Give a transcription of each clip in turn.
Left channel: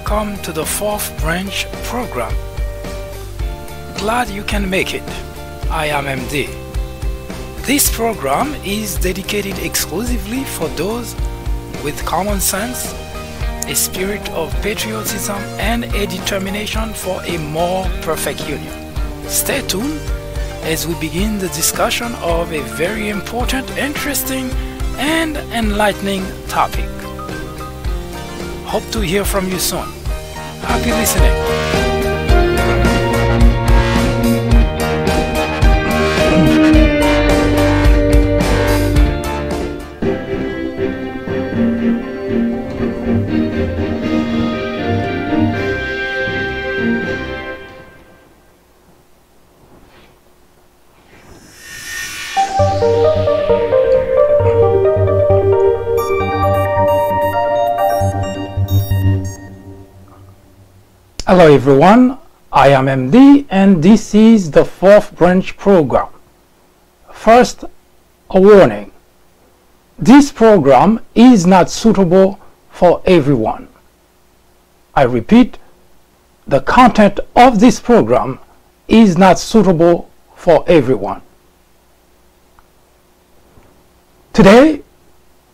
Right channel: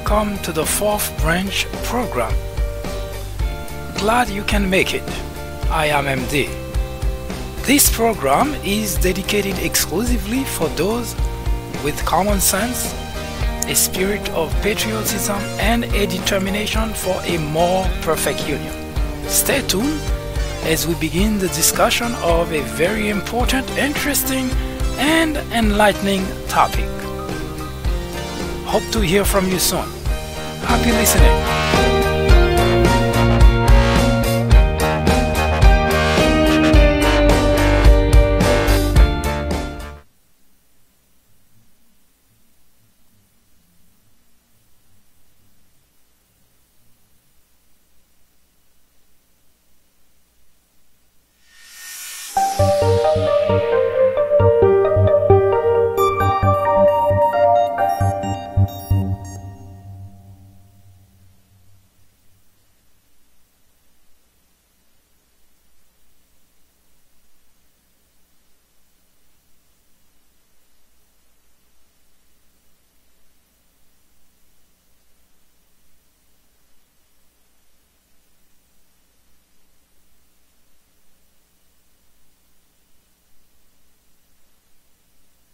welcome to the 4th branch program. Glad you can make it. I am MD. This program is dedicated exclusively for those with common sense, a spirit of patriotism, and a determination for a more perfect union. Stay tuned as we begin the discussion of a very important, interesting, and enlightening topic. Hope to hear from you soon. Happy listening. Hello everyone, I am MD and this is the 4th branch program. First, a warning. This program is not suitable for everyone. I repeat, the content of this program is not suitable for everyone. Today,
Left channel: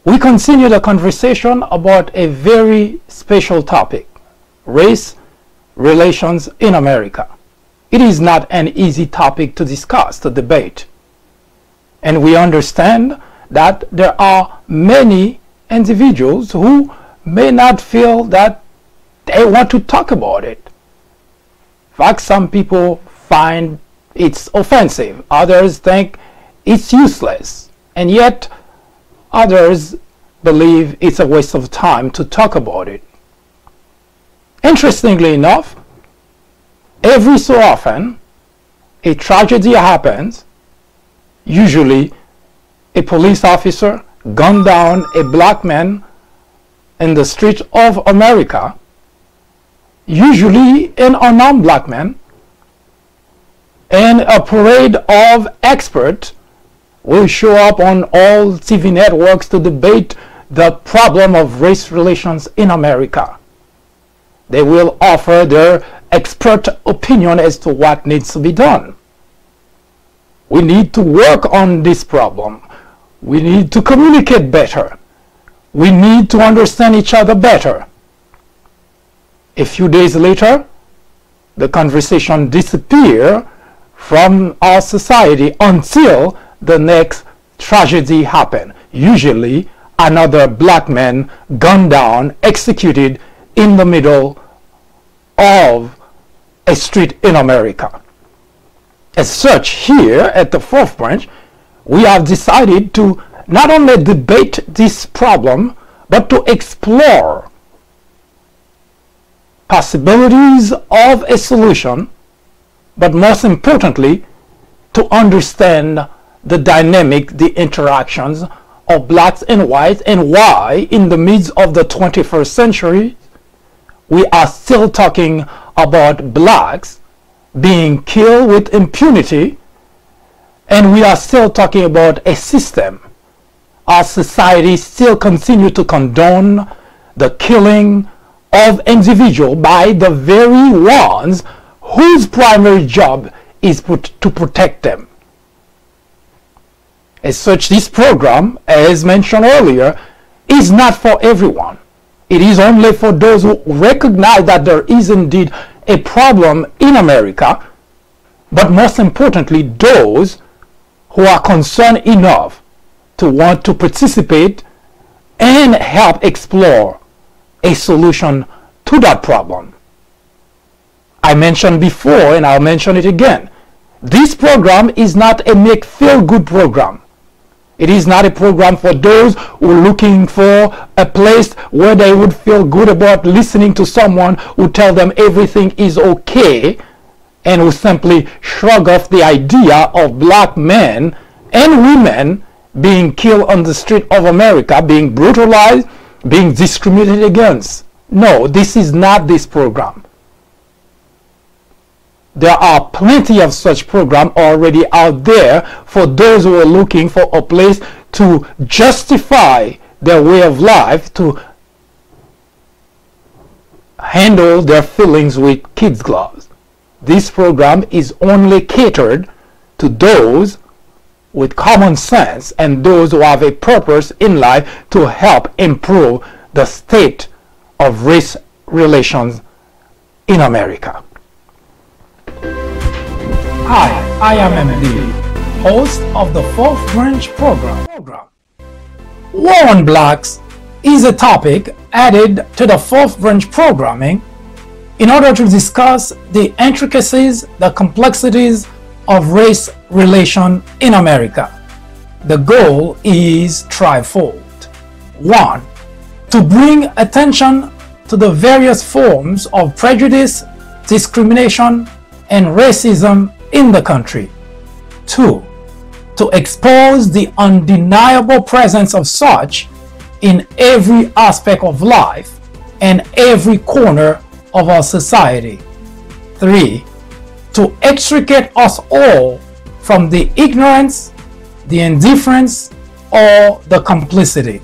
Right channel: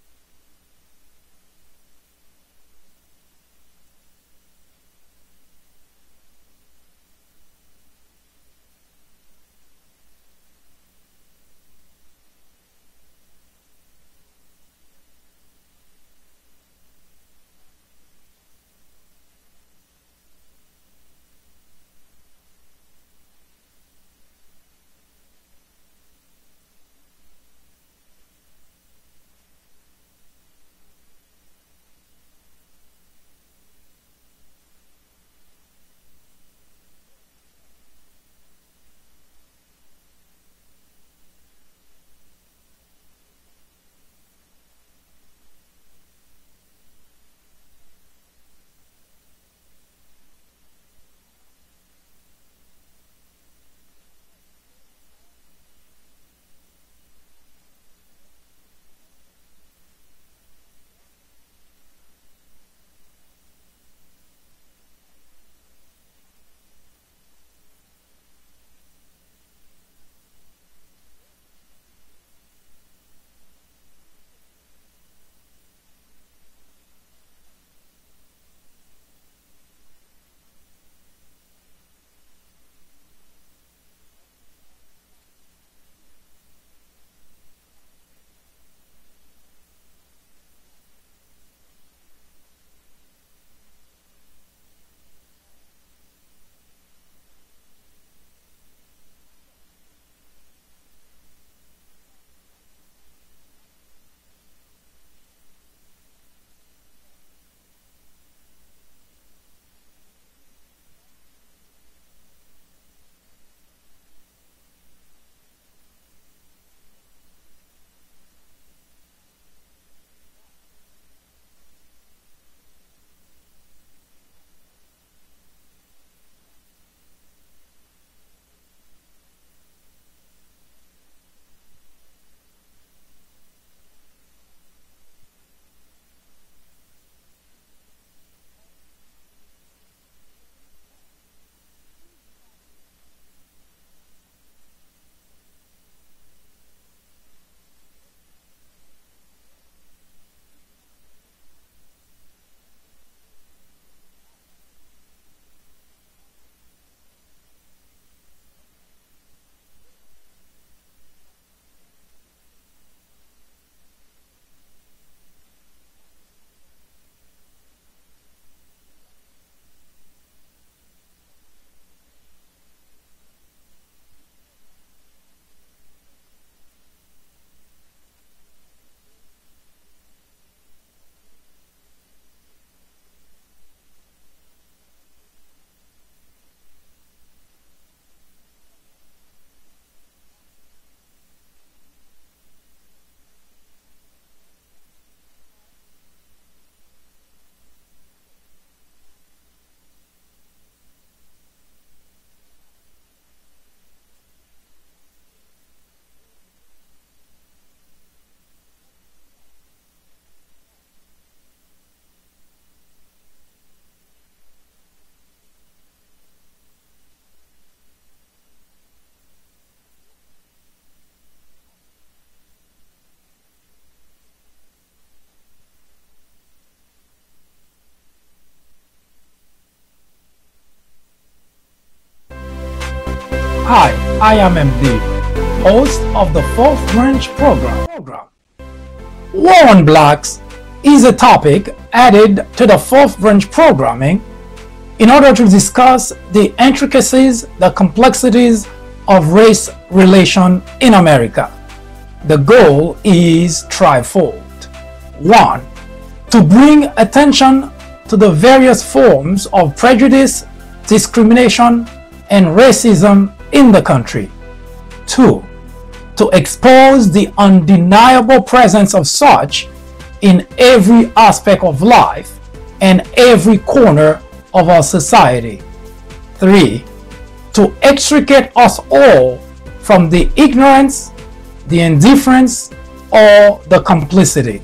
we continue the conversation about a very special topic, race relations in America. It is not an easy topic to discuss, to debate. And we understand that there are many individuals who may not feel that they want to talk about it. In fact, some people find it's offensive, others think it's useless, and yet others believe it's a waste of time to talk about it. Interestingly enough, every so often a tragedy happens. Usually a police officer gunned down a black man in the streets of America, usually an unarmed black man, and a parade of experts will show up on all TV networks to debate the problem of race relations in America. They will offer their expert opinion as to what needs to be done. We need to work on this problem. We need to communicate better. We need to understand each other better. A few days later, the conversation disappears from our society until the next tragedy happens. Usually, another black man gunned down, executed in the middle of a street in America. As such, here at the 4th branch, we have decided to not only debate this problem, but to explore possibilities of a solution, but most importantly, to understand the dynamic, the interactions of blacks and whites, and why in the midst of the 21st century, we are still talking about blacks being killed with impunity, and we are still talking about a system. Our society still continues to condone the killing of individuals by the very ones whose primary job is to protect them. As such, this program, as mentioned earlier, is not for everyone. It is only for those who recognize that there is indeed a problem in America, but most importantly, those who are concerned enough to want to participate and help explore a solution to that problem. I mentioned before, and I'll mention it again, this program is not a make-feel-good program. It is not a program for those who are looking for a place where they would feel good about listening to someone who tells them everything is okay, and who simply shrug off the idea of black men and women being killed on the street of America, being brutalized, being discriminated against. No, this is not this program. There are plenty of such programs already out there for those who are looking for a place to justify their way of life, to handle their feelings with kids' gloves. This program is only catered to those with common sense and those who have a purpose in life to help improve the state of race relations in America. Hi, I am MD, host of the Fourth Branch program. War on Blacks is a topic added to the Fourth Branch programming in order to discuss the intricacies, the complexities of race relation in America. The goal is threefold. 1. To bring attention to the various forms of prejudice, discrimination, and racism in the country. 2. To expose the undeniable presence of such in every aspect of life and every corner of our society. 3. To extricate us all from the ignorance, the indifference, or the complicity.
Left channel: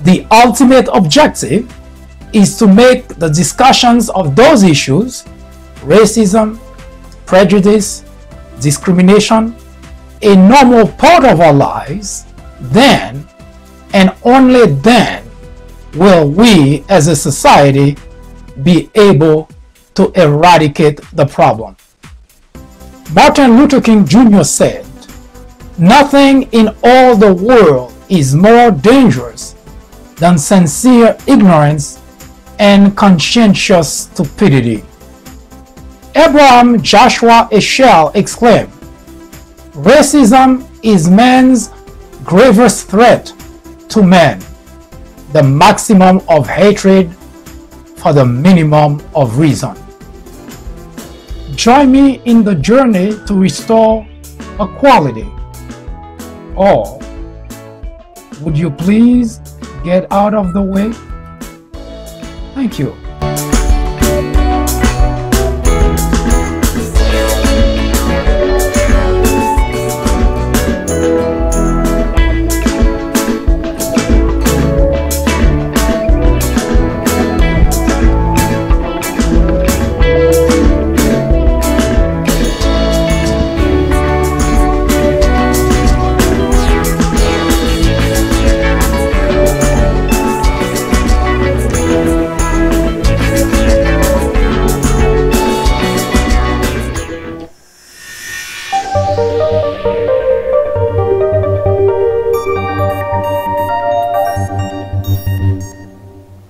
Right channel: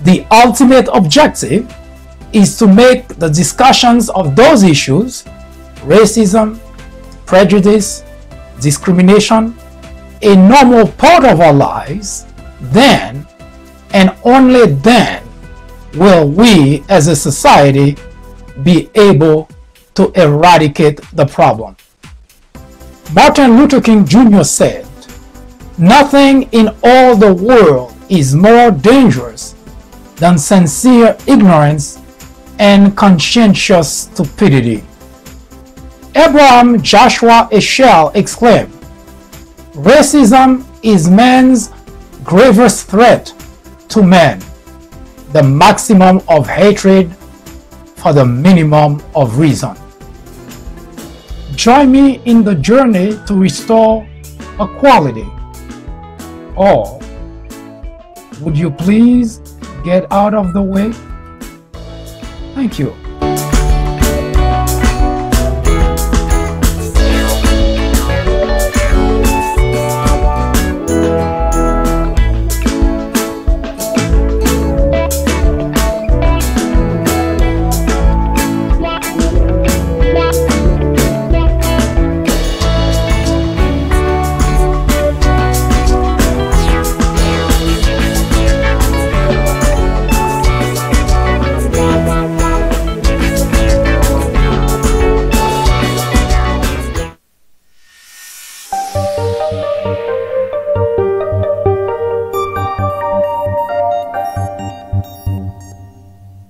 The ultimate objective is to make the discussions of those issues, racism, prejudice, discrimination, a normal part of our lives. Then, and only then, will we as a society be able to eradicate the problem. Martin Luther King Jr. said, "Nothing in all the world is more dangerous than sincere ignorance and conscientious stupidity." Abraham Joshua Heschel exclaimed, "Racism is man's gravest threat to man, the maximum of hatred for the minimum of reason." Join me in the journey to restore equality. Or would you please get out of the way? Thank you.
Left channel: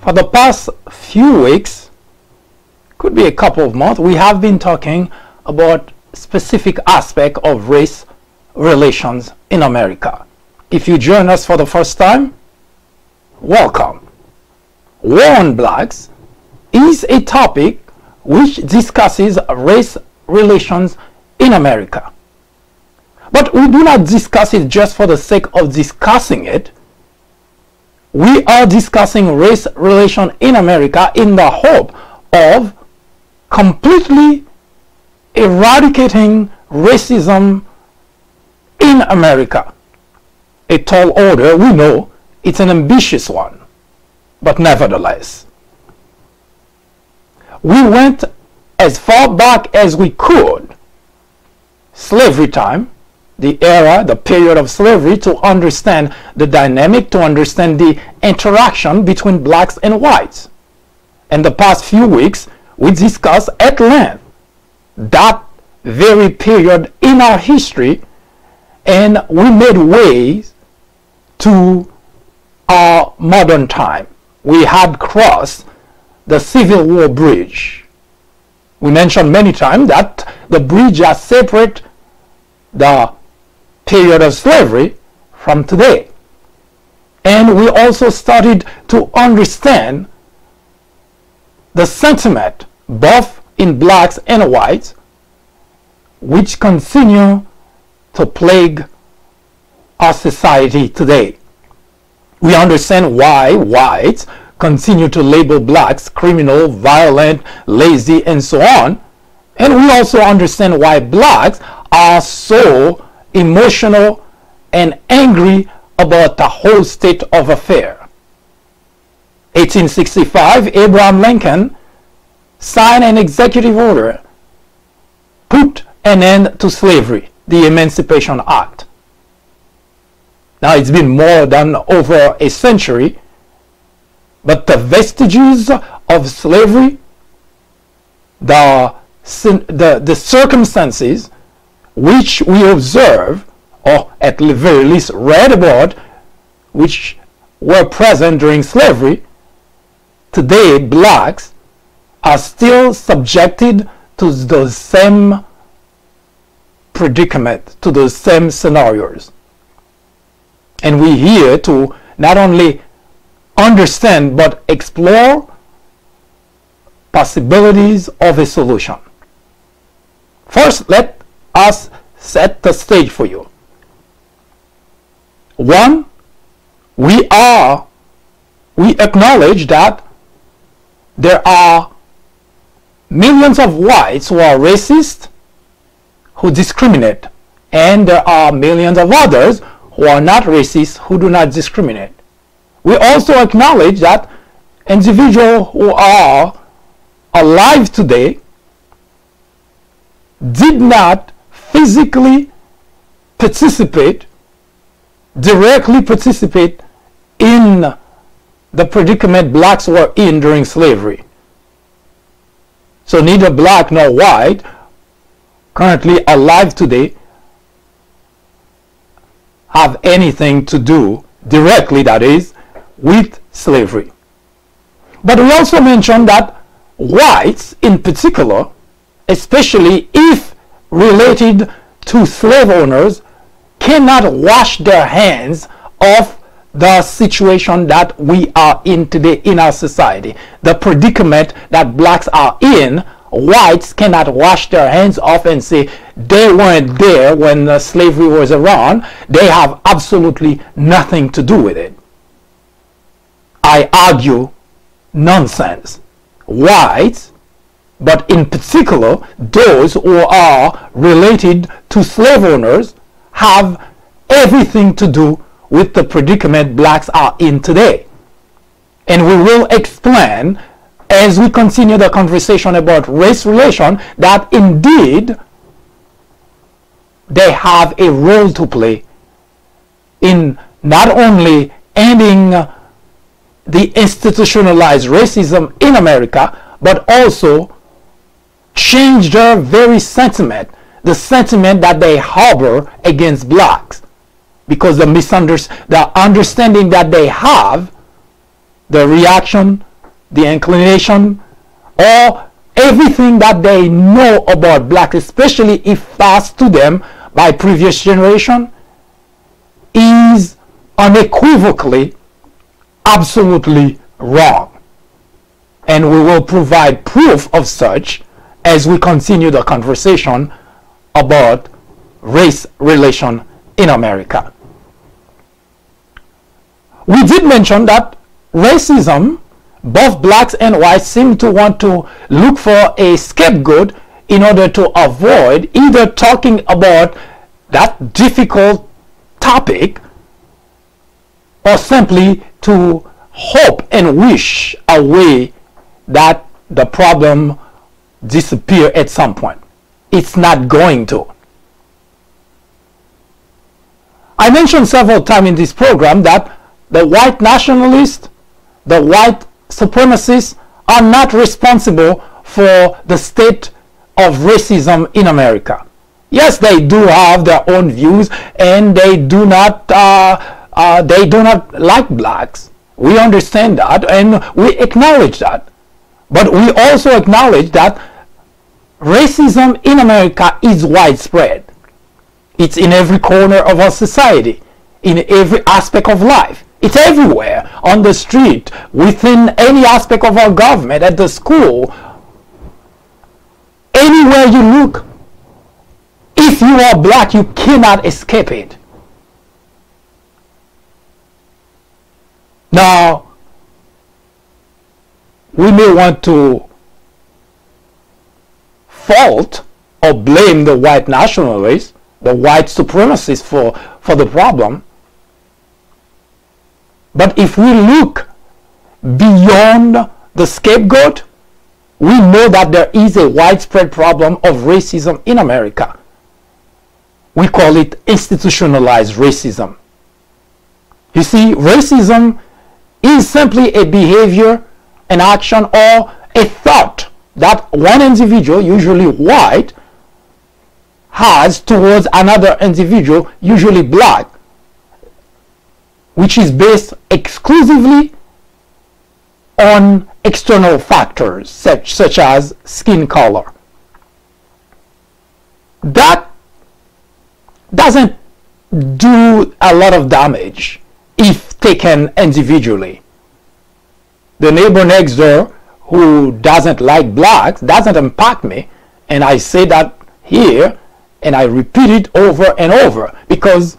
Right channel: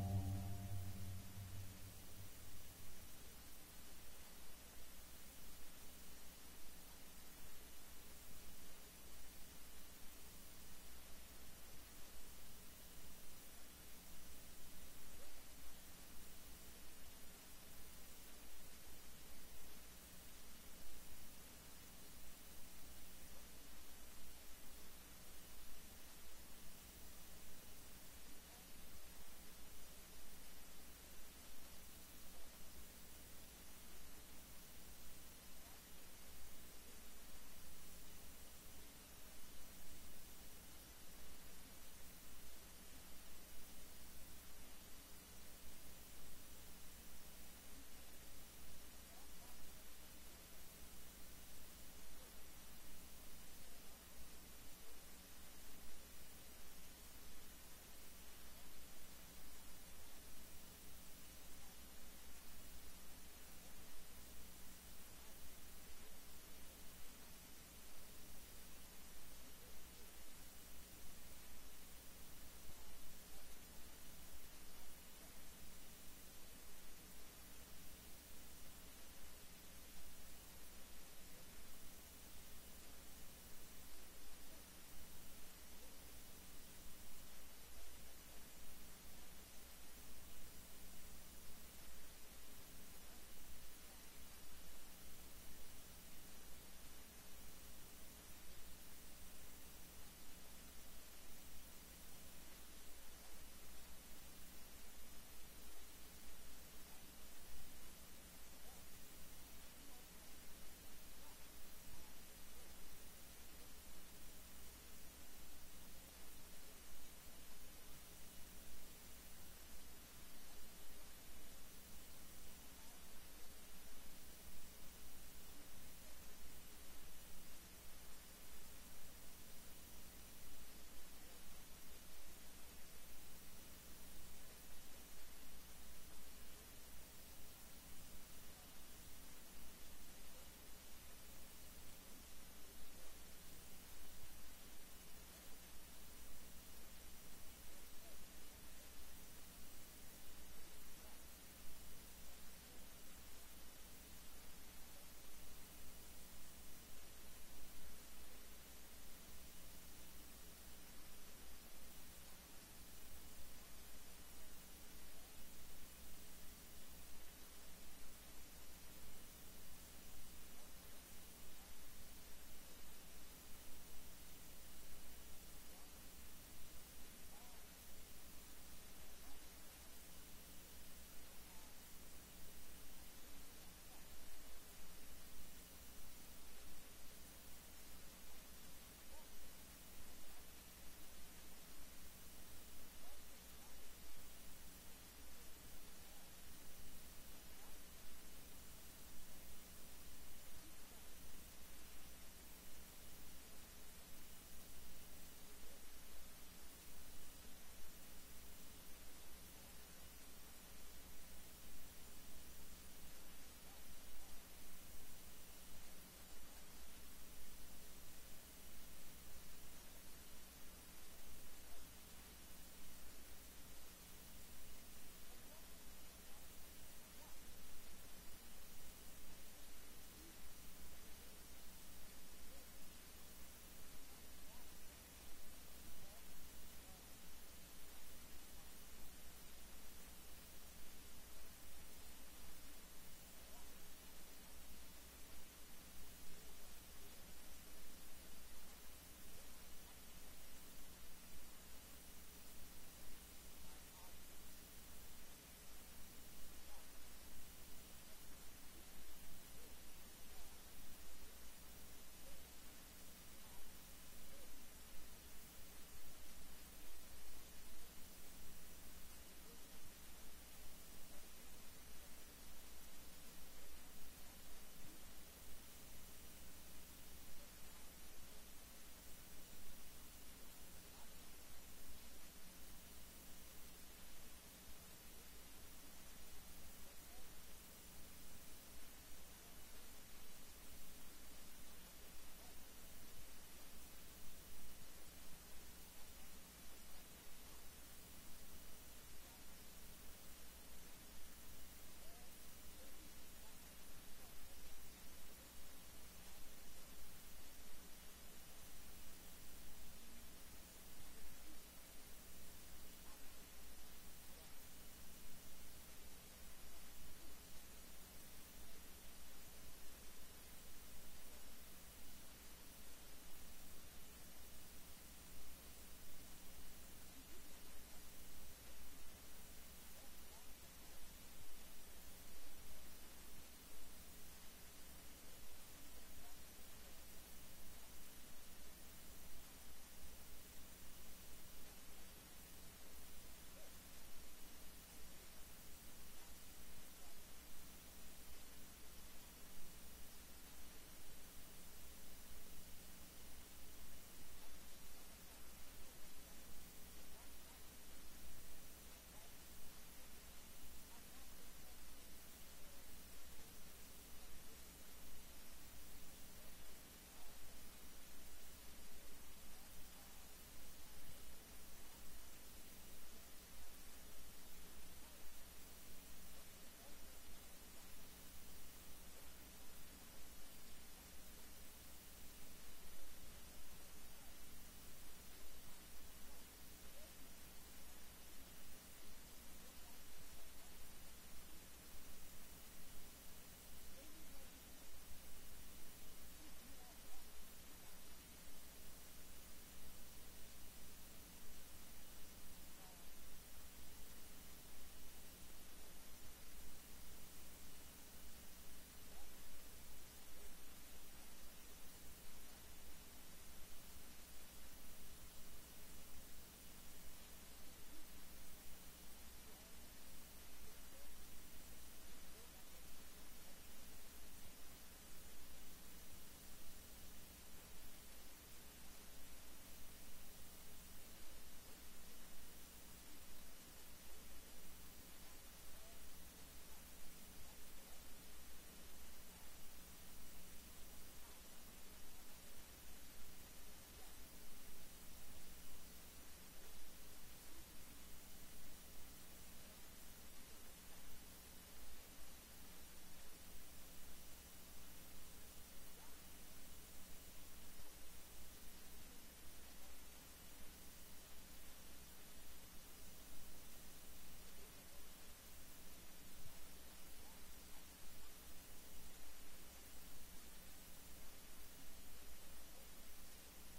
For the past few weeks, could be a couple of months, we have been talking about specific aspect of race relations in America. If you join us for the first time, welcome. War on Blacks is a topic which discusses race relations in America. But we do not discuss it just for the sake of discussing it. We are discussing race relation in America in the hope of completely eradicating racism in America. A tall order, we know, it's an ambitious one, but nevertheless. We went as far back as we could, slavery time, the era, the period of slavery, to understand the dynamic, to understand the interaction between blacks and whites. In the past few weeks, we discussed at length that very period in our history, and we made ways to our modern time. We had crossed the Civil War bridge. We mentioned many times that the bridge that separates the period of slavery from today. And we also started to understand the sentiment both in blacks and whites which continue to plague our society today. We understand why whites continue to label blacks criminal, violent, lazy, and so on. And we also understand why blacks are so emotional and angry about the whole state of affairs. A 1865, Abraham Lincoln signed an executive order, put an end to slavery, the Emancipation Act. Now it's been more than over a century, but the vestiges of slavery, the circumstances which we observe, or at the very least read about, which were present during slavery, today blacks are still subjected to those same predicament, to those same scenarios. And we're here to not only understand but explore possibilities of a solution. First, let us set the stage for you. One, we acknowledge that there are millions of whites who are racist, who discriminate, and there are millions of others who are not racist, who do not discriminate. We also acknowledge that individuals who are alive today did not physically participate, directly participate in the predicament blacks were in during slavery. So neither black nor white currently alive today have anything to do directly, that is, with slavery. But we also mentioned that whites in particular, especially if related to slave owners, cannot wash their hands of the situation that we are in today in our society. The predicament that blacks are in, whites cannot wash their hands off and say they weren't there when slavery was around. They have absolutely nothing to do with it. I argue nonsense. Whites, but in particular those who are related to slave owners, have everything to do with the predicament blacks are in today. And we will explain as we continue the conversation about race relation that indeed they have a role to play in not only ending the institutionalized racism in America, but also change their very sentiment, the sentiment that they harbor against blacks, because the understanding that they have, the reaction, the inclination, or everything that they know about blacks, especially if passed to them by previous generation, is unequivocally absolutely wrong. And we will provide proof of such as we continue the conversation about race relation in America. We did mention that racism, both blacks and whites seem to want to look for a scapegoat in order to avoid either talking about that difficult topic or simply to hope and wish away that the problem disappear at some point. It's not going to. I mentioned several times in this program that the white nationalists, the white supremacists are not responsible for the state of racism in America. Yes, they do have their own views, and they do not like blacks. We understand that, and we acknowledge that. But we also acknowledge that racism in America is widespread. It's in every corner of our society, in every aspect of life. It's everywhere, on the street, within any aspect of our government, at the school. Anywhere you look, if you are black, you cannot escape it. Now, we may want to fault or blame the white nationalists, the white supremacists for the problem. But if we look beyond the scapegoat, we know that there is a widespread problem of racism in America. We call it institutionalized racism. You see, racism is simply a behavior, an action, or a thought that one individual, usually white, has towards another individual, usually black, which is based exclusively on external factors such as skin color. That doesn't do a lot of damage if taken individually. The neighbor next door who doesn't like blacks doesn't impact me, and I say that here and I repeat it over and over, because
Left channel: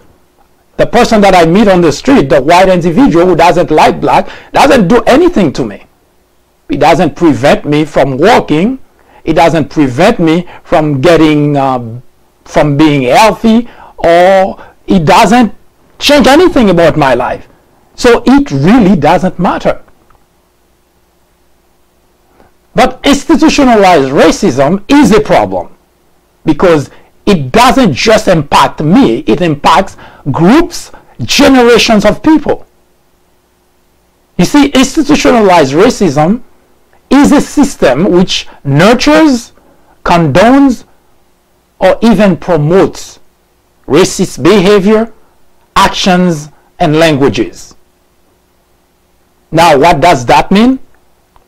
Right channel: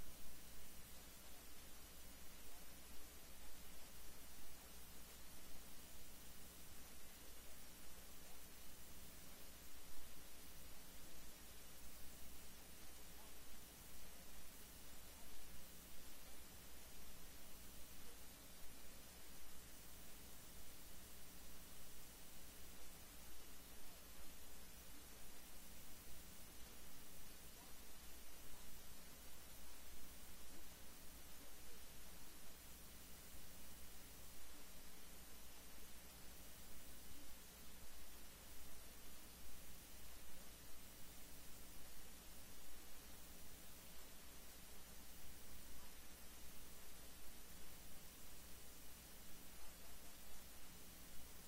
the person that I meet on the street, the white individual who doesn't like black, doesn't do anything to me. It doesn't prevent me from walking. It doesn't prevent me from getting from being healthy, or it doesn't change anything about my life. So it really doesn't matter. But institutionalized racism is a problem, because it doesn't just impact me, it impacts groups, generations of people. You see, institutionalized racism is a system which nurtures, condones, or even promotes racist behavior, actions, and languages. Now, what does that mean?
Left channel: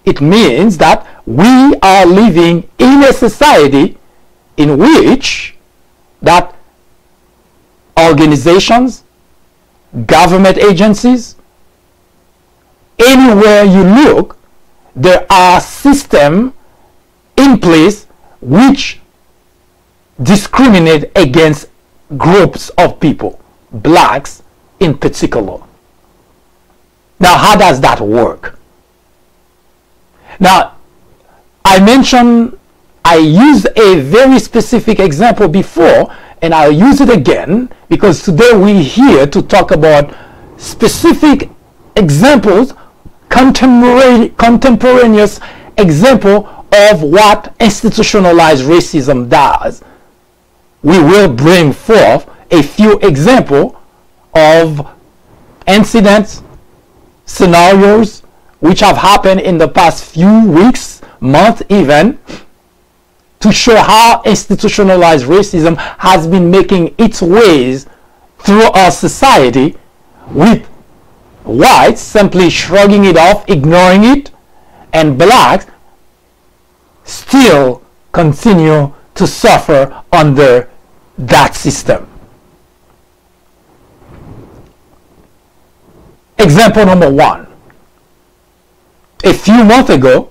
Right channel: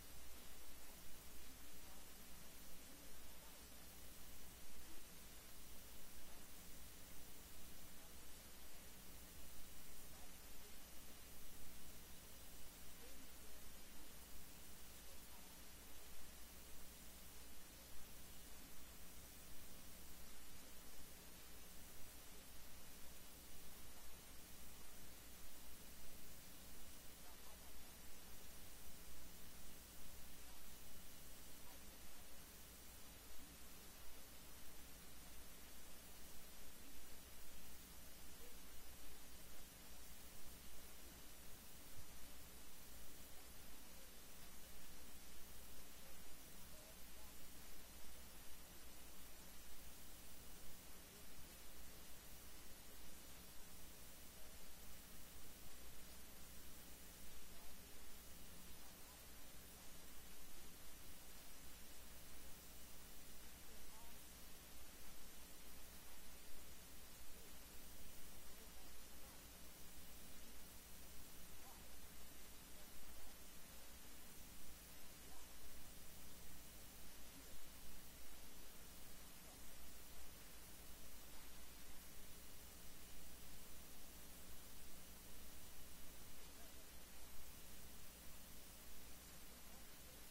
It means that we are living in a society in which that organizations, government agencies, anywhere you look, there are systems in place which discriminate against groups of people, blacks in particular. Now, how does that work? Now, I used a very specific example before, and I'll use it again, because today we're here to talk about specific examples, contemporaneous example of what institutionalized racism does. We will bring forth a few examples of incidents, scenarios which have happened in the past few weeks, months even, to show how institutionalized racism has been making its ways through our society, with whites simply shrugging it off, ignoring it, and blacks still continue to suffer under that system. Example number one. A few months ago,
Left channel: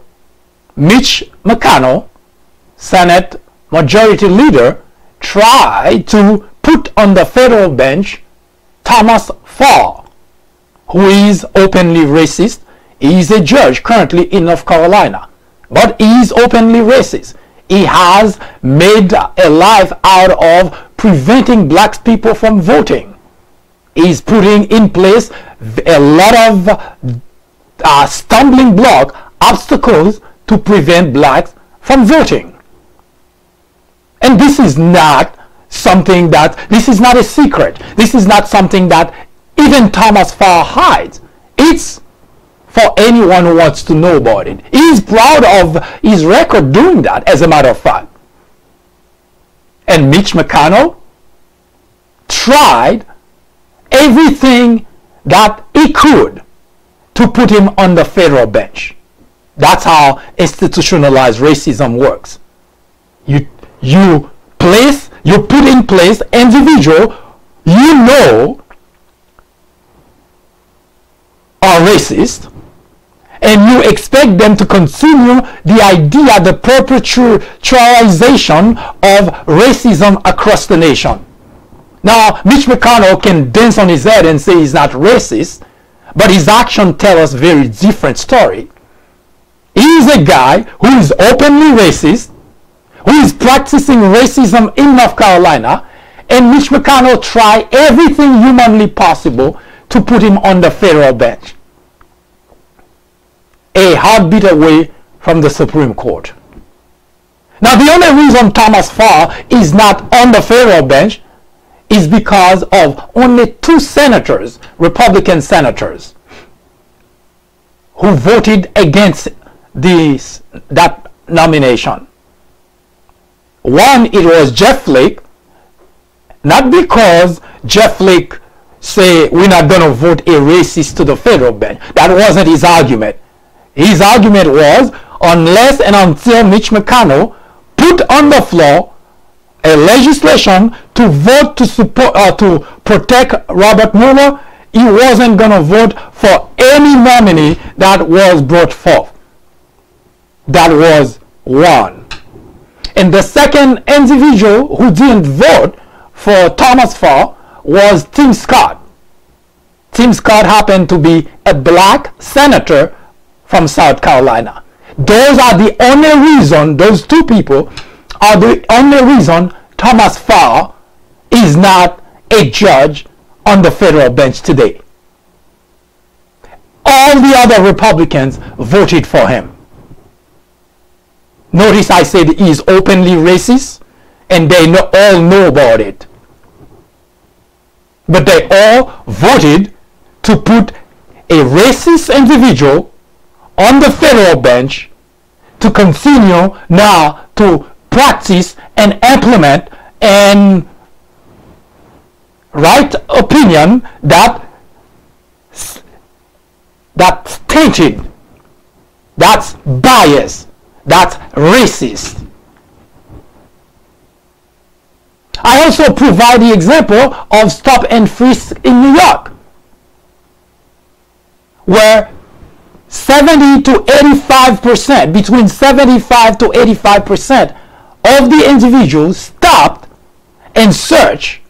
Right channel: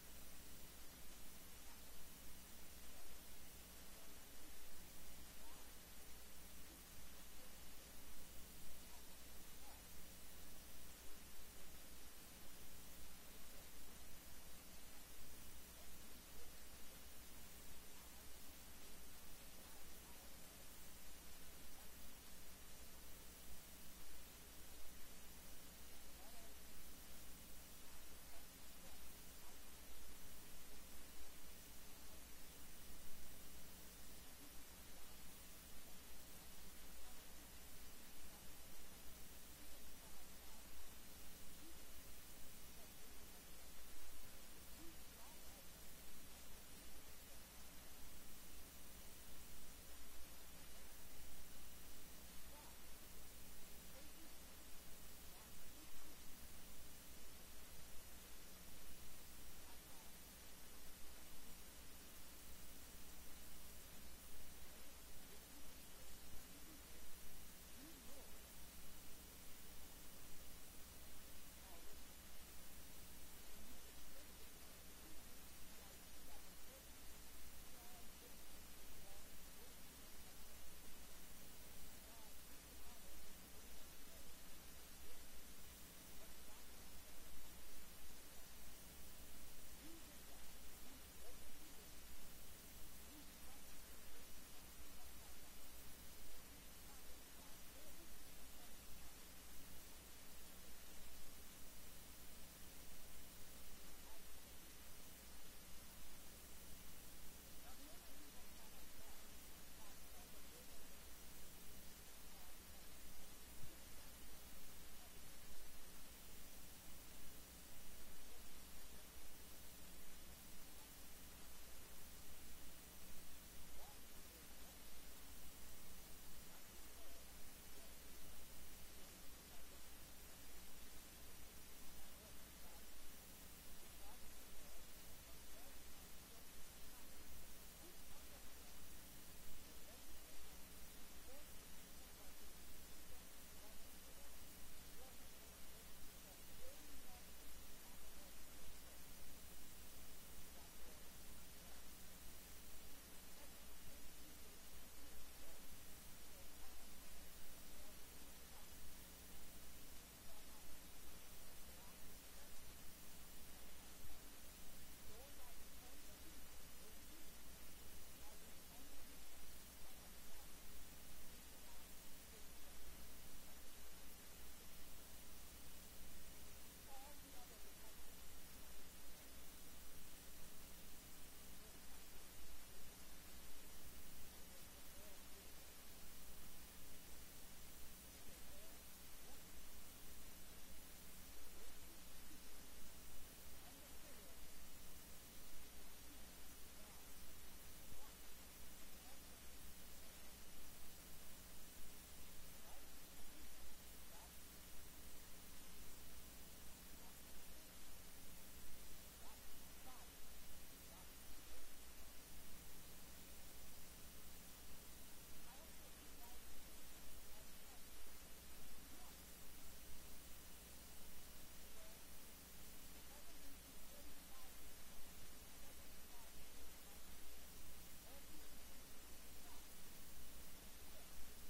Mitch McConnell, Senate Majority Leader, tried to put on the federal bench Thomas Farr, who is openly racist. He is a judge currently in North Carolina, but he is openly racist. He has made a life out of preventing black people from voting. He is putting in place a lot of stumbling block, obstacles to prevent blacks from voting. And this is not something this is not a secret. This is not something that even Thomas Farr hides. It's for anyone who wants to know about it. He's proud of his record doing that, as a matter of fact. And Mitch McConnell tried everything that he could to put him on the federal bench. That's how institutionalized racism works. You put in place individuals you know are racist, and you expect them to continue the idea, the perpetualization of racism across the nation. Now, Mitch McConnell can dance on his head and say he's not racist, but his actions tell us a very different story. He is a guy who is openly racist, who is practicing racism in North Carolina, and Mitch McConnell tried everything humanly possible to put him on the federal bench. a heartbeat away from the Supreme Court. Now, the only reason Thomas Farr is not on the federal bench is because of only 2 senators, Republican senators, who voted against that nomination. One, it was Jeff Flake, not because Jeff Flake say we're not going to vote a racist to the federal bench. That wasn't his argument. His argument was unless and until Mitch McConnell put on the floor a legislation to vote to support to protect Robert Mueller, he wasn't going to vote for any nominee that was brought forth. That was one. And the second individual who didn't vote for Thomas Farr was Tim Scott. Tim Scott happened to be a black senator from South Carolina. Those are the only reason, those 2 people are the only reason Thomas Farr is not a judge on the federal bench today. All the other Republicans voted for him. Notice I said he is openly racist, and they all know about it. But they all voted to put a racist individual on the federal bench to continue now to practice and implement and write opinion that's tainted, that's biased, that's racist. I also provide the example of stop and frisk in New York, where 70 to 85%, between 75 to 85% of the individuals stopped and searched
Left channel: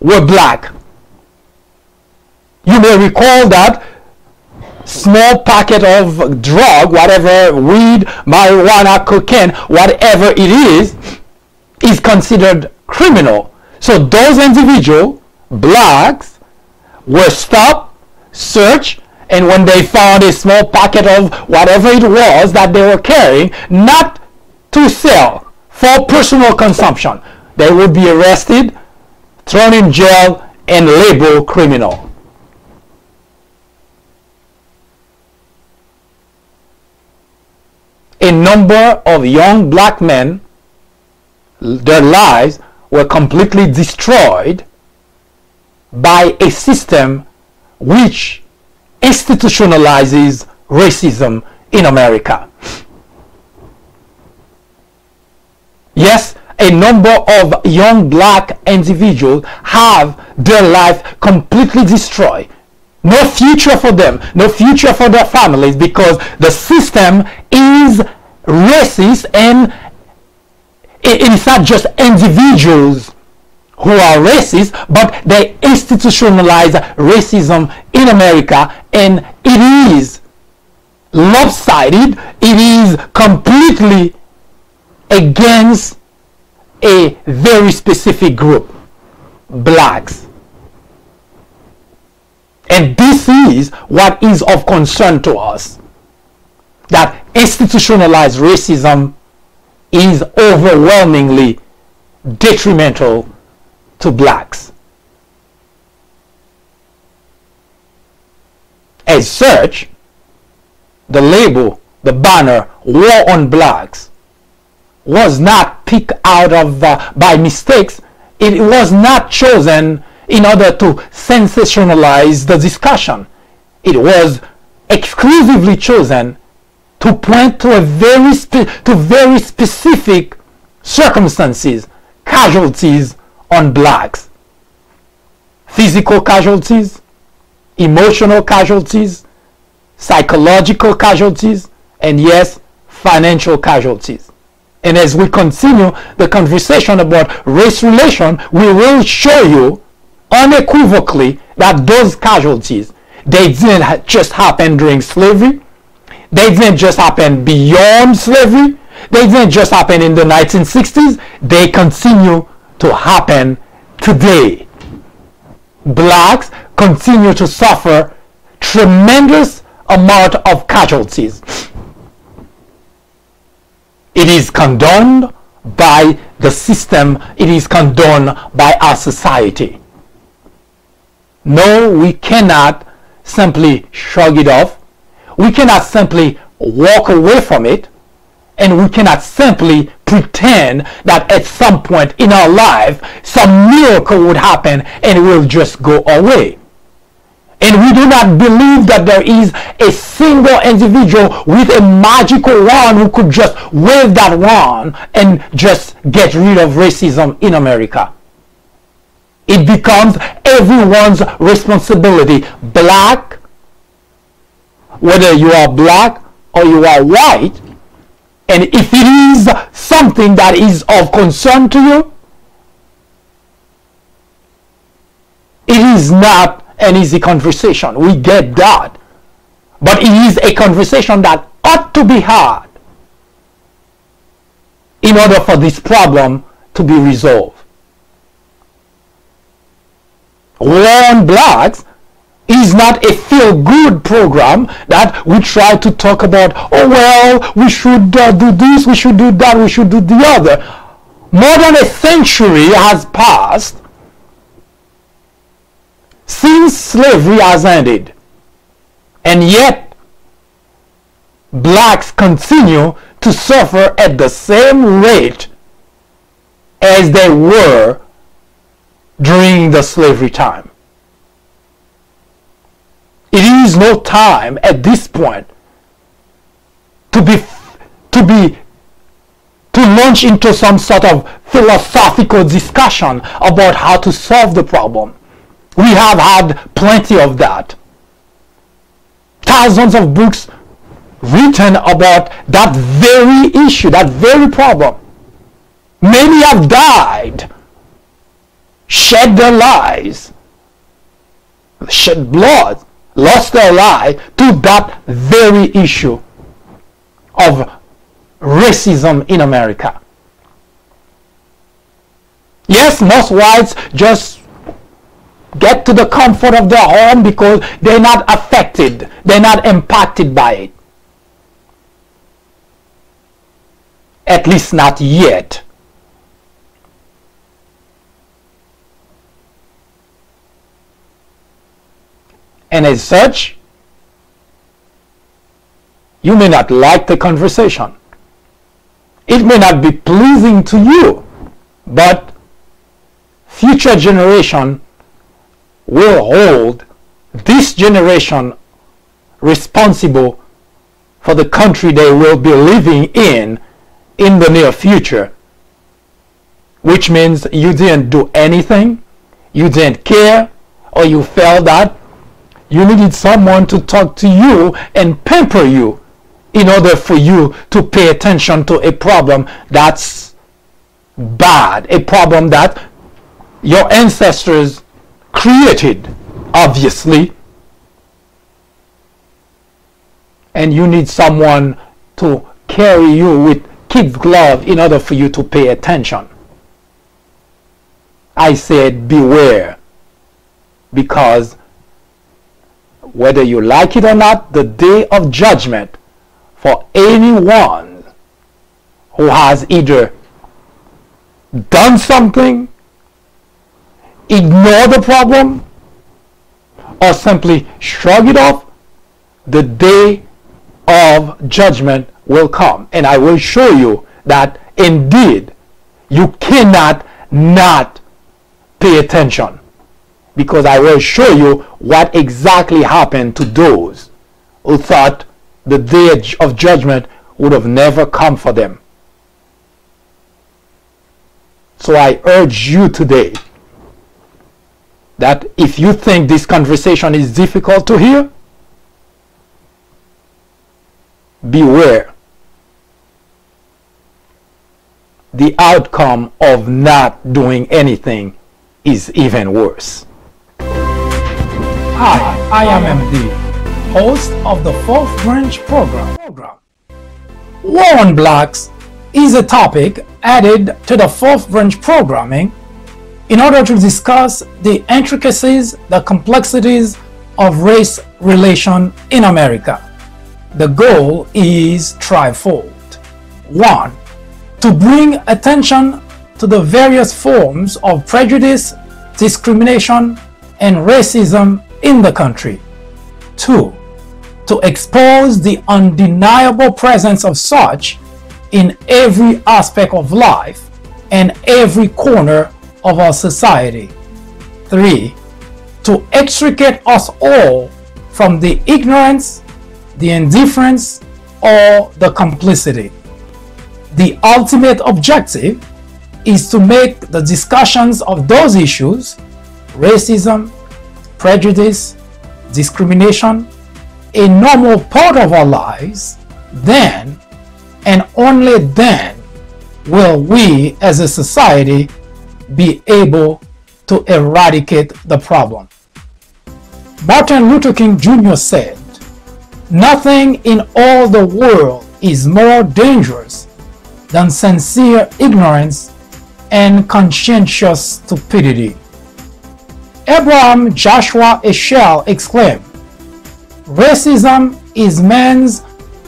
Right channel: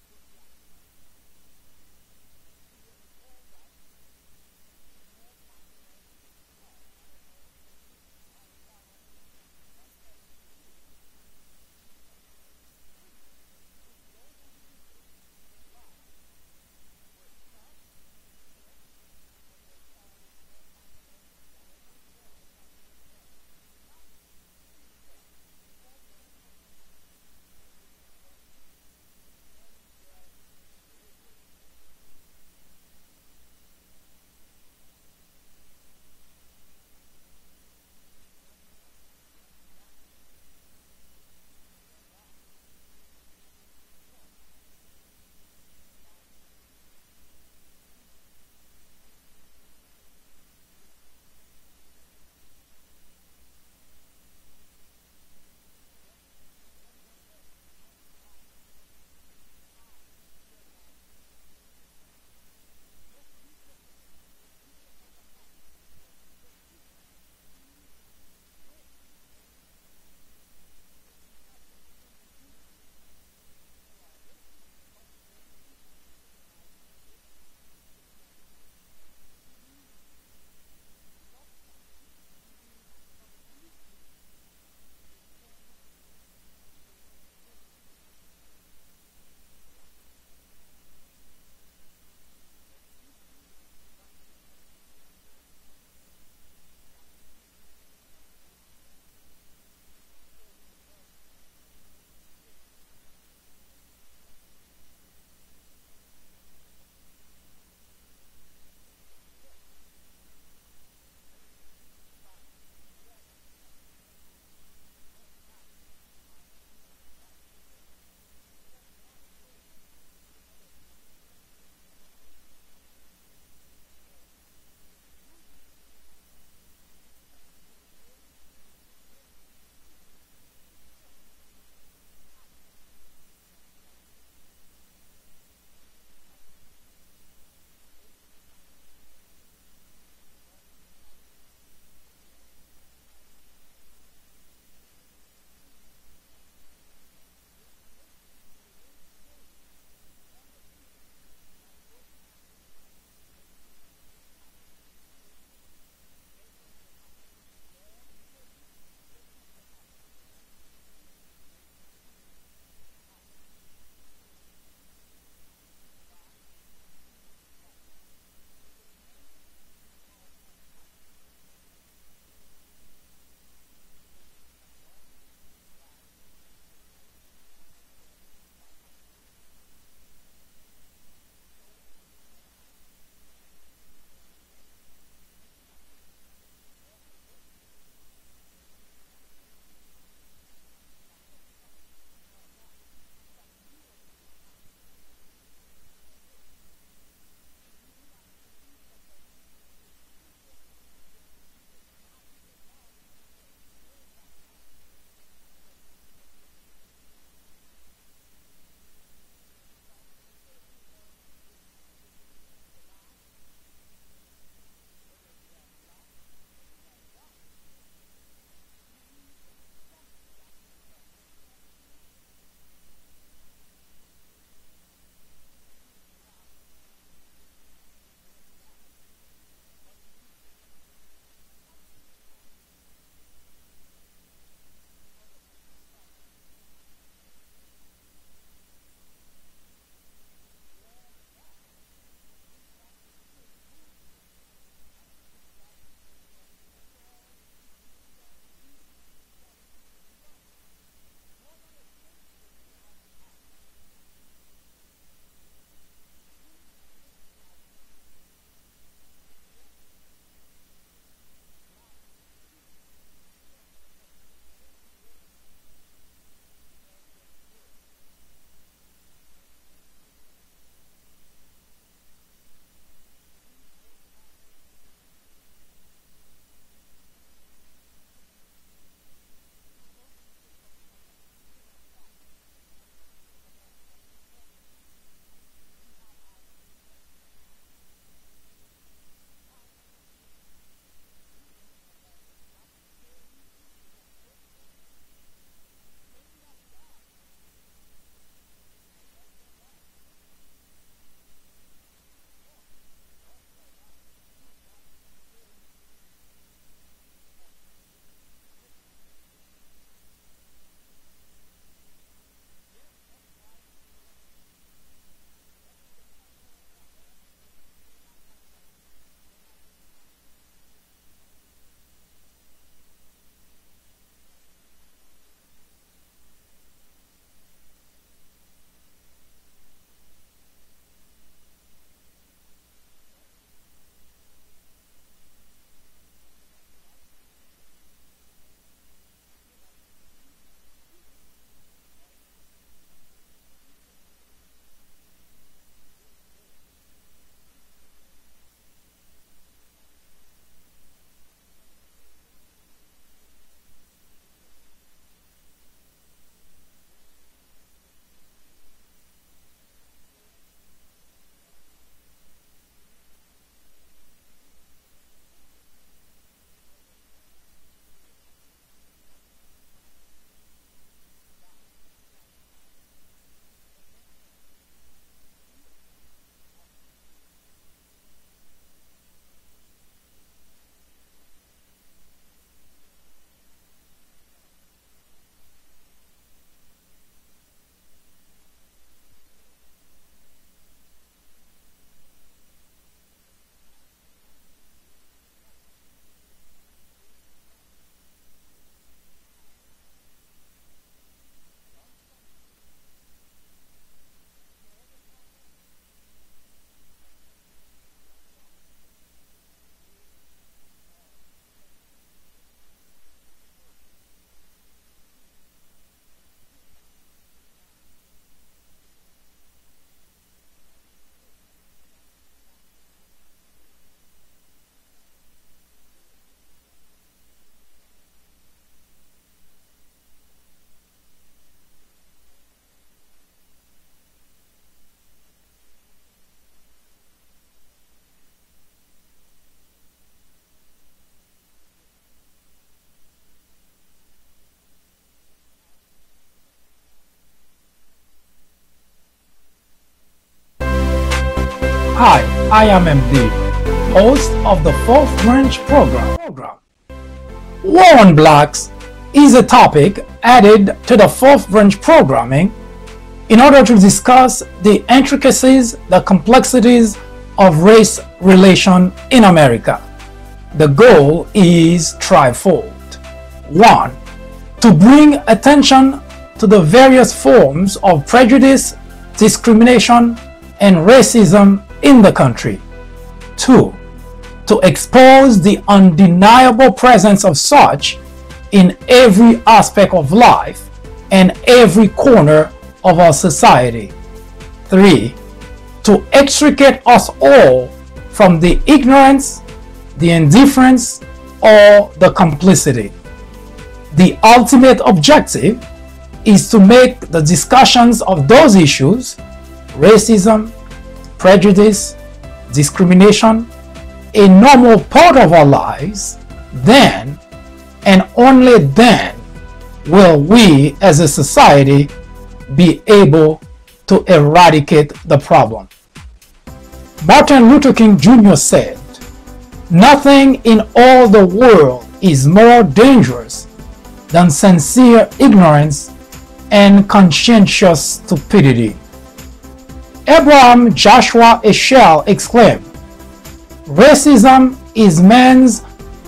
were black. You may recall that small packet of drug, whatever, weed, marijuana, cocaine, whatever it is considered criminal. So those individuals, blacks, were stopped, searched, and when they found a small packet of whatever it was that they were carrying, not to sell, for personal consumption, they would be arrested, thrown in jail, and labeled criminal. A number of young black men, their lives were completely destroyed by a system which institutionalizes racism in America. Yes, a number of young black individuals have their life completely destroyed. No future for them, no future for their families, because the system is racist, and it's not just individuals who are racist, but they institutionalize racism in America, and it is lopsided, it is completely against a very specific group, blacks. And this is what is of concern to us, that institutionalized racism is overwhelmingly detrimental to blacks. As such, the label, the banner, War on Blacks, was not picked out of by mistakes. It was not chosen in order to sensationalize the discussion. It was exclusively chosen to point to very specific circumstances, casualties on blacks. Physical casualties, emotional casualties, psychological casualties, and yes, financial casualties. And as we continue the conversation about race relation, we will show you unequivocally that those casualties, they didn't just happen during slavery, they didn't just happen beyond slavery, they didn't just happen in the 1960s, they continue to happen today. Blacks continue to suffer tremendous amount of casualties. It is condoned by the system. It is condoned by our society. No, we cannot simply shrug it off. We cannot simply walk away from it. And we cannot simply pretend that at some point in our life some miracle would happen and it will just go away. And we do not believe that there is a single individual with a magical wand who could just wave that wand and just get rid of racism in America. It becomes everyone's responsibility. Black, whether you are black or you are white, and if it is something that is of concern to you, it is not an easy conversation. We get that. But it is a conversation that ought to be had in order for this problem to be resolved. War on Blacks is not a feel-good program that we try to talk about, oh well, we should do this, we should do that, we should do the other. More than a century has passed since slavery has ended, and yet blacks continue to suffer at the same rate as they were during the slavery time. It is no time at this point to launch into some sort of philosophical discussion about how to solve the problem. We have had plenty of that. Thousands of books written about that very issue, that very problem. Many have died, shed their lives, shed blood, lost their life to that very issue of racism in America. Yes, most whites just get to the comfort of their home because they're not affected, they're not impacted by it. At least not yet. And as such, you may not like the conversation. It may not be pleasing to you, but future generation will hold this generation responsible for the country they will be living in the near future. Which means you didn't do anything, you didn't care, or you felt that you needed someone to talk to you and pamper you in order for you to pay attention to a problem that's bad, a problem that your ancestors created, obviously, and you need someone to carry you with kid glove in order for you to pay attention. I said beware, because whether you like it or not, the day of judgment for anyone who has either done something, ignore the problem, or simply shrug it off, the day of judgment will come. And I will show you that indeed you cannot not pay attention, because I will show you what exactly happened to those who thought the day of judgment would have never come for them. So I urge you today that if you think this conversation is difficult to hear, beware. The outcome of not doing anything is even worse. Hi, I am MD, host of the Fourth Branch program. War on Blacks is a topic added to the Fourth Branch programming in order to discuss the intricacies, the complexities of race relation in America. The goal is threefold. 1. to bring attention to the various forms of prejudice, discrimination, and racism in the country. 2. To expose the undeniable presence of such in every aspect of life and every corner of our society. 3. To extricate us all from the ignorance, the indifference, or the complicity. The ultimate objective is to make the discussions of those issues, racism, prejudice, discrimination, a normal part of our lives. Then and only then will we as a society be able to eradicate the problem. Martin Luther King Jr. said, "Nothing in all the world is more dangerous than sincere ignorance and conscientious stupidity." Abraham Joshua Heschel exclaimed, "Racism is man's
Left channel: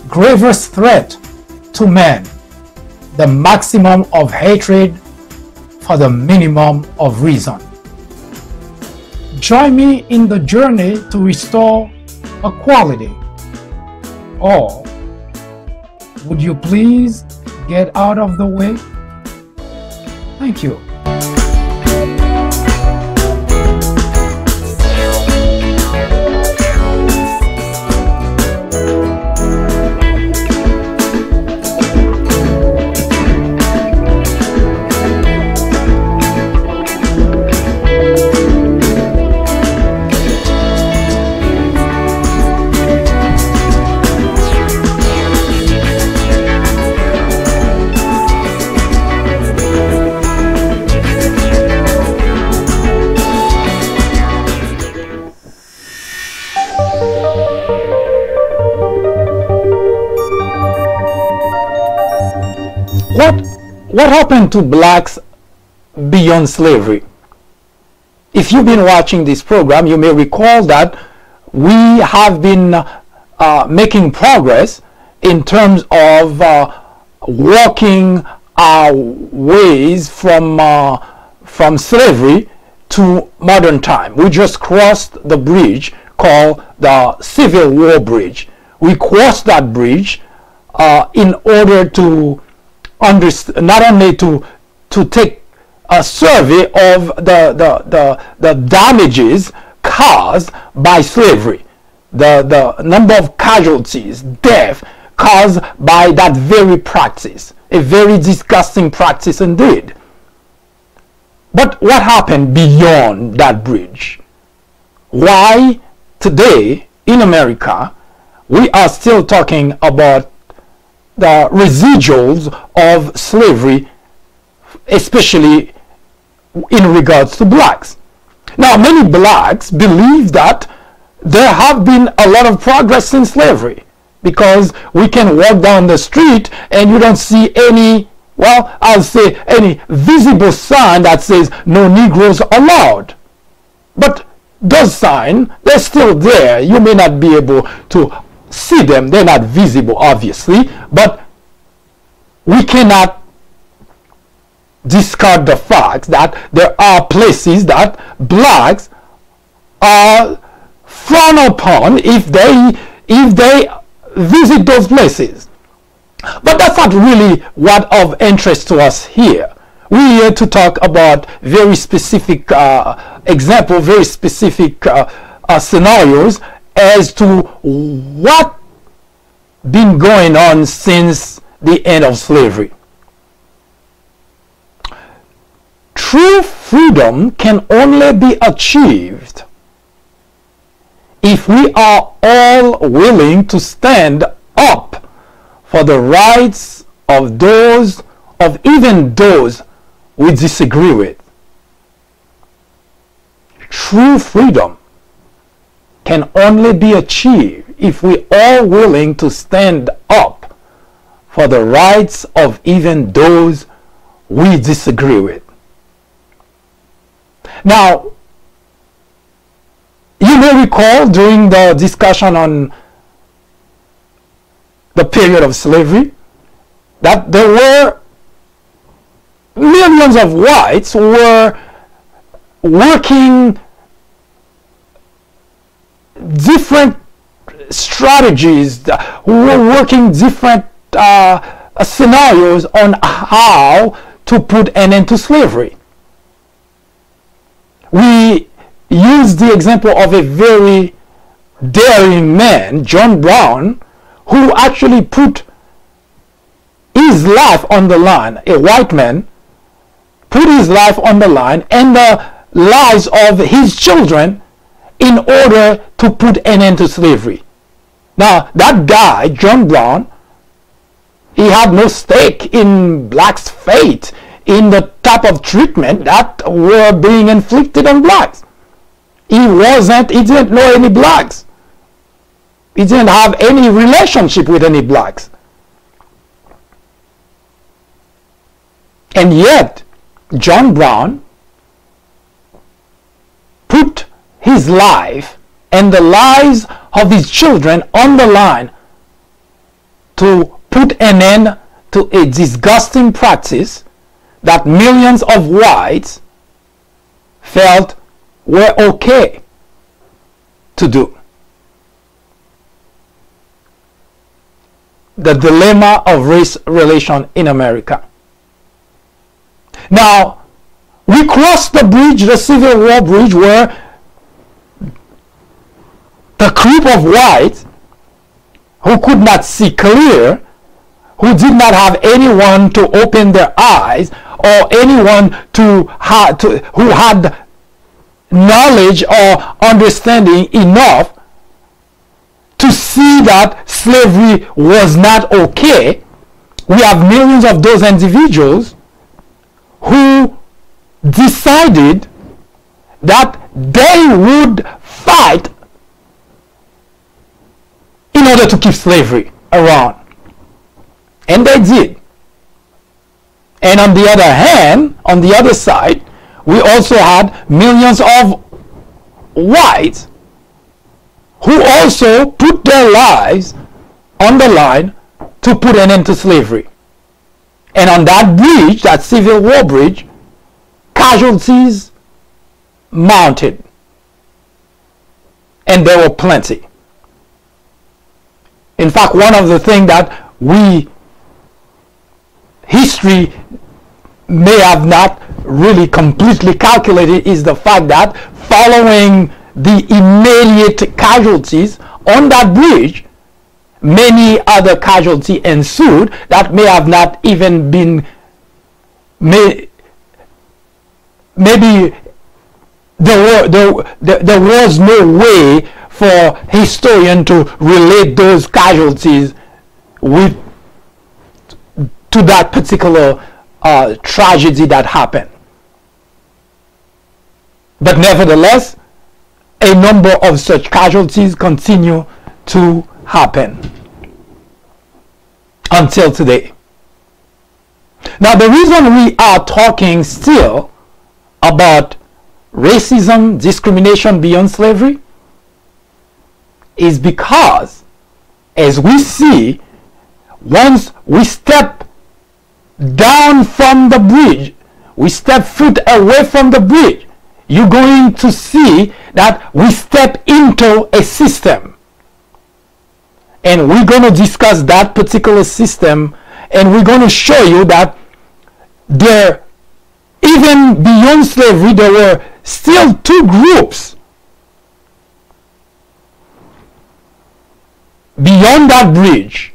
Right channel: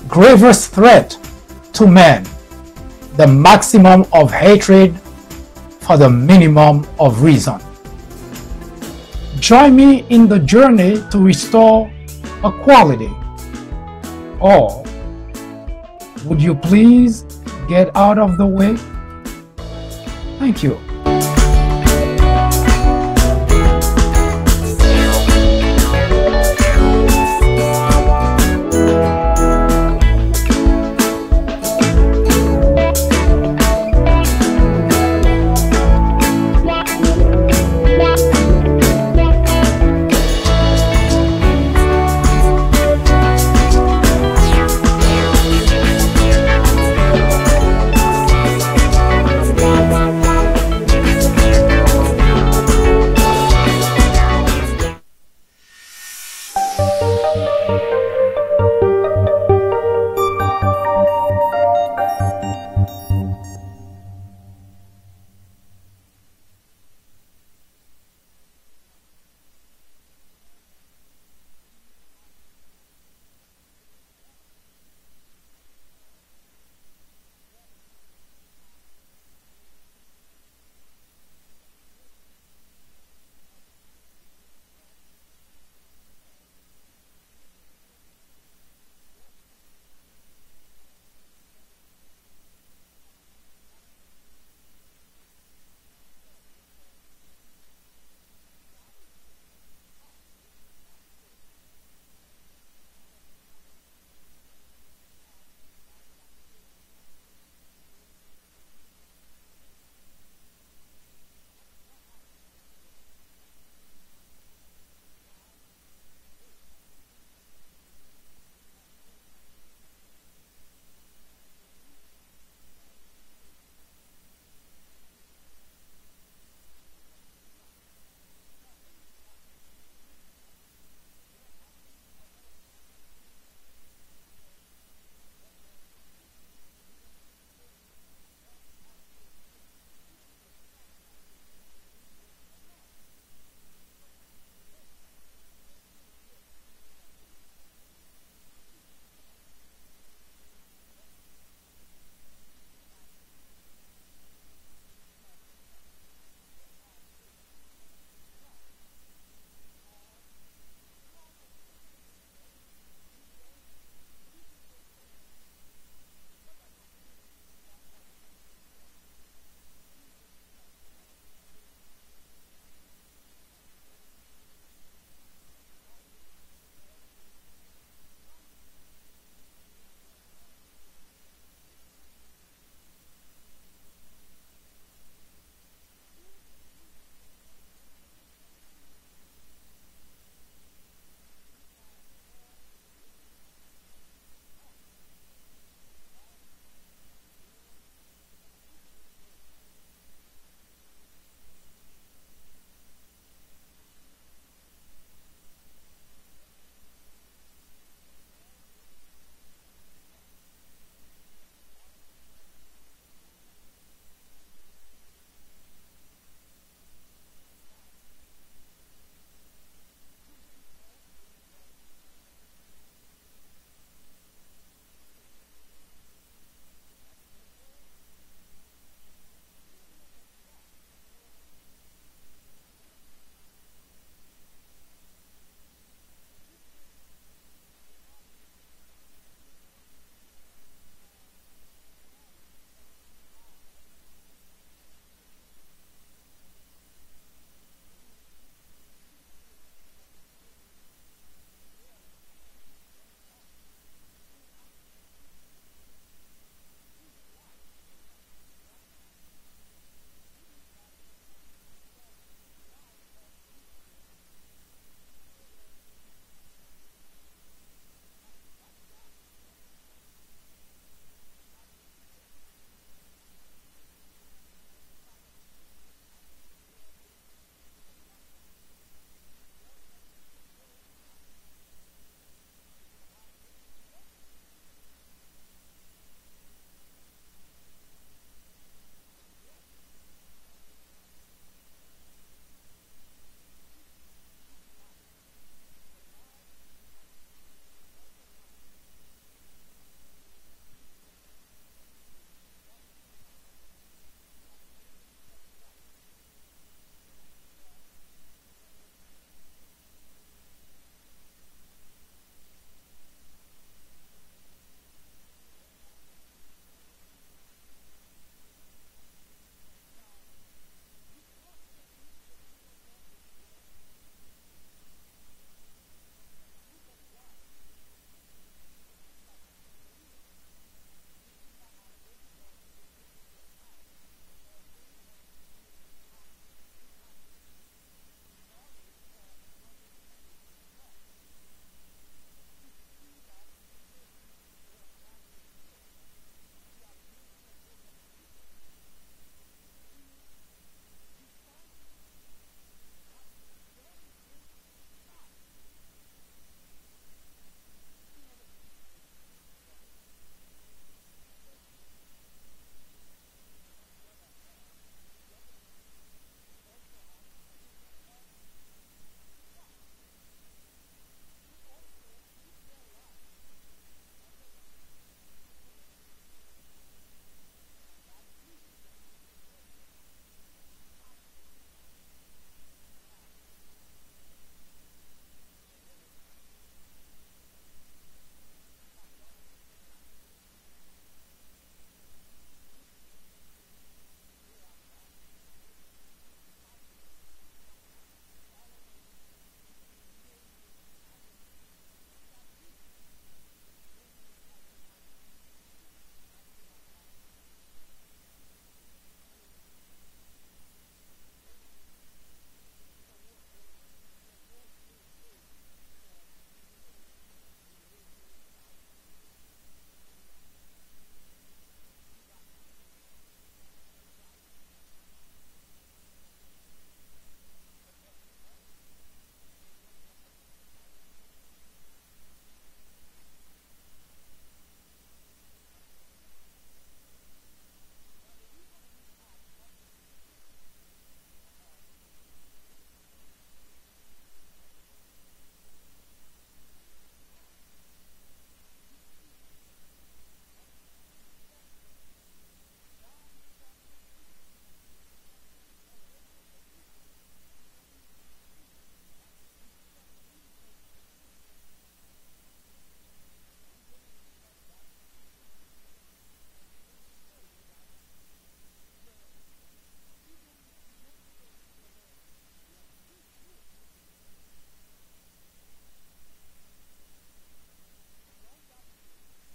gravest threat to man, the maximum of hatred for the minimum of reason." Join me in the journey to restore equality. Or would you please get out of the way? Thank you. What happened to blacks beyond slavery? If you've been watching this program, you may recall that we have been making progress in terms of walking our ways from slavery to modern time. We just crossed the bridge called the Civil War Bridge. We crossed that bridge in order to not only to take a survey of the damages caused by slavery, the number of casualties, death caused by that very practice, a very disgusting practice indeed. But what happened beyond that bridge? Why today in America we are still talking about the residuals of slavery, especially in regards to blacks? Now, many blacks believe that there have been a lot of progress since slavery, because we can walk down the street and you don't see any, well, I'll say any visible sign that says no Negroes allowed. But those signs, they're still there. You may not be able to see them. They're not visible, obviously, but we cannot discard the fact that there are places that blacks are frowned upon if they visit those places. But that's not really what of interest to us here. We're here to talk about very specific examples, very specific scenarios as to what been going on since the end of slavery. True freedom can only be achieved if we are all willing to stand up for the rights of those, of even those we disagree with. True freedom can only be achieved if we are willing to stand up for the rights of even those we disagree with. Now, you may recall during the discussion on the period of slavery that there were millions of whites were working different strategies, who were working different scenarios on how to put an end to slavery. We use the example of a very daring man, John Brown, who actually put his life on the line. A white man put his life on the line and the lives of his children in order to put an end to slavery. Now, that guy, John Brown, he had no stake in blacks' fate, in the type of treatment that were being inflicted on blacks. He didn't know any blacks. He didn't have any relationship with any blacks. And yet, John Brown put his life and the lives of his children on the line to put an end to a disgusting practice that millions of whites felt were okay to do. The dilemma of race relation in America. Now, we crossed the bridge, the Civil War bridge, where the group of whites who could not see clear, who did not have anyone to open their eyes, or anyone who had knowledge or understanding enough to see that slavery was not okay. We have millions of those individuals who decided that they would fight in order to keep slavery around. And they did. And on the other hand, on the other side, we also had millions of whites who also put their lives on the line to put an end to slavery. And on that bridge, that Civil War bridge, casualties mounted. And there were plenty. In fact, one of the things that history may have not really completely calculated is the fact that following the immediate casualties on that bridge, many other casualties ensued that may have not even been, maybe there was no way for historians to relate those casualties to that particular tragedy that happened. But nevertheless, a number of such casualties continue to happen until today. Now, the reason we are talking still about racism, discrimination beyond slavery, is because, as we see, once we step down from the bridge, we step foot away from the bridge, you're going to see that we step into a system. And we're going to discuss that particular system, and we're going to show you that there, even beyond slavery, there were still two groups beyond that bridge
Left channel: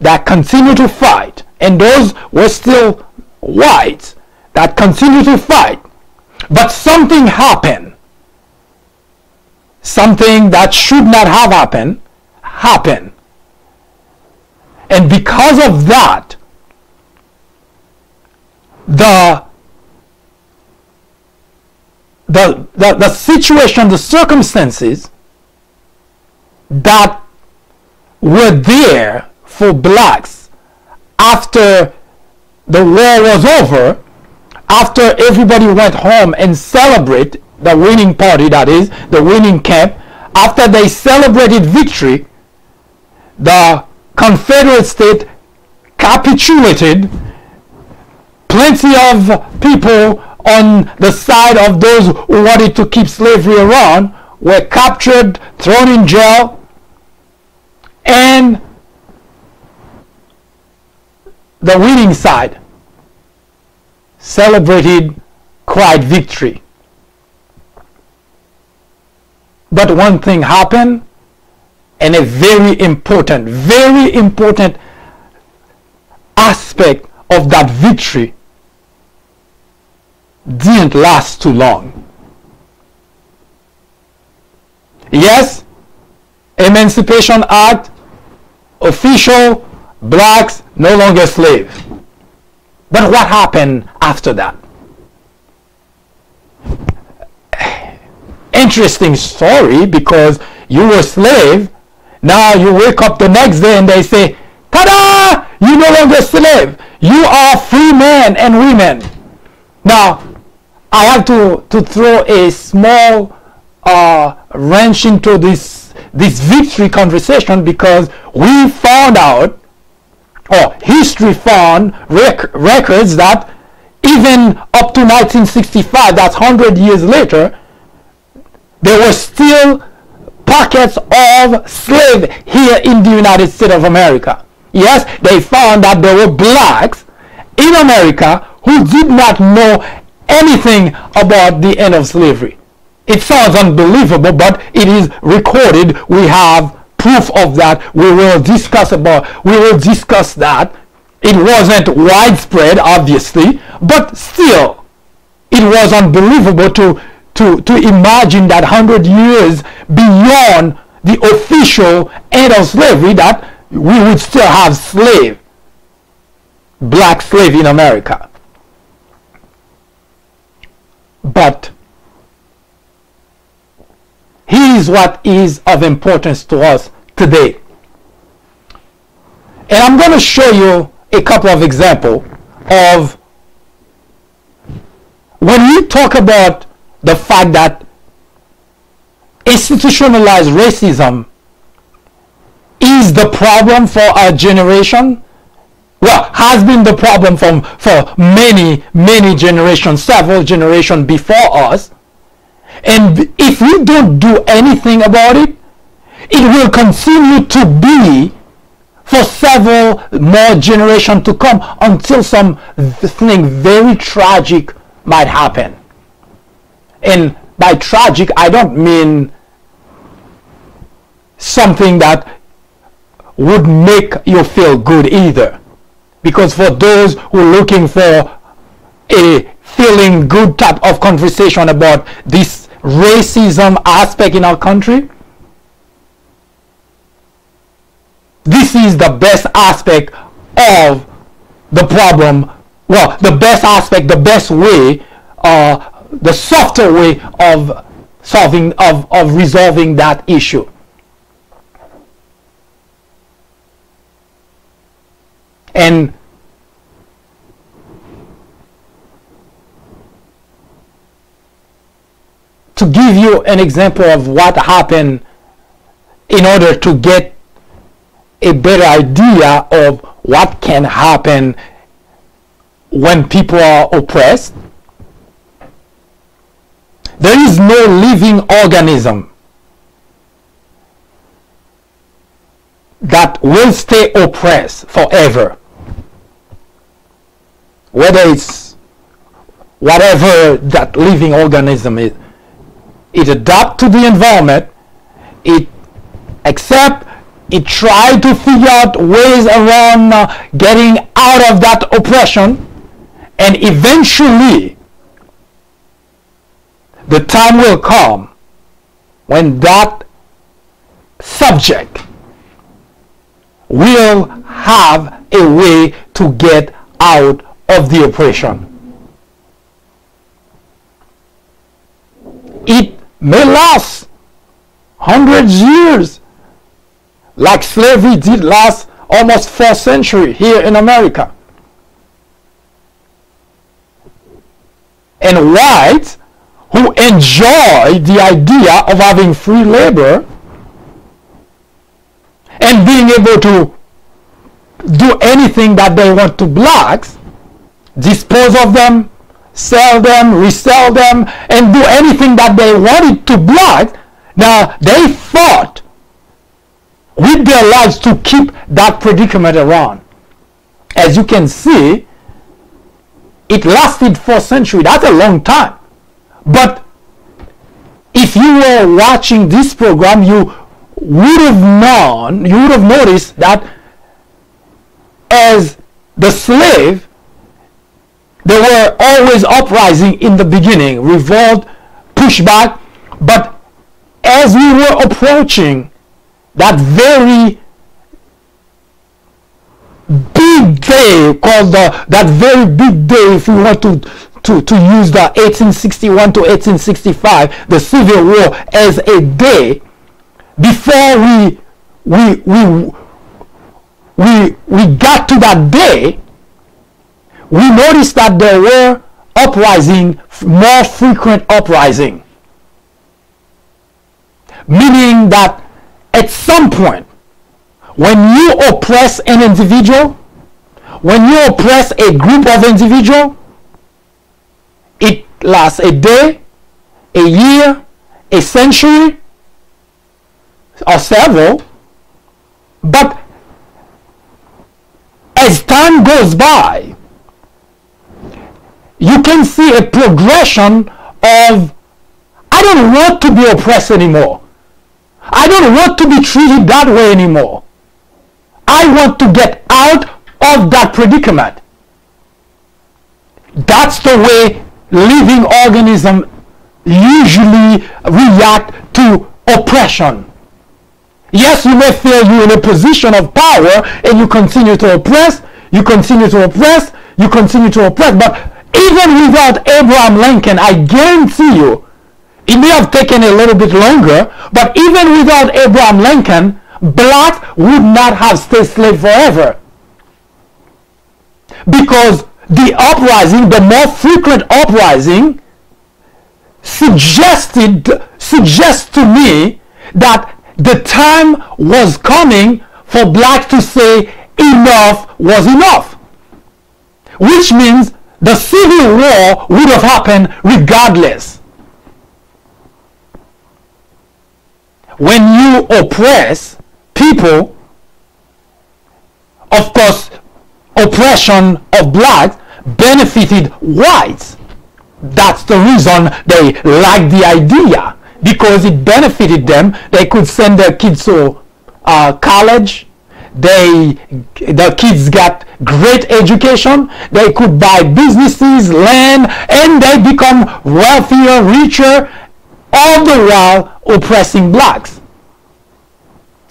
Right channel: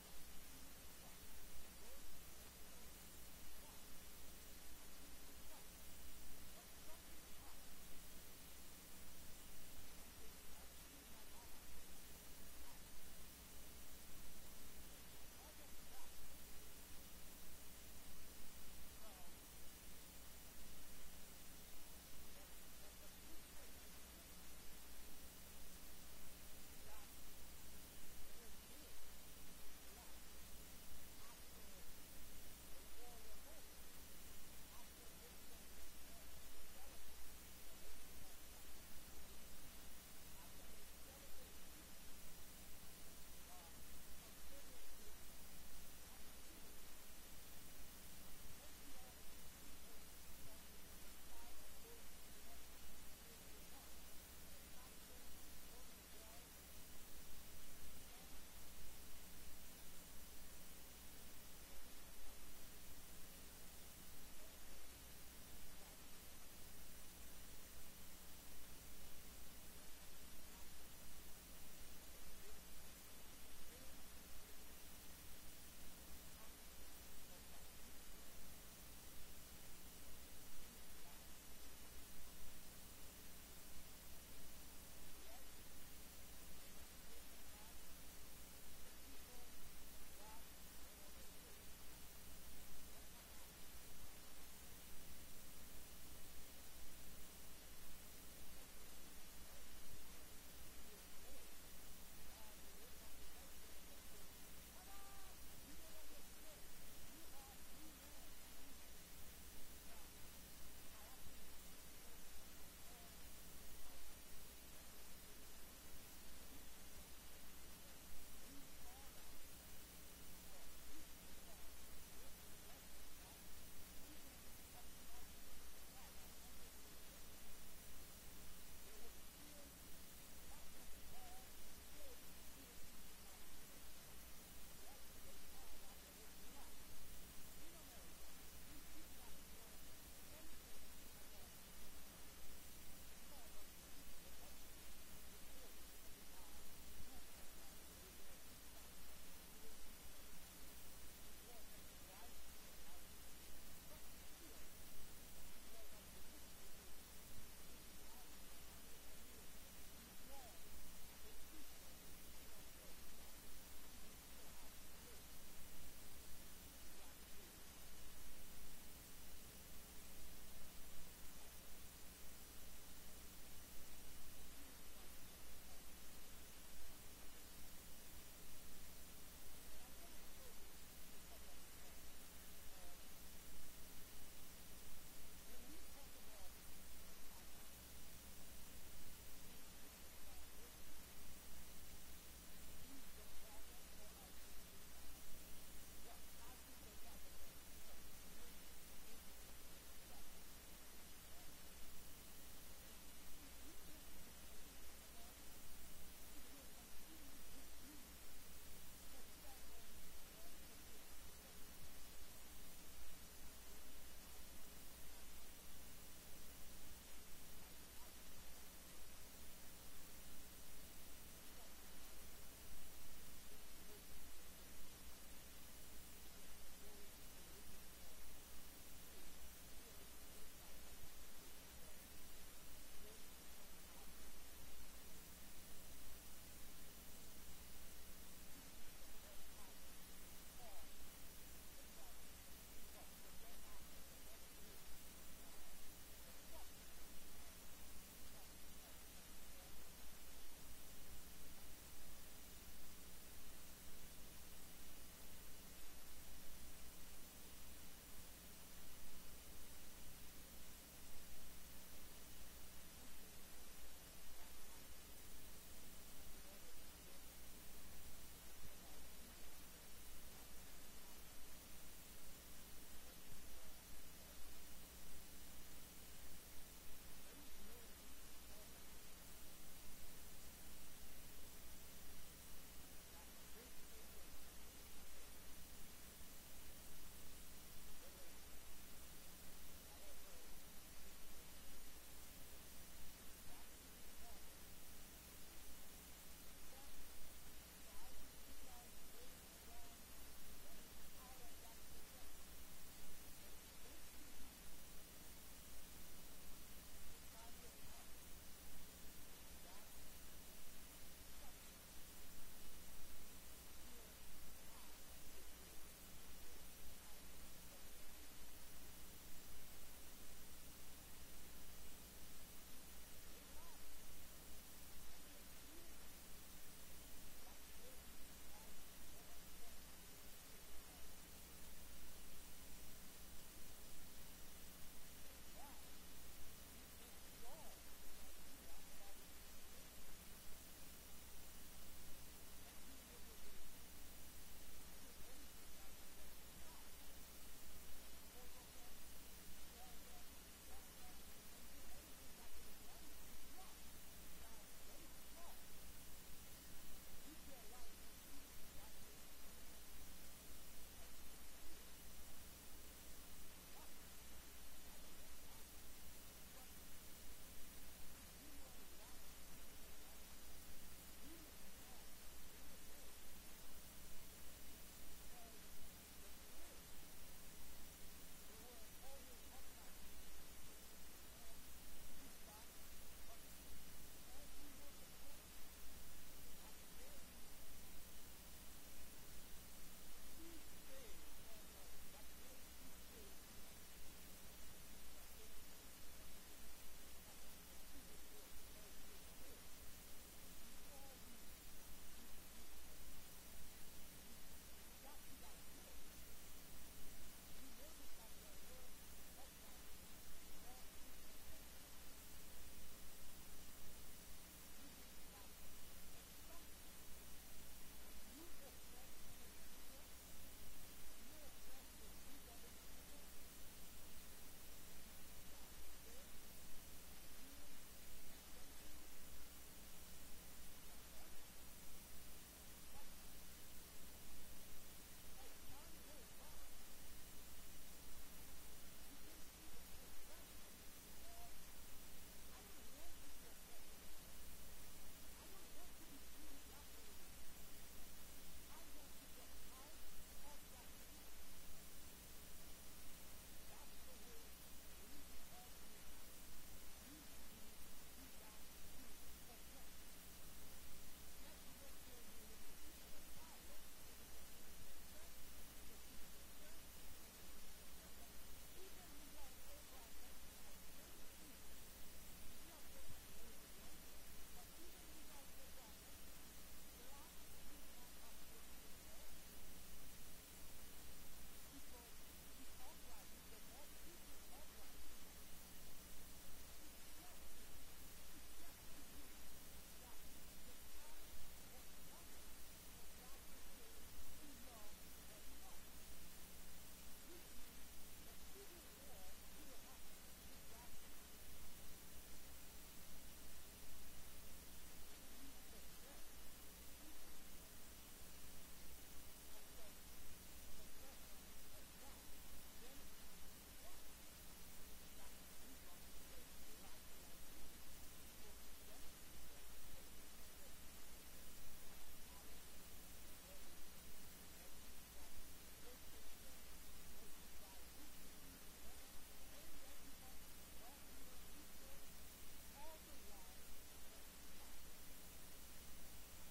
that continue to fight, and those were still whites that continue to fight. But something happened. Something that should not have happened. And because of that, the situation, the circumstances that were there for blacks after the war was over, after everybody went home and celebrate the winning party, that is, the winning camp, after they celebrated victory, the Confederate state capitulated, plenty of people on the side of those who wanted to keep slavery around were captured, thrown in jail, and the winning side celebrated quiet victory. But one thing happened, and a very important aspect of that victory didn't last too long. Yes, Emancipation Act, official, blacks no longer slave. But what happened after that? Interesting story, because you were a slave, now you wake up the next day and they say, ta-da! You're no longer a slave. You are free men and women. Now, I have to throw a small wrench into this victory conversation, because we found out, or history found records that even up to 1965, that's 100 years later, there were still pockets of slaves here in the United States of America. Yes, they found that there were blacks in America who did not know anything about the end of slavery. It sounds unbelievable, but it is recorded. We have proof of that. We will discuss that. It wasn't widespread, obviously, but still, it was unbelievable to imagine that 100 years beyond the official end of slavery, that we would still have black slave in America. But here's what is of importance to us today. And I'm going to show you a couple of examples of when we talk about the fact that institutionalized racism is the problem for our generation. Well, has been the problem for many generations, several generations before us. And if we don't do anything about it, it will continue to be for several more generations to come, until something very tragic might happen. And by tragic, I don't mean something that would make you feel good either. Because for those who are looking for a feeling good type of conversation about this racism aspect in our country, this is the best aspect of the problem. Well, the best aspect, the best way, the softer way of resolving that issue. And to give you an example of what happened, in order to get a better idea of what can happen when people are oppressed, there is no living organism that will stay oppressed forever. Whether it's whatever that living organism is, it adapts to the environment, it accepts, it tries to figure out ways around getting out of that oppression, and eventually the time will come when that subject will have a way to get out of the oppression. It may last hundreds of years, like slavery did last almost 4 centuries here in America. And whites who enjoy the idea of having free labor and being able to do anything that they want to blacks, dispose of them, sell them, resell them, and do anything that they wanted to blacks. Now, they fought with their lives to keep that predicament around. As you can see, it lasted for centuries. That's a long time. But if you were watching this program, you would have known, you would have noticed that as the slave, they were always uprising in the beginning, revolt, pushback. But as we were approaching that very big day, called that very big day, if you want to use the 1861 to 1865, the Civil War, as a day, before we got to that day, we noticed that there were uprising, more frequent uprising, meaning that at some point, when you oppress an individual, when you oppress a group of individuals, it lasts a day, a year, a century, or several. But as time goes by, you can see a progression of, I don't want to be oppressed anymore. I don't want to be treated that way anymore. I want to get out of that predicament. That's the way living organisms usually react to oppression. Yes, you may feel you're in a position of power and you continue to oppress, you continue to oppress, you continue to oppress. But even without Abraham Lincoln, I guarantee you, it may have taken a little bit longer, but even without Abraham Lincoln, blacks would not have stayed slaves forever. Because the uprising, the more frequent uprising, suggests to me that the time was coming for blacks to say enough was enough. Which means the Civil War would have happened regardless. When you oppress people, of course, oppression of blacks benefited whites. That's the reason they liked the idea, because it benefited them. They could send their kids to college. The kids got great education. They could buy businesses, land, and they become wealthier, richer, all the while oppressing blacks.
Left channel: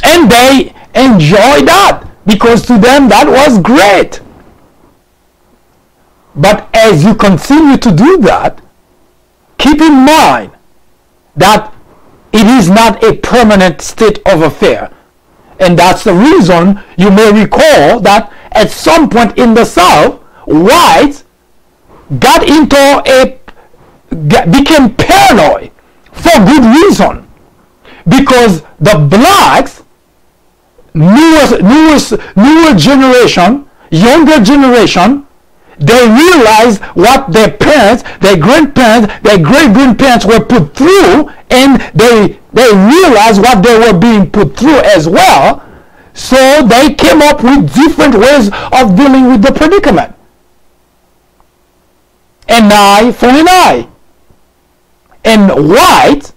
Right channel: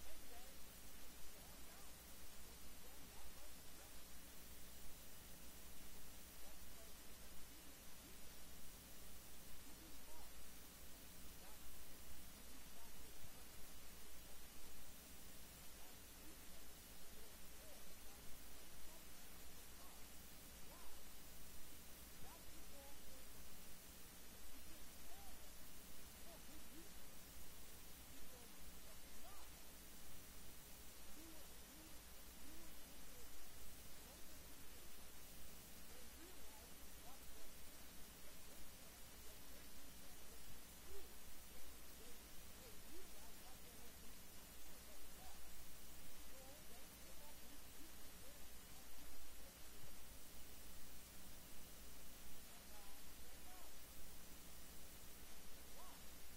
And they enjoy that, because to them that was great. But as you continue to do that, keep in mind that it is not a permanent state of affair. And that's the reason you may recall that at some point in the South, whites became paranoid for good reason. Because the blacks, newer generation, younger generation, they realized what their parents, their grandparents, their great-grandparents were put through, and they realized what they were being put through as well. So they came up with different ways of dealing with the predicament. An eye for an eye. And whites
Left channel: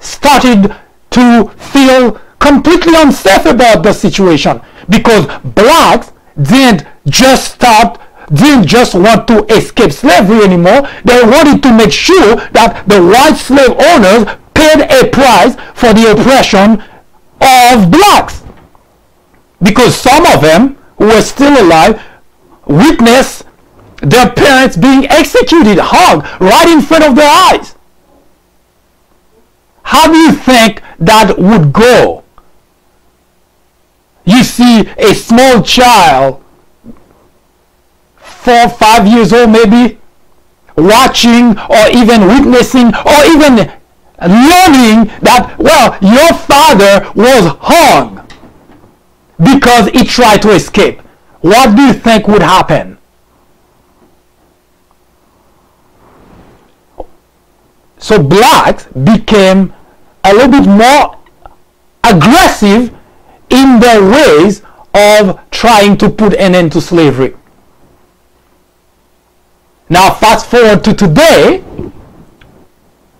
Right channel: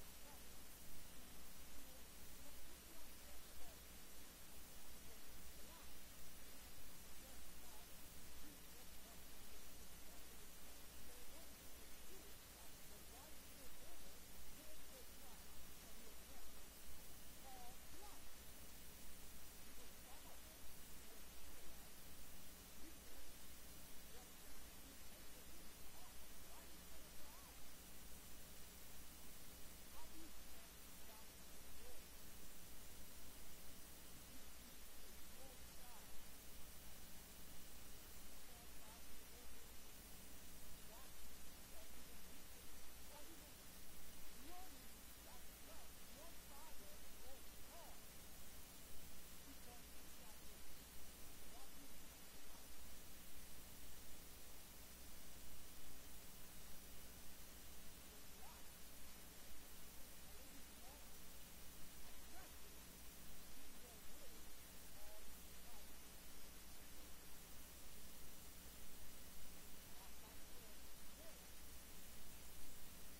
started to feel completely unsafe about the situation, because blacks didn't just want to escape slavery anymore. They wanted to make sure that the white slave owners paid a price for the oppression of blacks. Because some of them who were still alive witnessed their parents being executed, hung right in front of their eyes. How do you think that would go? You see a small child, 4 or 5 years old maybe, watching or even witnessing or even learning that, well, your father was hung because he tried to escape. What do you think would happen? So blacks became a little bit more aggressive in their ways of trying to put an end to slavery. Now fast forward to today,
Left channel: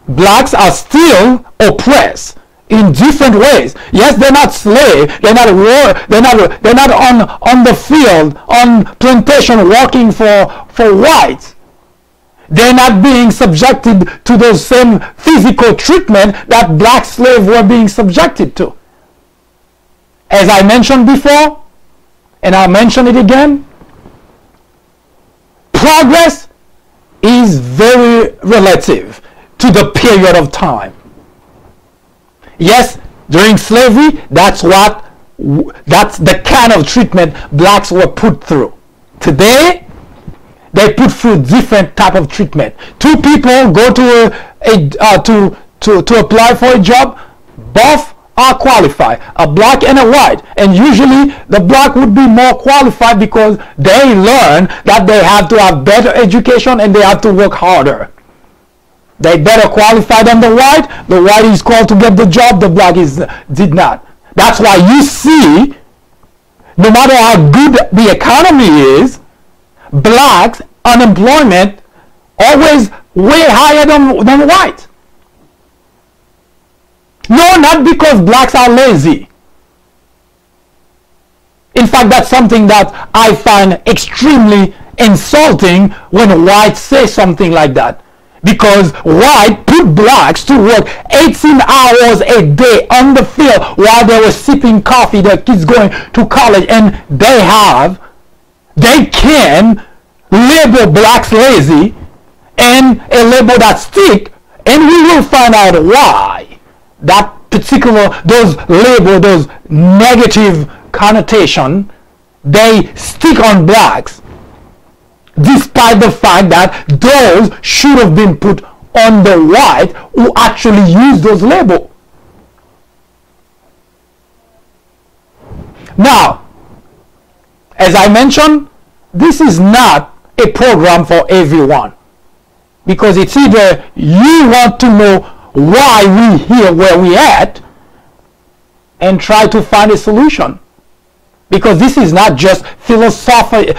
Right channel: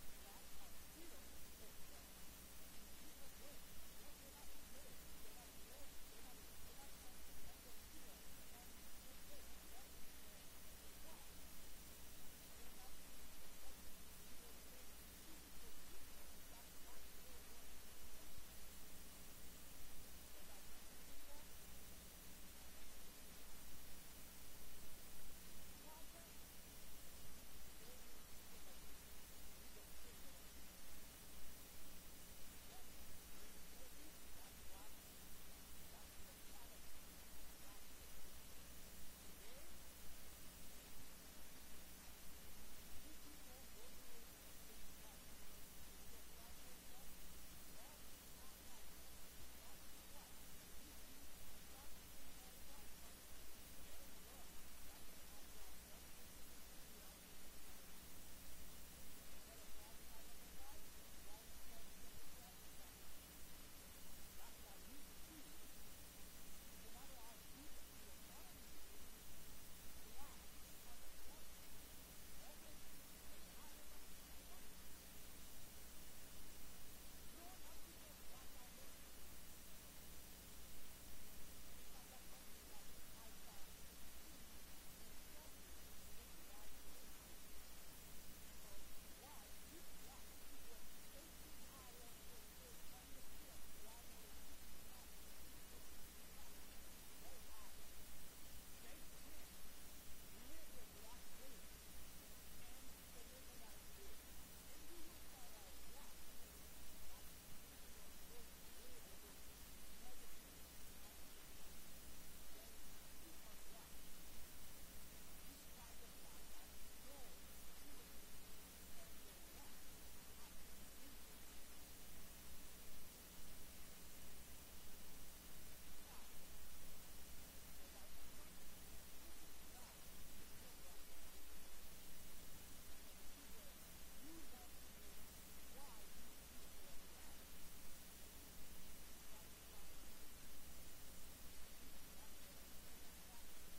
blacks are still oppressed in different ways. Yes, they're not slaves, they're not war, they're not on the field, on plantation working for whites. They're not being subjected to those same physical treatment that black slaves were being subjected to. As I mentioned before, and I'll mention it again, progress is very relative to the period of time. Yes, during slavery, that's the kind of treatment blacks were put through. Today, they put through different type of treatment. Two people go to apply for a job, both are qualified, a black and a white, and usually the black would be more qualified because they learn that they have to have better education and they have to work harder. They better qualify than the white. The white is called to get the job, the black did not. That's why you see, no matter how good the economy is, blacks unemployment always way higher than white. No, not because blacks are lazy. In fact, that's something that I find extremely insulting when whites say something like that. Because white put blacks to work 18 hours a day on the field while they were sipping coffee, their kids going to college, and they can label blacks lazy, and a label that stick, and we will find out why that particular, those negative connotation, they stick on blacks, despite the fact that those should have been put on the white who actually use those labels. Now, as I mentioned, this is not a program for everyone, because it's either you want to know why we here where we at and try to find a solution, because this is not just philosophy,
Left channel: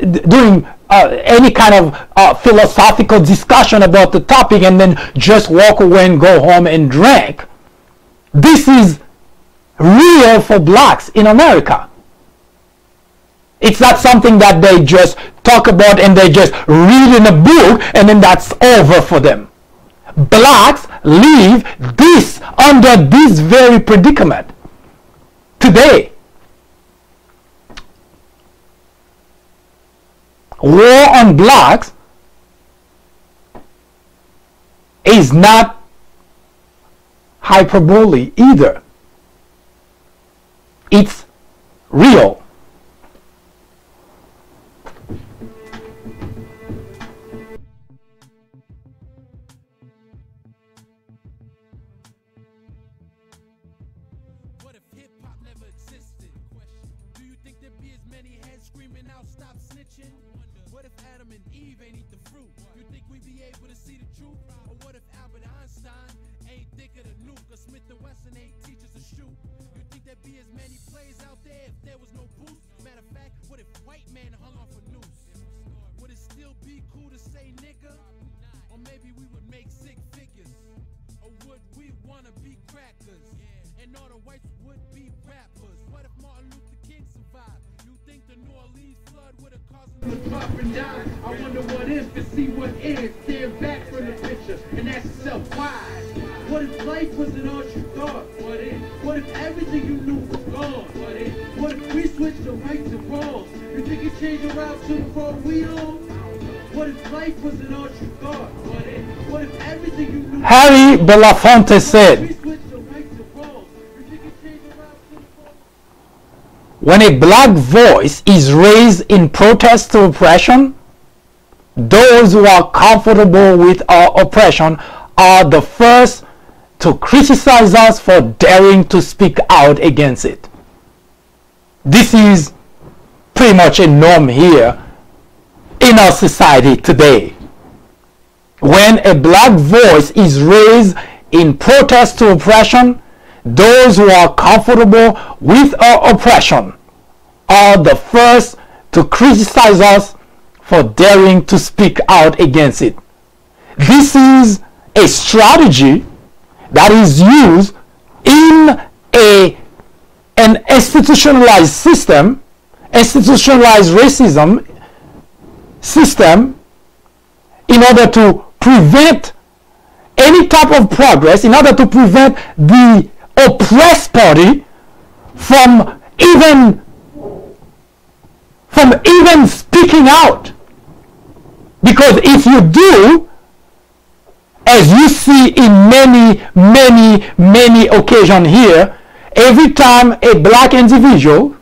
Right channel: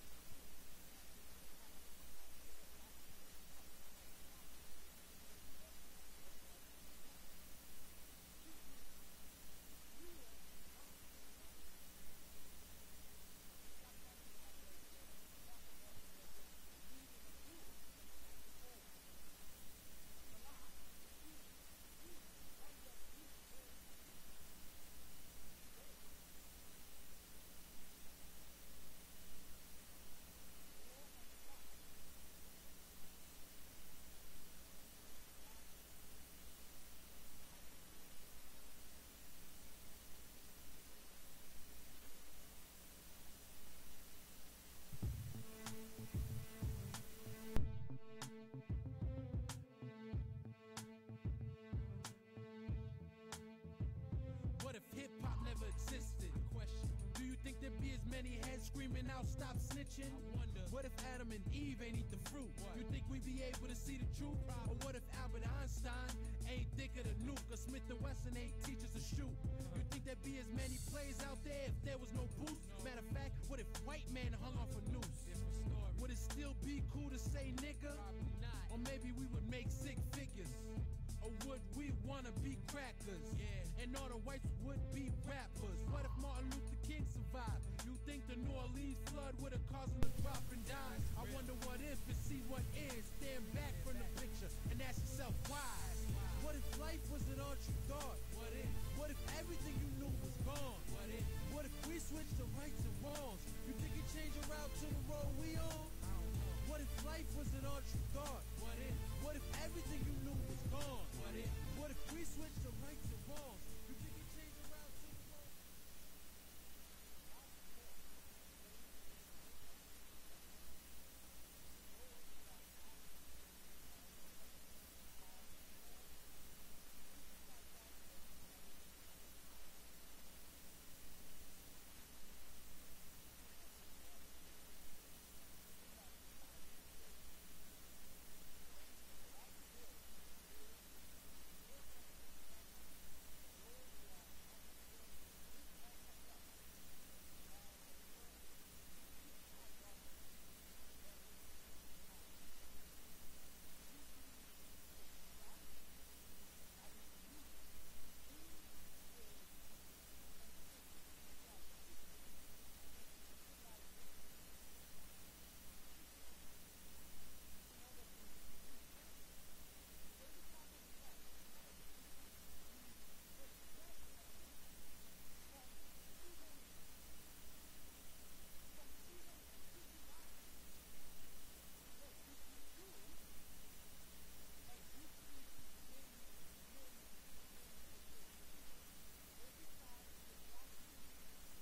doing any kind of philosophical discussion about the topic and then just walk away and go home and drink. This is real for blacks in America. It's not something that they just talk about and they just read in a book and then that's over for them. Blacks live under this very predicament today. War on blacks is not hyperbole either. It's real. What if hip-hop never existed? Do you think there'd be as many heads screaming out, stop snitching? What if Adam and Eve ain't eat the fruit? You think we'd be able to see the truth? Or what if Albert Einstein ain't think of the nuke? Or Smith & Wesson ain't teach us to shoot? You think there'd be as many plays out there if there was no boost? Matter of fact, what if white man hung off a noose? Would it still be cool to say nigga? Or maybe we would make sick figures? Or would we wanna be crackers? And all the whites would be rappers. What if Martin Luther King survived? You think the New Orleans flood would have caused him to pop and die? I wonder what if to see what is. Stand back from the picture and ask yourself why. What if life wasn't all you thought? What if everything you knew was gone? What if we switched the rights and wrongs? You think it's changing around to the road we on? What if life wasn't all you thought? What if everything you knew? Harry Belafonte said, when a black voice is raised in protest to oppression, those who are comfortable with our oppression are the first to criticize us for daring to speak out against it. This is pretty much a norm here in our society today. When a black voice is raised in protest to oppression, those who are comfortable with our oppression are the first to criticize us for daring to speak out against it. This is a strategy that is used in an institutionalized system, institutionalized racism system, in order to prevent any type of progress, in order to prevent the oppressed party from even speaking out. Because if you do, as you see in many occasions here, every time a black individual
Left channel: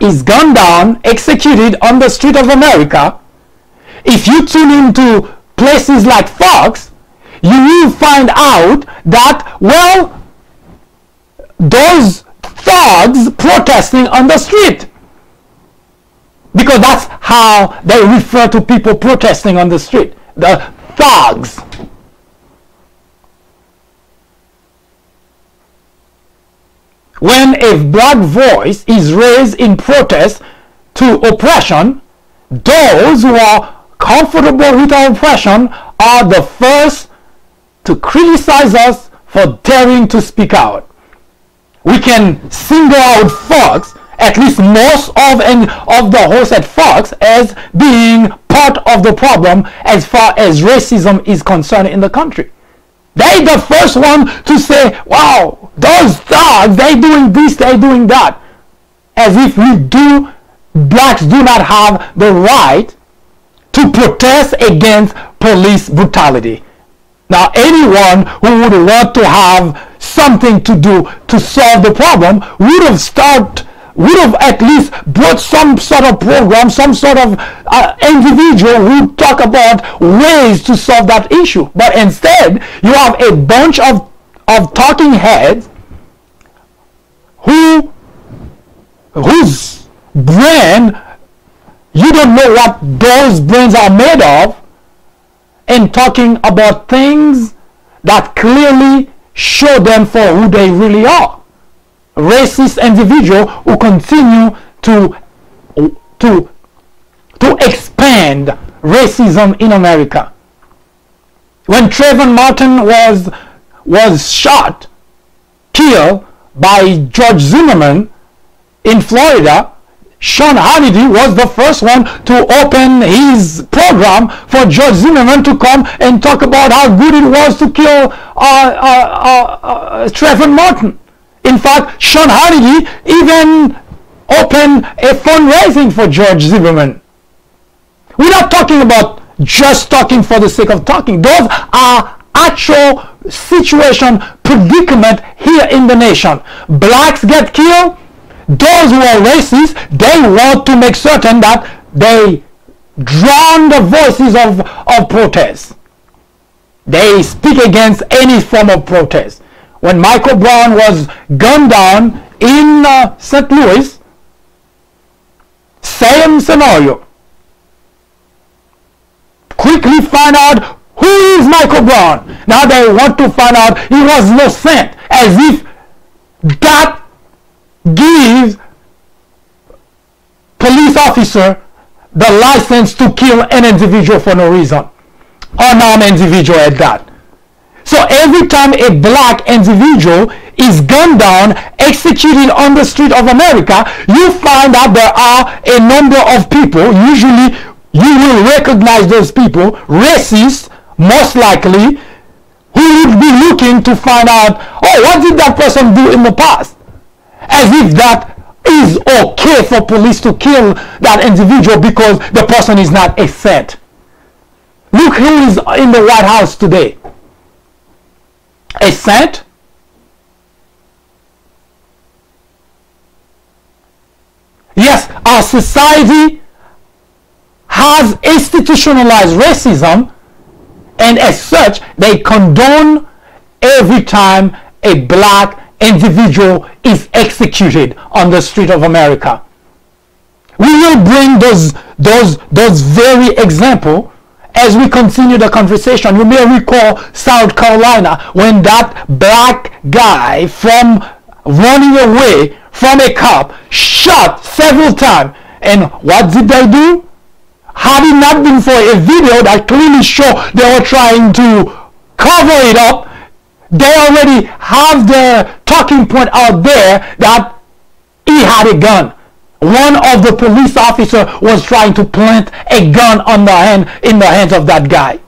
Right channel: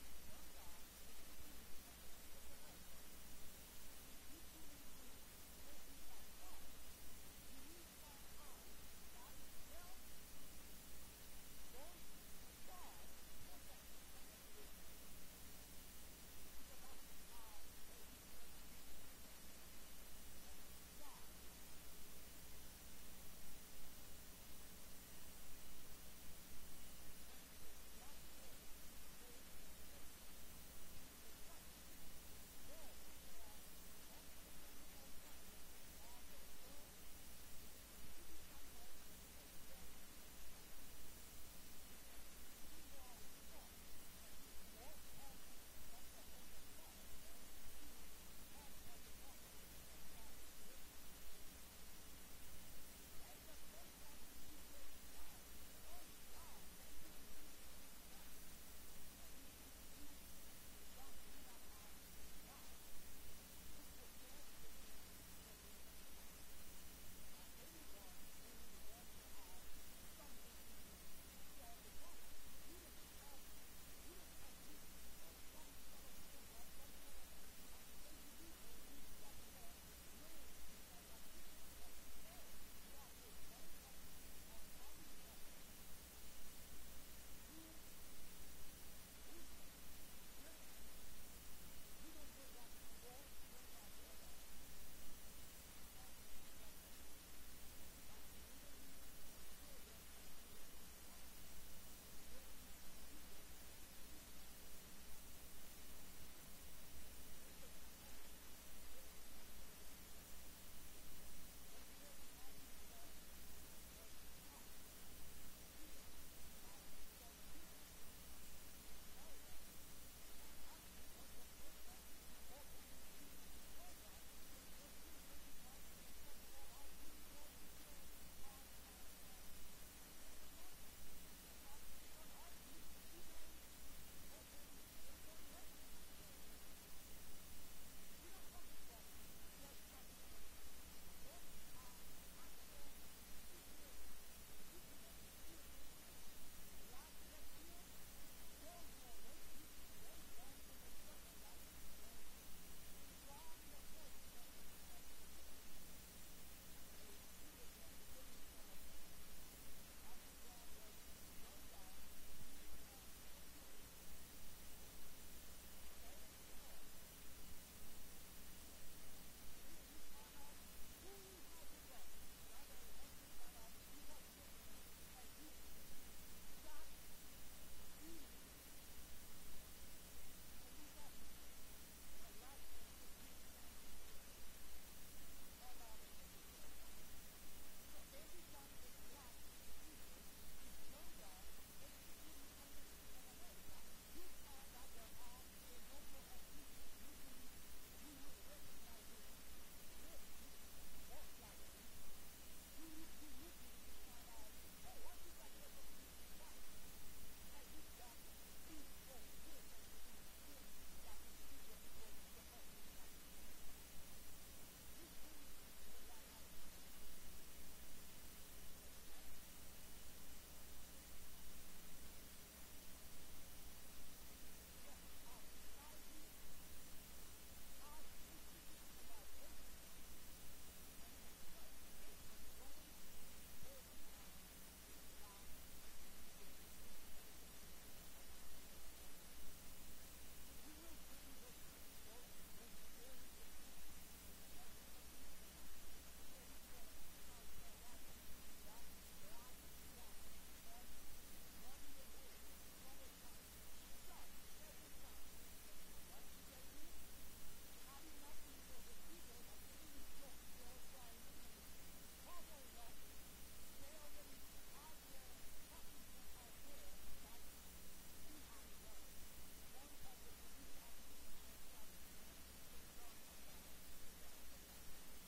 is gunned down, executed on the street of America, if you tune into places like Fox, you will find out that, well, those thugs protesting on the street, because that's how they refer to people protesting on the street, the thugs. When a black voice is raised in protest to oppression, those who are comfortable with our oppression are the first to criticize us for daring to speak out. We can single out Fox, at least most of the hosts at Fox, as being part of the problem as far as racism is concerned in the country. They're the first one to say, wow, those thugs, they're doing this, they're doing that. As if blacks do not have the right to protest against police brutality. Now, anyone who would want to have something to do to solve the problem would have at least brought some sort of program, some sort of individual who talk about ways to solve that issue. But instead, you have a bunch of talking heads whose brain, you don't know what those brains are made of, and talking about things that clearly show them for who they really are. Racist individuals who continue to expand racism in America. When Trayvon Martin was shot, killed by George Zimmerman in Florida, Sean Hannity was the first one to open his program for George Zimmerman to come and talk about how good it was to kill Trayvon Martin. In fact, Sean Hannity even opened a fundraising for George Zimmerman. We're not talking about just talking for the sake of talking. Those are actual situation, predicament here in the nation. Blacks get killed. Those who are racist, they want to make certain that they drown the voices of protest. They speak against any form of protest. When Michael Brown was gunned down in St. Louis, same scenario. Quickly find out who is Michael Brown. Now they want to find out he was no saint, as if that gives police officer the license to kill an individual for no reason, unarmed individual at that. So every time a black individual is gunned down, executed on the street of America, you find out there are a number of people, usually you will recognize those people, racist most likely, who would be looking to find out, oh, what did that person do in the past? As if that is okay for police to kill that individual because the person is not a saint. Look who is in the White House today. A saint? Yes, our society has institutionalized racism, and as such, they condone every time a black individual is executed on the street of America. We will bring those very examples as we continue the conversation, you may recall South Carolina when that black guy from running away from a cop shot several times. And what did they do? Had it not been for a video that clearly showed they were trying to cover it up, they already have the talking point out there that he had a gun. One of the police officers was trying to plant a gun in the hands of that guy.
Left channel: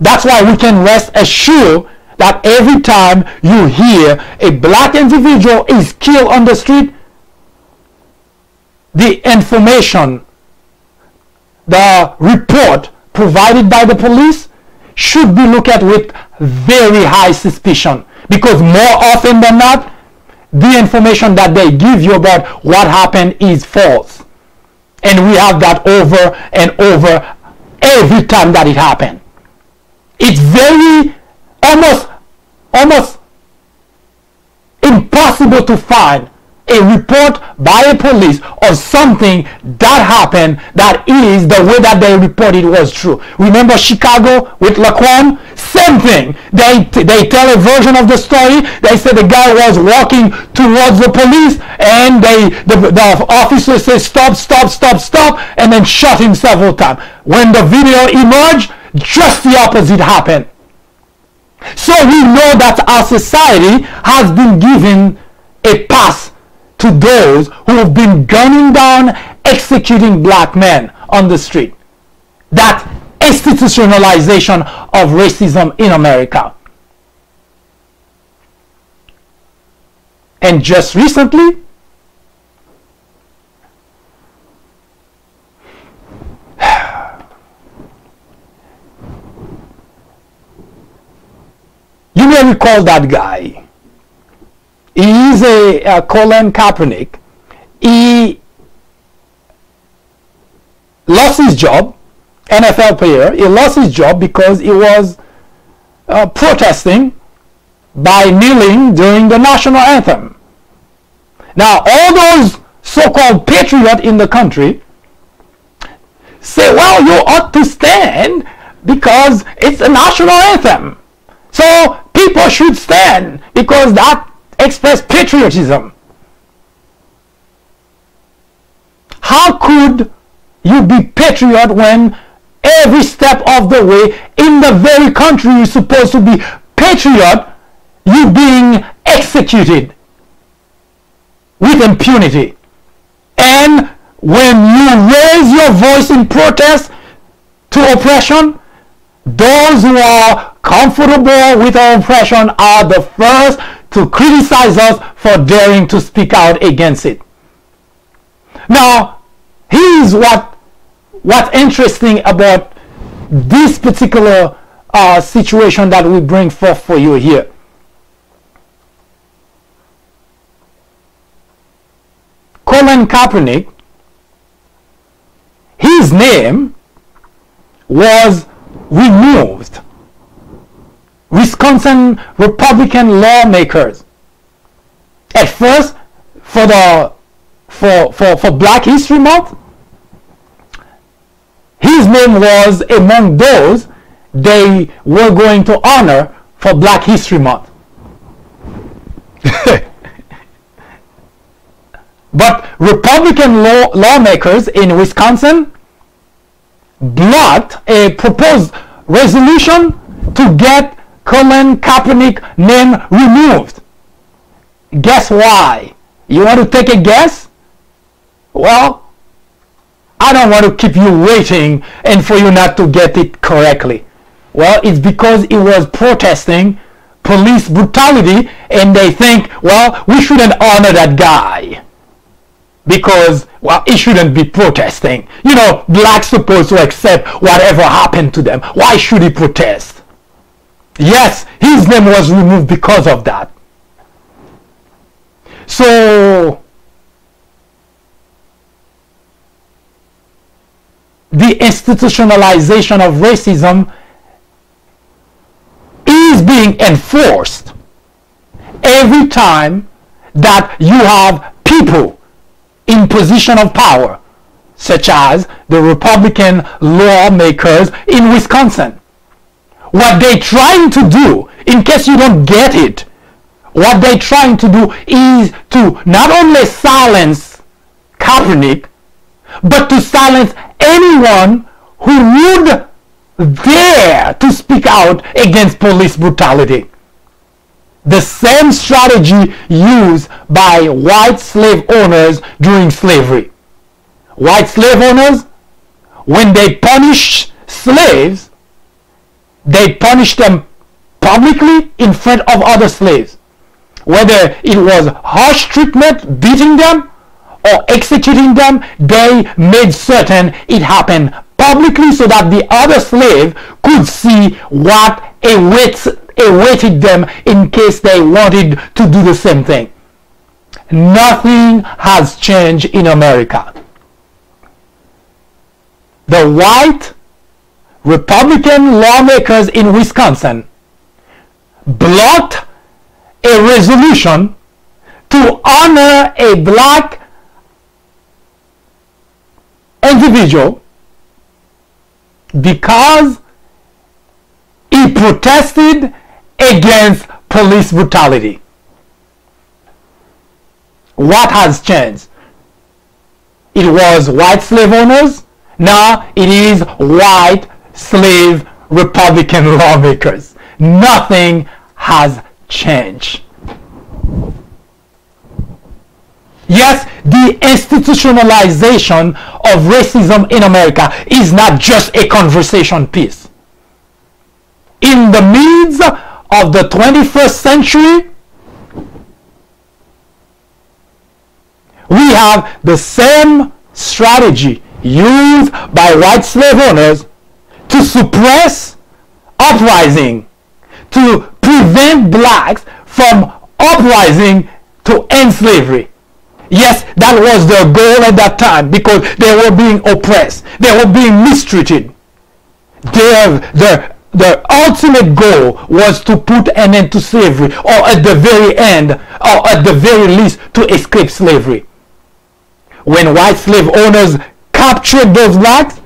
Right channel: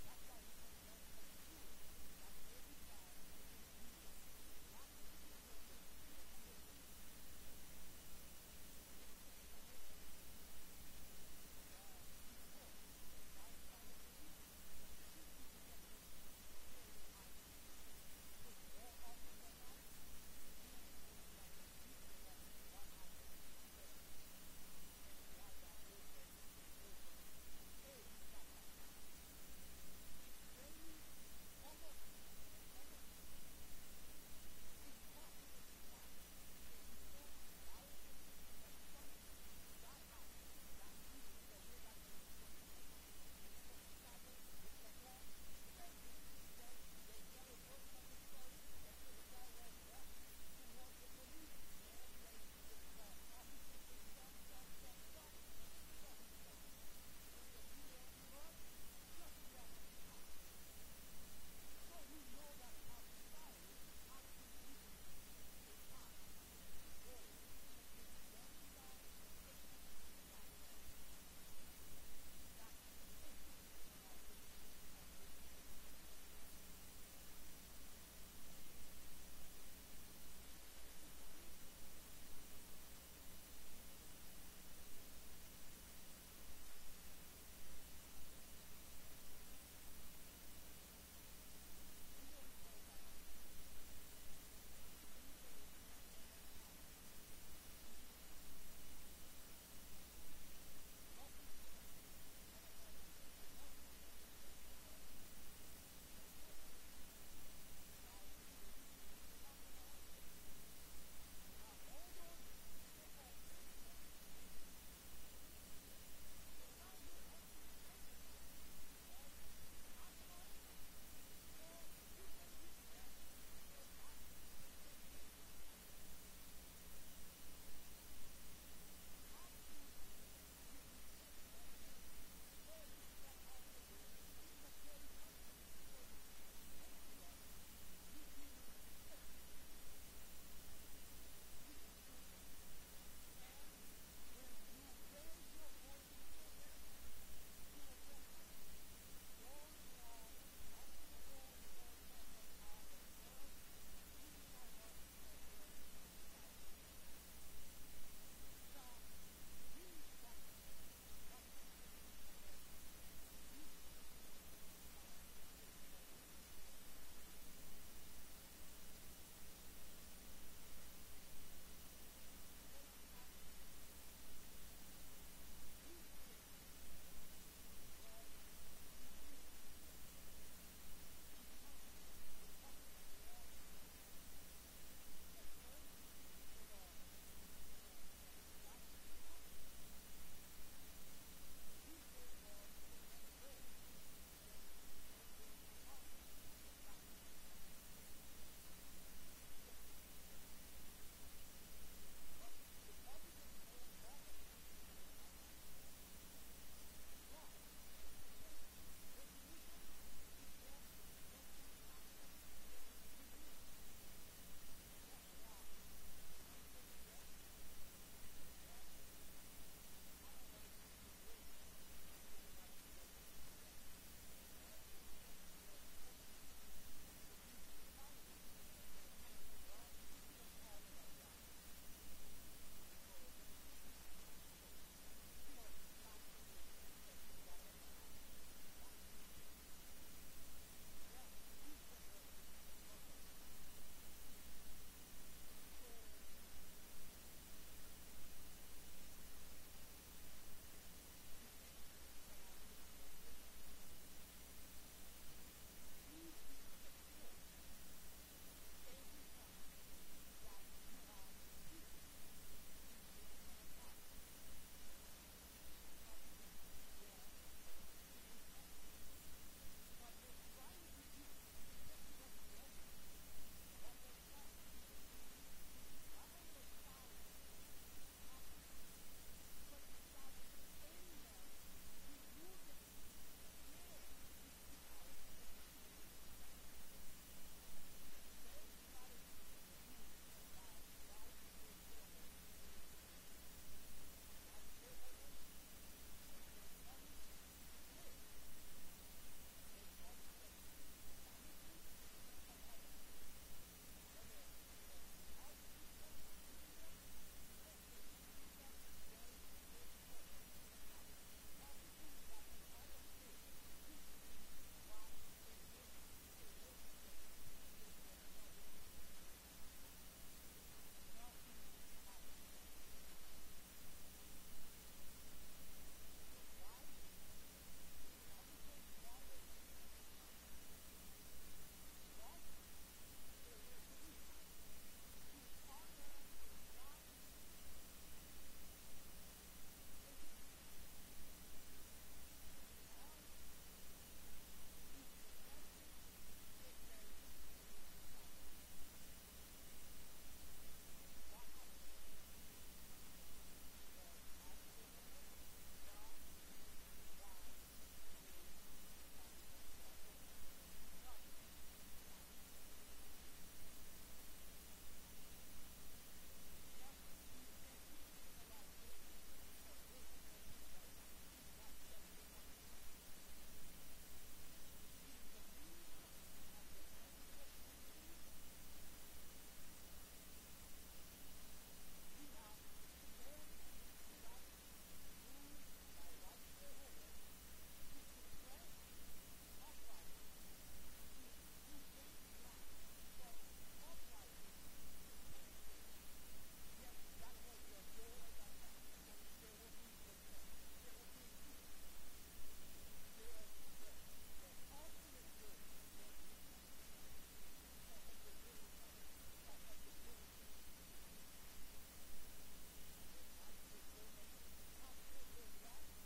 That's why we can rest assured that every time you hear a black individual is killed on the street, the information, the report provided by the police should be looked at with very high suspicion, because more often than not, the information that they give you about what happened is false. And we have that over and over every time that it happened. It's very almost impossible to find a report by a police of something that happened that is the way that they reported was true. Remember Chicago with Laquan? Same thing. They tell a version of the story. They say the guy was walking towards the police and the officer says stop, and then shot him several times. When the video emerged, just the opposite happened. So we know that our society has been given a pass to those who have been gunning down, executing black men on the street. That institutionalization of racism in America. And just recently, you may recall that guy. He is a Colin Kaepernick. He lost his job, NFL player. He lost his job because he was protesting by kneeling during the national anthem. Now, all those so-called patriots in the country say, well, you ought to stand because it's a national anthem. So people should stand because that express patriotism. How could you be patriot when every step of the way in the very country you're supposed to be patriot, you being executed with impunity? And when you raise your voice in protest to oppression, those who are comfortable with our oppression are the first to criticize us for daring to speak out against it. Now, here's what's interesting about this particular situation that we bring forth for you here. Colin Kaepernick, his name was removed. Wisconsin Republican lawmakers, at first for Black History Month, his name was among those they were going to honor for Black History Month. But Republican lawmakers in Wisconsin blocked a proposed resolution to get Colin Kaepernick name removed. Guess why? You want to take a guess? Well, I don't want to keep you waiting and for you not to get it correctly. Well, it's because he was protesting police brutality and they think, well, we shouldn't honor that guy because, well, he shouldn't be protesting. You know, blacks supposed to accept whatever happened to them. Why should he protest? Yes, his name was removed because of that. So, the institutionalization of racism is being enforced every time that you have people in position of power, such as the Republican lawmakers in Wisconsin. What they're trying to do, in case you don't get it, what they're trying to do is to not only silence Kaepernick, but to silence anyone who would dare to speak out against police brutality. The same strategy used by white slave owners during slavery. White slave owners, when they punish slaves, they punish them publicly in front of other slaves. Whether it was harsh treatment, beating them, or executing them, they made certain it happened publicly so that the other slave could see what awaited them in case they wanted to do the same thing. Nothing has changed in America. The white Republican lawmakers in Wisconsin blocked a resolution to honor a black individual because he protested against police brutality. What has changed? It was white slave owners. Now it is white slave Republican lawmakers. Nothing has changed. Yes, the institutionalization of racism in America is not just a conversation piece. In the midst of the 21st century, we have the same strategy used by white slave owners to suppress uprising, to prevent blacks from uprising to end slavery. Yes, that was their goal at that time because they were being oppressed. They were being mistreated. Their ultimate goal was to put an end to slavery, or at the very end, or at the very least, to escape slavery. When white slave owners captured those blacks,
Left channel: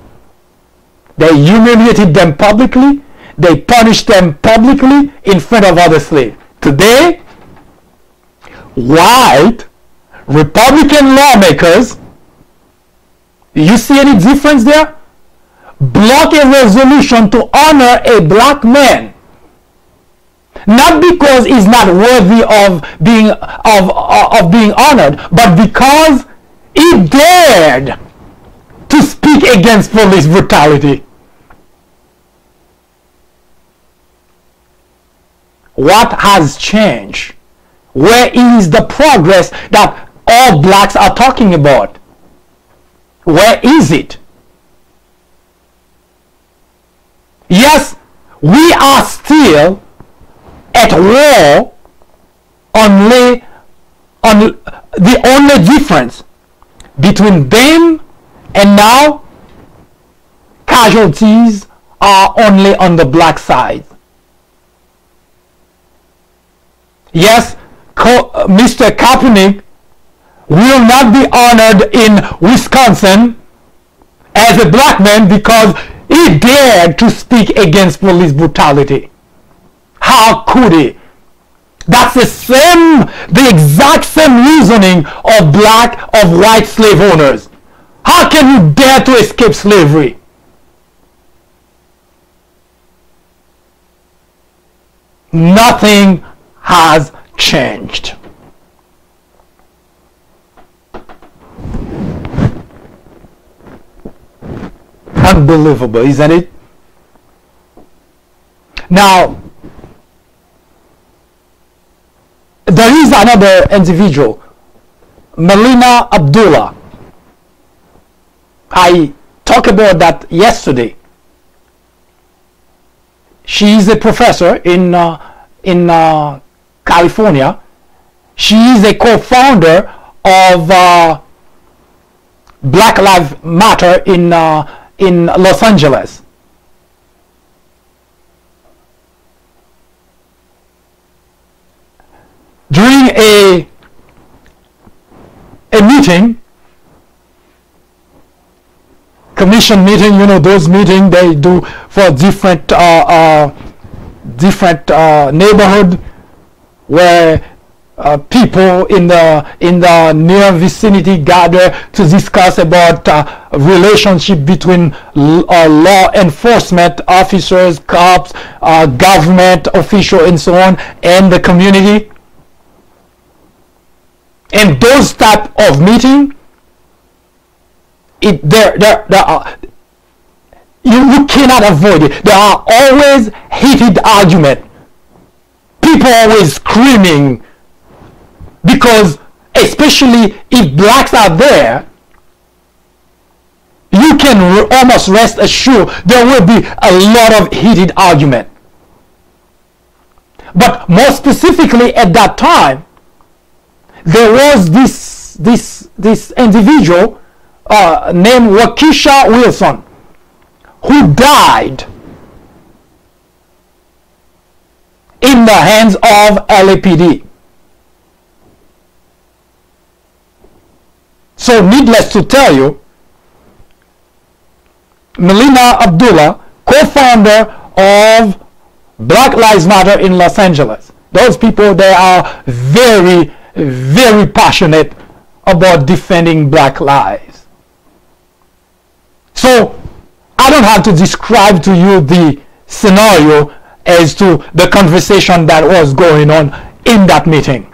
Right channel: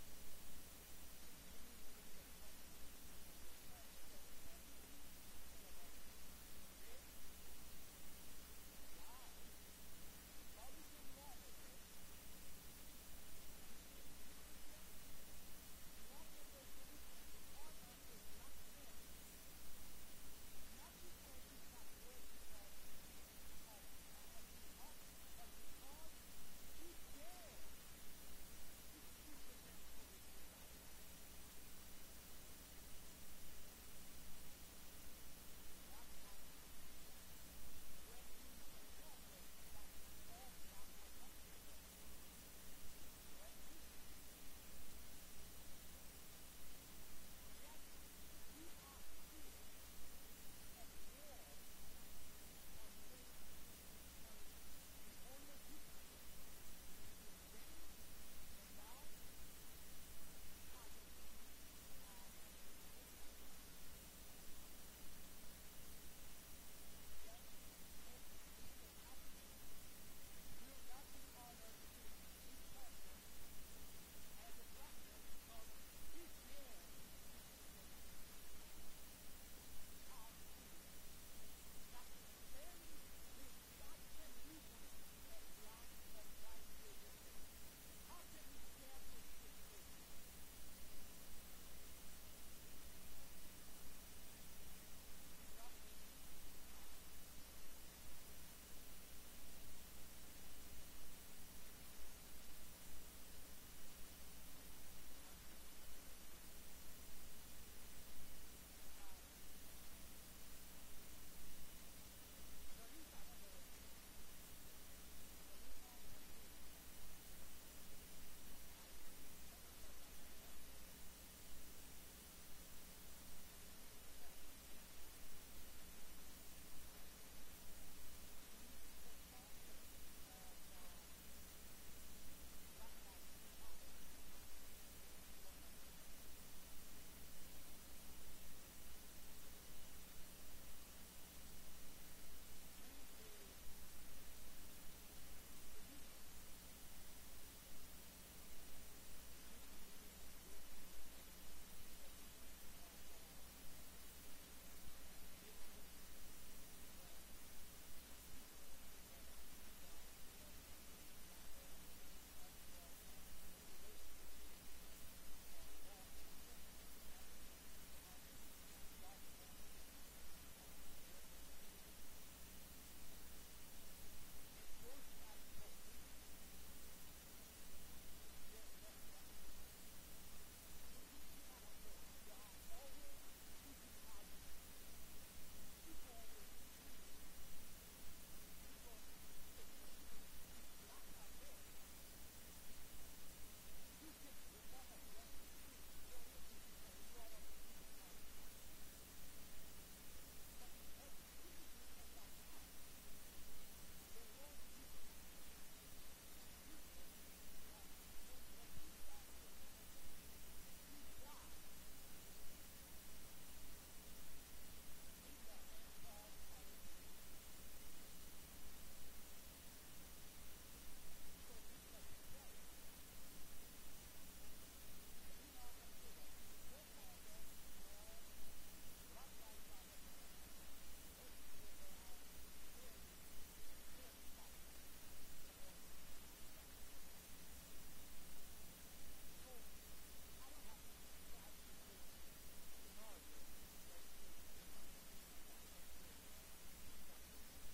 they humiliated them publicly. They punished them publicly in front of other slaves. Today, white Republican lawmakers, you see any difference there? Block a resolution to honor a black man, not because he's not worthy of being honored, but because he dared to speak against police brutality. What has changed? Where is the progress that all blacks are talking about? Where is it? Yes, we are still at war. The only difference between then and now, casualties are only on the black side. Yes, Mr. Kaepernick will not be honored in Wisconsin as a black man because he dared to speak against police brutality. How could he? That's the exact same reasoning of white slave owners. How can you dare to escape slavery? Nothing has changed. Unbelievable, isn't it? Now, there is another individual, Melina Abdullah. I talked about that yesterday. She is a professor in California. She is a co-founder of Black Lives Matter in Los Angeles. During a meeting, commission meeting, you know, those meetings they do for different neighborhood where people in the near vicinity gather to discuss about relationship between law enforcement officers, cops, government official, and so on, and the community. And those type of meeting, you cannot avoid it. There are always heated argument. People always screaming, because especially if blacks are there, you can almost rest assured there will be a lot of heated argument. But more specifically at that time, there was this individual named Waukesha Wilson, who died in the hands of LAPD. So needless to tell you, Melina Abdullah, co-founder of Black Lives Matter in Los Angeles, those people, they are very, very passionate about defending black lives. So I don't have to describe to you the scenario as to the conversation that was going on in that meeting.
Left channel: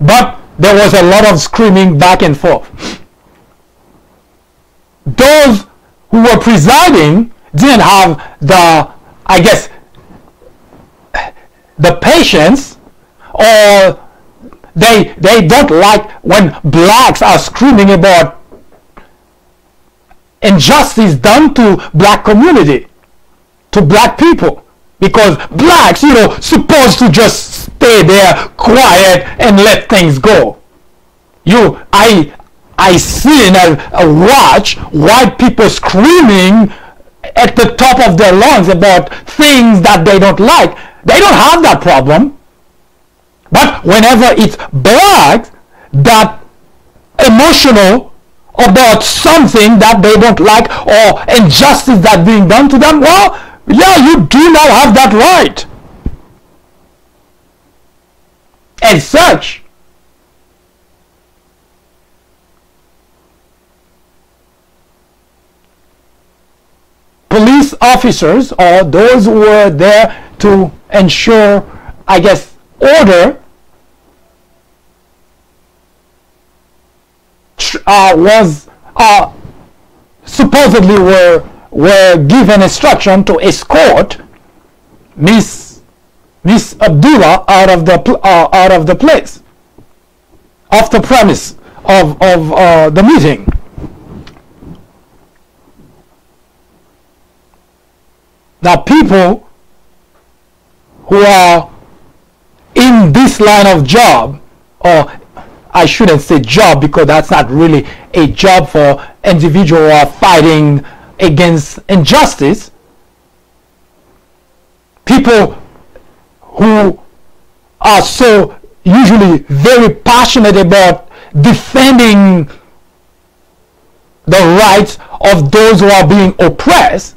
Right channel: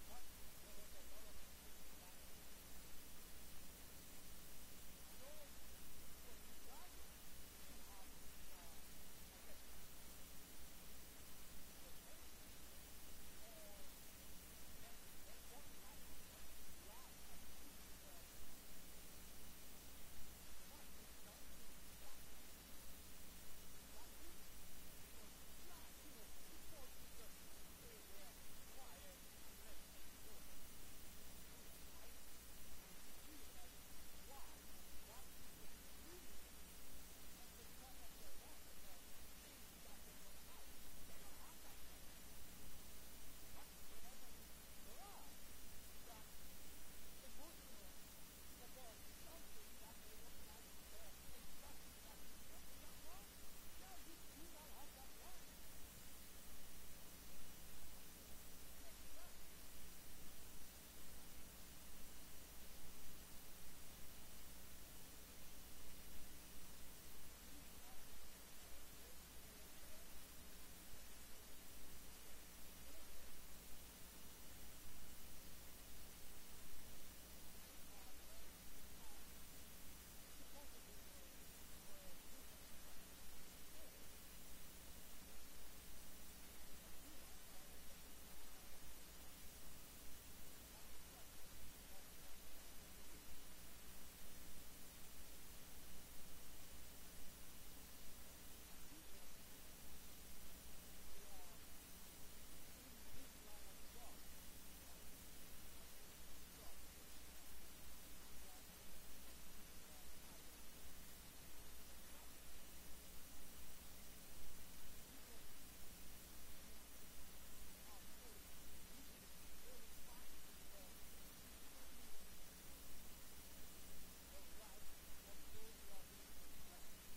But there was a lot of screaming back and forth. Those who were presiding didn't have the, I guess, the patience, or they don't like when blacks are screaming about injustice done to black community, to black people, because blacks, you know, supposed to just stay there quiet and let things go. I seen and watch white people screaming at the top of their lungs about things that they don't like. They don't have that problem. But whenever it's blacks that emotional about something that they don't like, or injustice that's being done to them, well, yeah, you do not have that right. As such, police officers, or those who were there to ensure, I guess, order, supposedly were given instruction to escort Miss Abdullah out of the place, off the premise of the meeting. Now, people who are in this line of job, or I shouldn't say job, because that's not really a job for individuals who are fighting against injustice, people who are so usually very passionate about defending the rights of those who are being oppressed,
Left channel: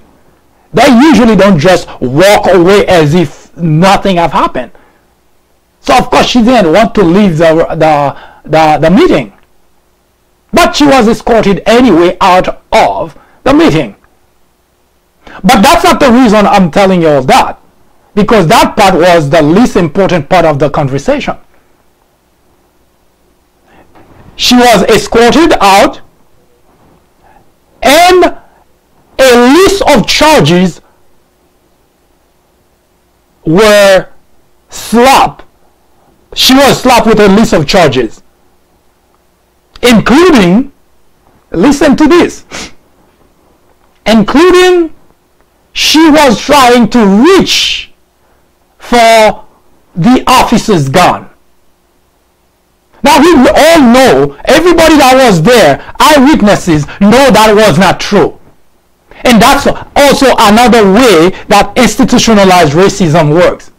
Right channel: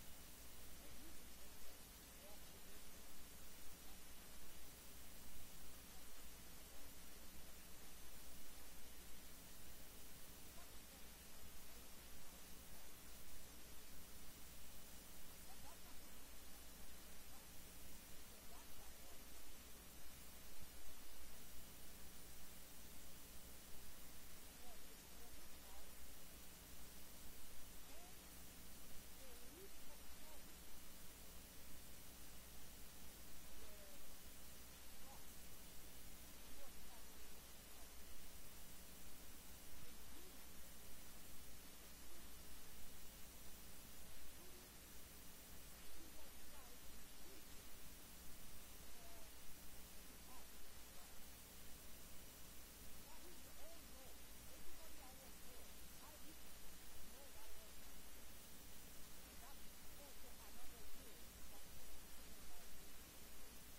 they usually don't just walk away as if nothing have happened. So of course she didn't want to leave the meeting, but she was escorted anyway out of the meeting. But that's not the reason I'm telling you all that, because that part was the least important part of the conversation. She was escorted out, and a list of charges were slapped. She was slapped with a list of charges, including, listen to this, including she was trying to reach for the officer's gun. Now we all know, everybody that was there, eyewitnesses, know that was not true. And that's also another way that institutionalized racism works.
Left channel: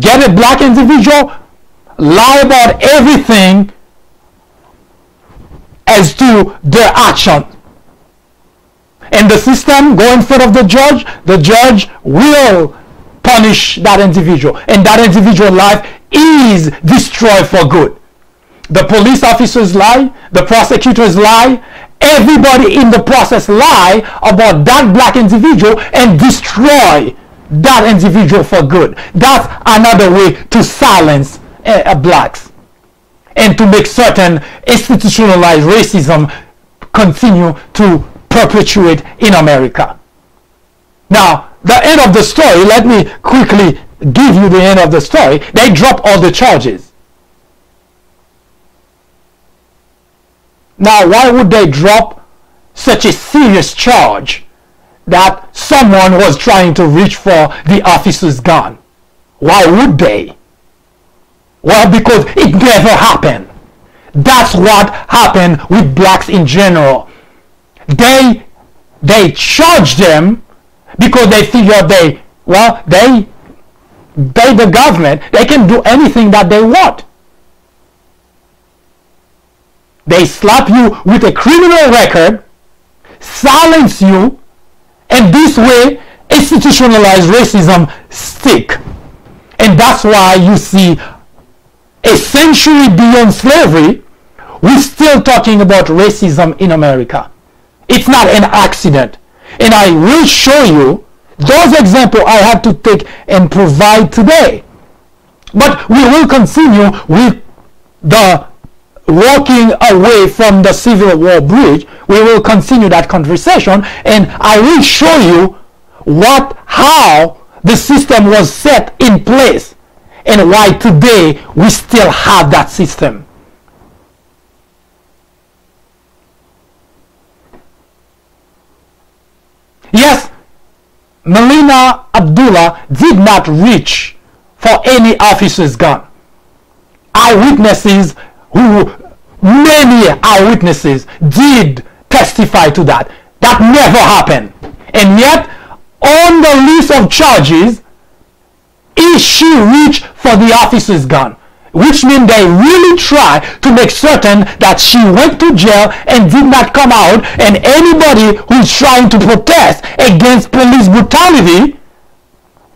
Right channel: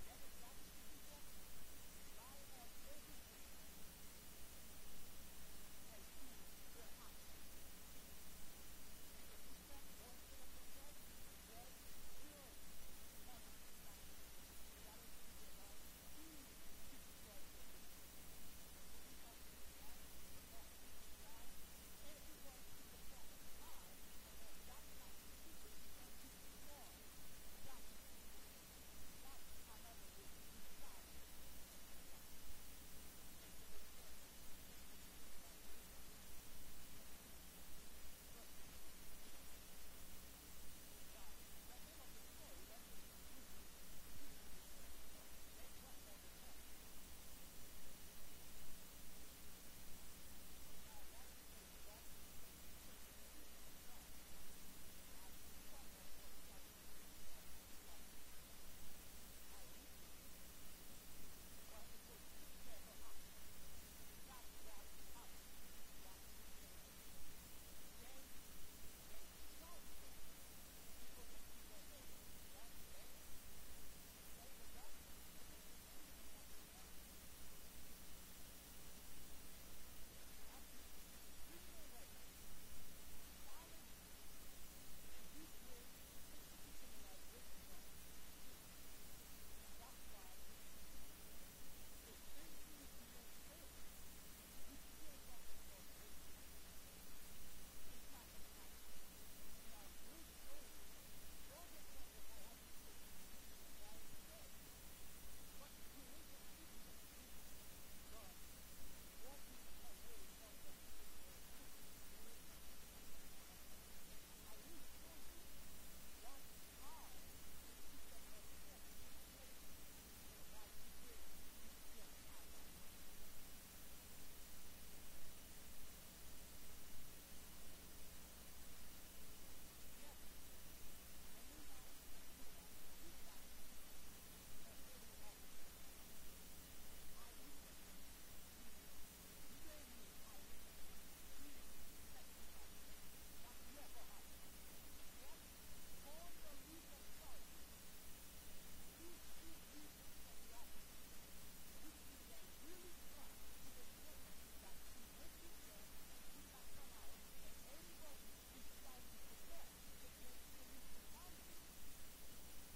Get a black individual, lie about everything, as to their action. And the system go in front of the judge will punish that individual, and that individual life is destroyed for good. The police officers lie, the prosecutors lie, everybody in the process lie about that black individual and destroy that individual for good. That's another way to silence blacks and to make certain institutionalized racism continue to perpetuate in America. Now, the end of the story, let me quickly give you the end of the story. They dropped all the charges. Now, why would they drop such a serious charge that someone was trying to reach for the officer's gun? Why would they? Well, because it never happened. That's what happened with blacks in general. They charged them because they figured the government, they can do anything that they want. They slap you with a criminal record, silence you, and this way institutionalized racism stick. And that's why you see a century beyond slavery, we're still talking about racism in America. It's not an accident. And I will show you those examples I have to take and provide today. But we will continue with the walking away from the Civil War bridge. We will continue that conversation, and I will show you how the system was set in place and why today we still have that system. Yes, Melina Abdullah did not reach for any officer's gun. Many eyewitnesses did testify to that. That never happened. And yet, on the list of charges, she reached for the officer's gun, which means they really try to make certain that she went to jail and did not come out, and anybody who's trying to protest against police brutality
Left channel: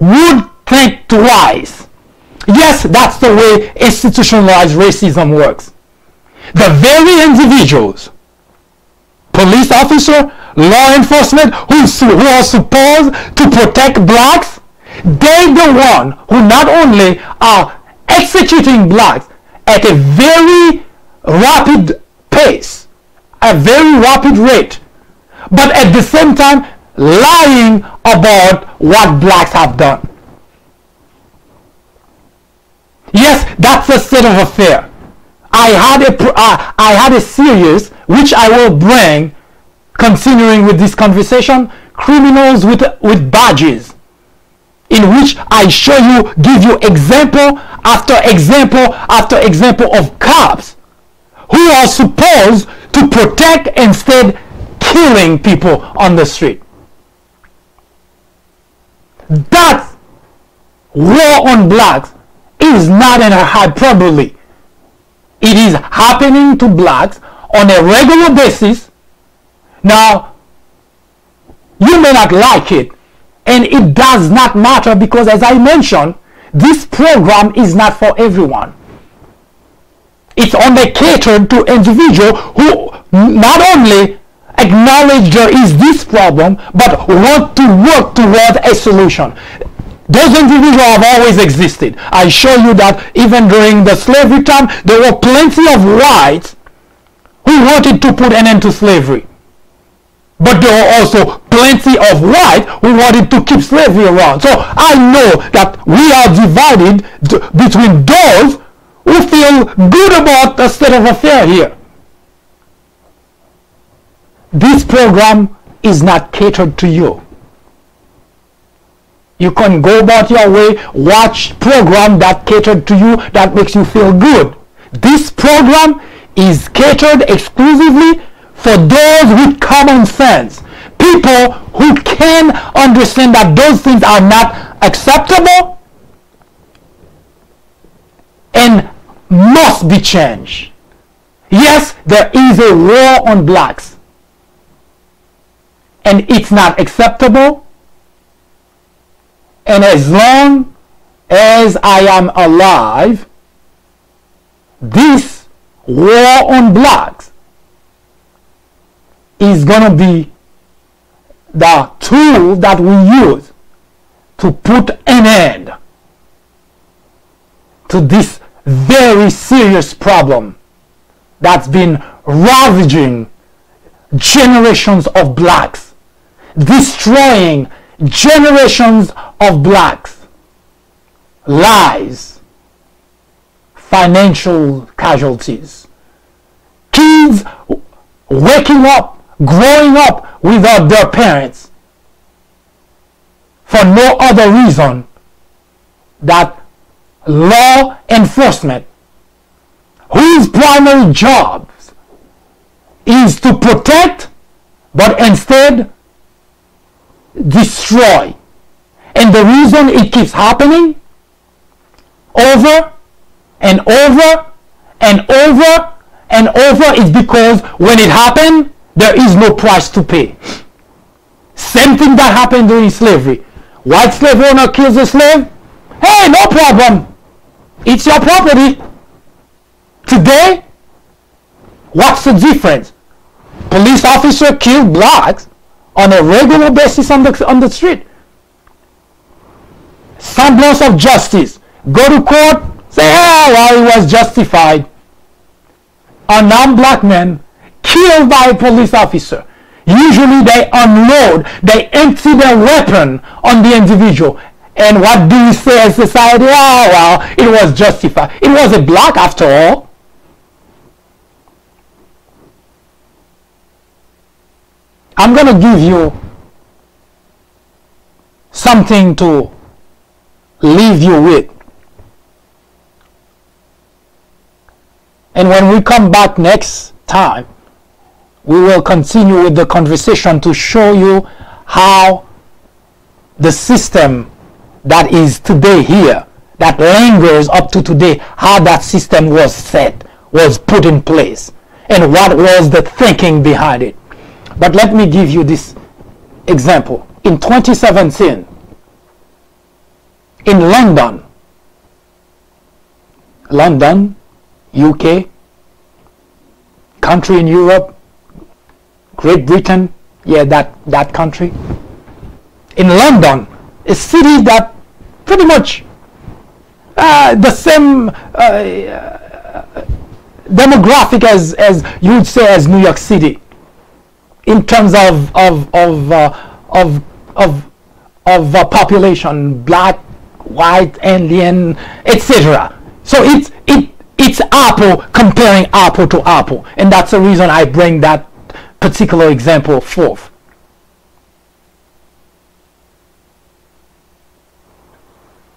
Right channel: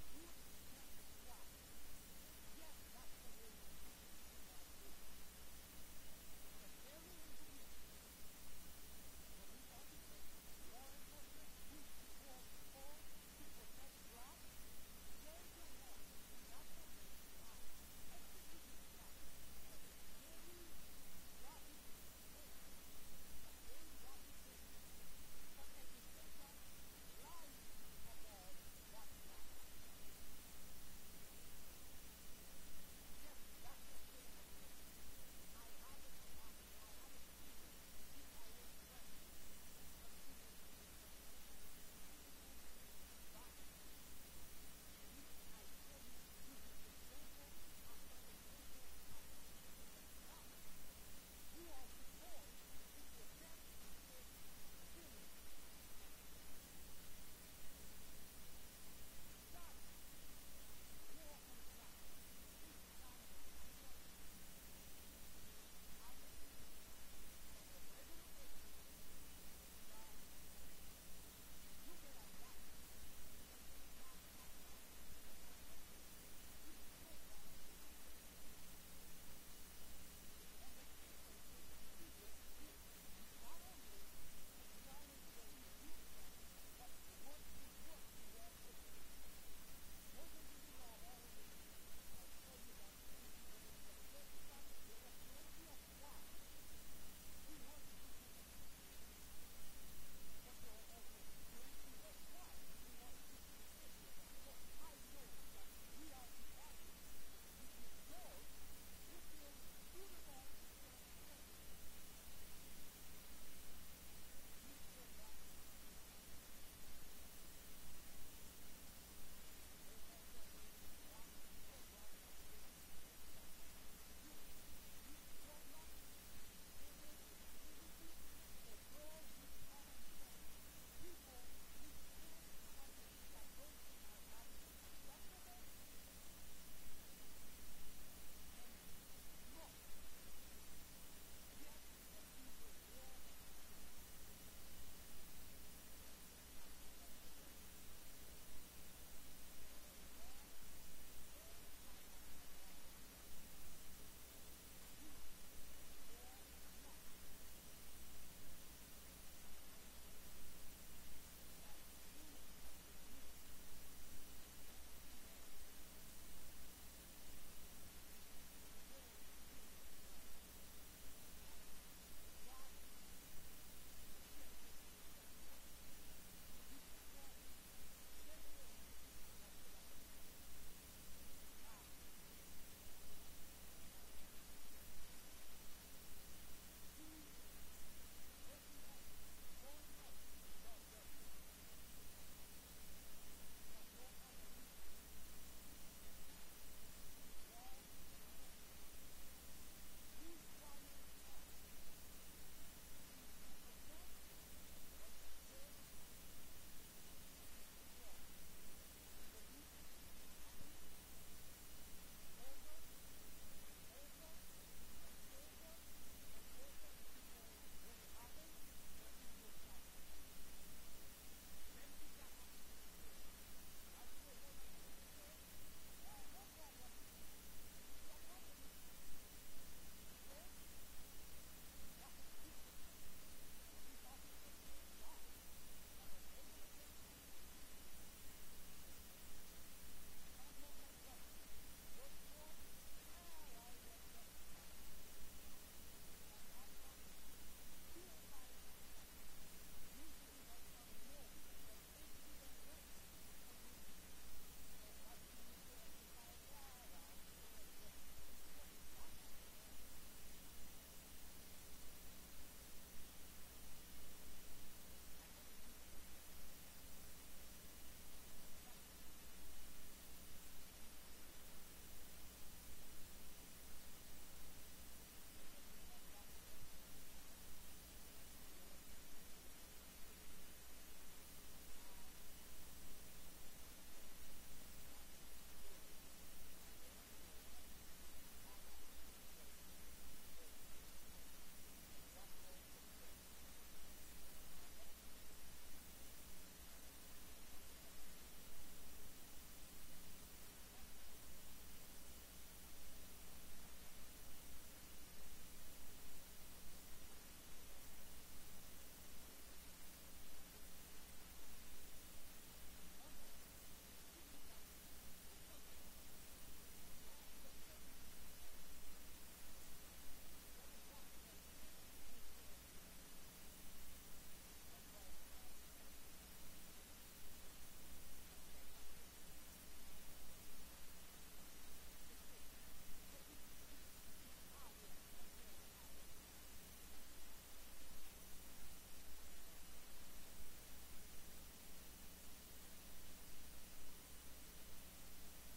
would think twice. Yes, that's the way institutionalized racism works. The very individuals, police officer, law enforcement, who are supposed to protect blacks, they're the one who not only are executing blacks at a very rapid pace, a very rapid rate, but at the same time lying about what blacks have done. Yes, that's a state of affair. I had a series which I will bring, continuing with this conversation, criminals with badges, in which I give you example after example after example of cops who are supposed to protect instead killing people on the street. That war on blacks is not an hyperbole. It is happening to blacks on a regular basis. Now, you may not like it, and it does not matter, because as I mentioned, this program is not for everyone. It's only catered to individuals who not only acknowledge there is this problem, but want to work towards a solution. Those individuals have always existed. I show you that even during the slavery time, there were plenty of whites who wanted to put an end to slavery. But there were also plenty of whites who wanted to keep slavery around. So I know that we are divided between those who feel good about the state of affairs here. This program is not catered to you. You can go about your way, watch program that catered to you, that makes you feel good. This program is catered exclusively for those with common sense. People who can understand that those things are not acceptable and must be changed. Yes, there is a war on blacks, and it's not acceptable. And as long as I am alive, this war on blacks is going to be the tool that we use to put an end to this very serious problem that's been ravaging generations of blacks, destroying generations of blacks' lives, financial casualties, kids waking up, growing up without their parents for no other reason that law enforcement, whose primary job is to protect but instead destroy. And the reason it keeps happening over and over and over and over is because when it happened, there is no price to pay. Same thing that happened during slavery. White slave owner kills a slave. Hey, no problem. It's your property. Today, what's the difference? Police officer kill blacks on a regular basis on the street. Semblance of justice. Go to court, say, oh, well, it was justified. A non-black man killed by a police officer. Usually they unload, they empty their weapon on the individual. And what do we say as society? Oh, well, it was justified. It was a black after all. I'm going to give you something to leave you with. And when we come back next time, we will continue with the conversation to show you how the system that is today here, that lingers up to today, how that system was set, was put in place, and what was the thinking behind it. But let me give you this example. In 2017, in London, UK, country in Europe, Great Britain, yeah, that country. In London, a city that pretty much the same demographic as you would say as New York City, in terms of population, black, white, Indian, etc. So it's apple comparing apple to apple, and that's the reason I bring that particular example forth.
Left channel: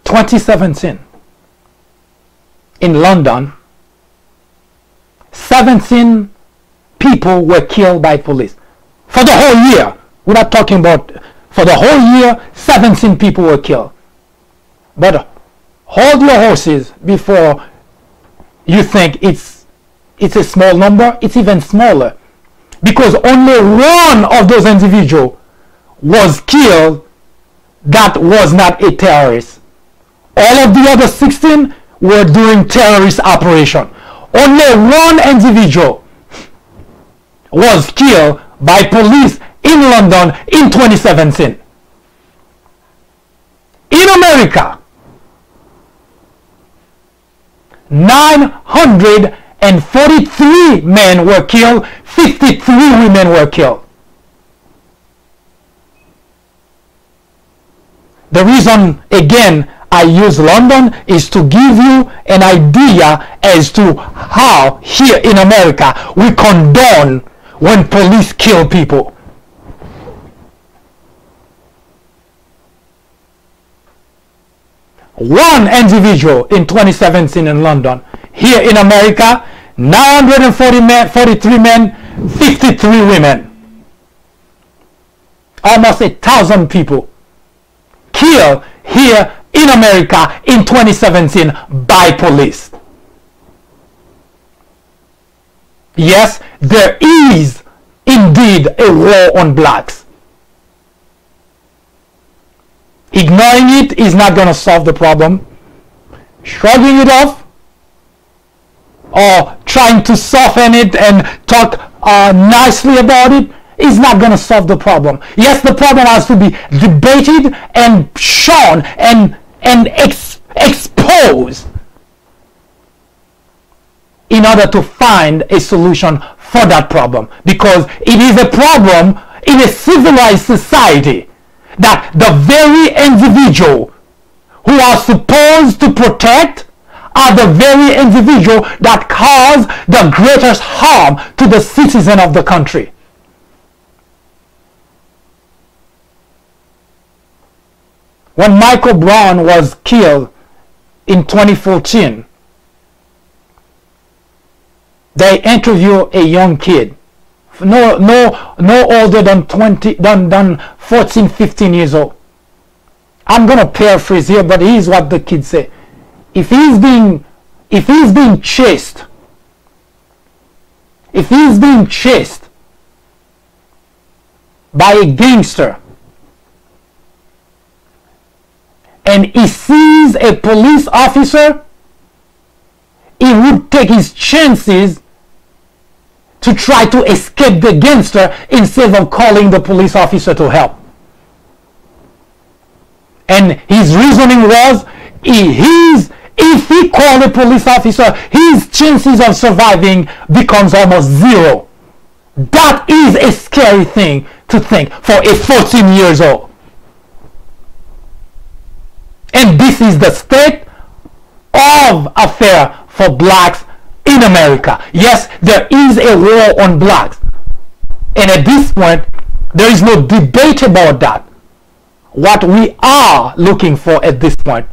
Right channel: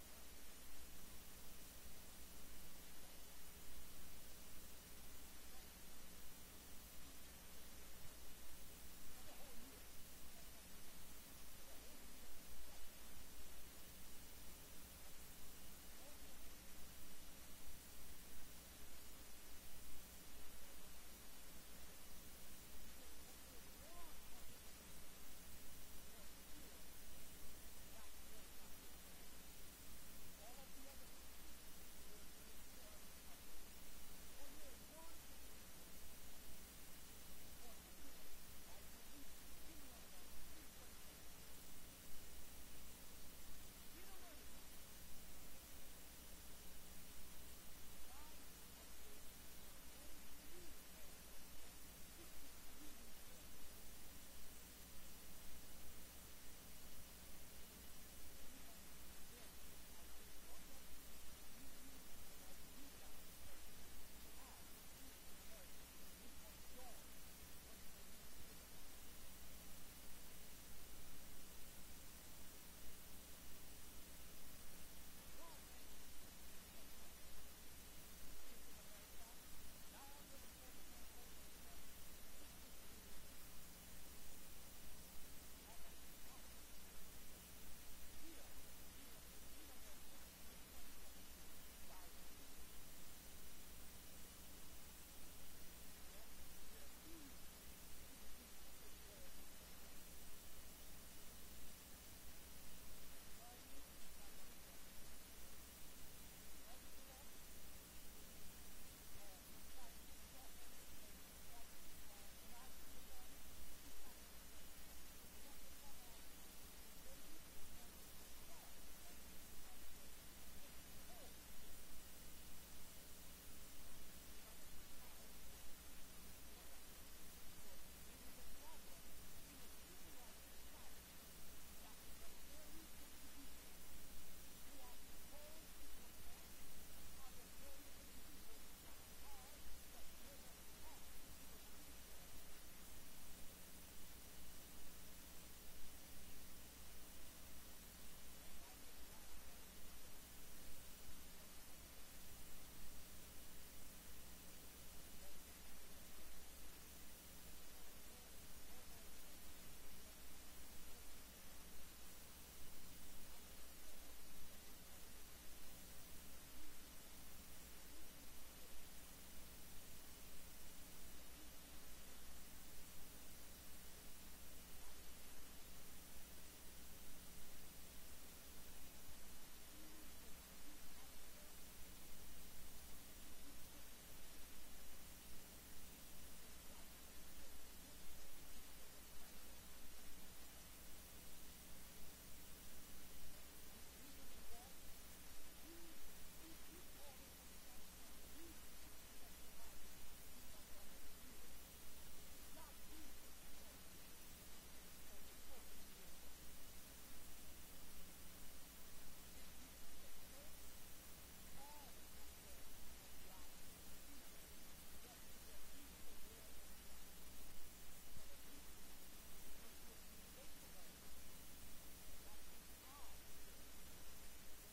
In 2017, in London, 17 people were killed by police. For the whole year, we're not talking about, for the whole year, 17 people were killed. But hold your horses before you think it's a small number. It's even smaller, because only one of those individuals was killed that was not a terrorist. All of the other 16 were doing terrorist operation. Only one individual was killed by police in London in 2017. In America, 943 men were killed, 53 women were killed. The reason, again, I use London is to give you an idea as to how here in America we condone when police kill people. One individual in 2017 in London. Here in America, 943 men, 53 women. Almost 1,000 people killed here in America in 2017 by police. Yes, there is indeed a war on blacks. Ignoring it is not going to solve the problem. Shrugging it off or trying to soften it and talk nicely about it is not going to solve the problem. Yes, the problem has to be debated and shown and exposed in order to find a solution for that problem, because it is a problem in a civilized society that the very individual who are supposed to protect are the very individual that cause the greatest harm to the citizen of the country. When Michael Brown was killed in 2014, they interviewed a young kid, no older than 14, 15 years old. I'm gonna paraphrase here, but here's what the kid said. If he's being chased by a gangster and he sees a police officer, he would take his chances to try to escape the gangster instead of calling the police officer to help. And his reasoning was, if he called a police officer, his chances of surviving becomes almost zero. That is a scary thing to think for a 14 years old. And this is the state of affair for blacks in America. Yes, there is a war on blacks. And at this point, there is no debate about that. What we are looking for at this point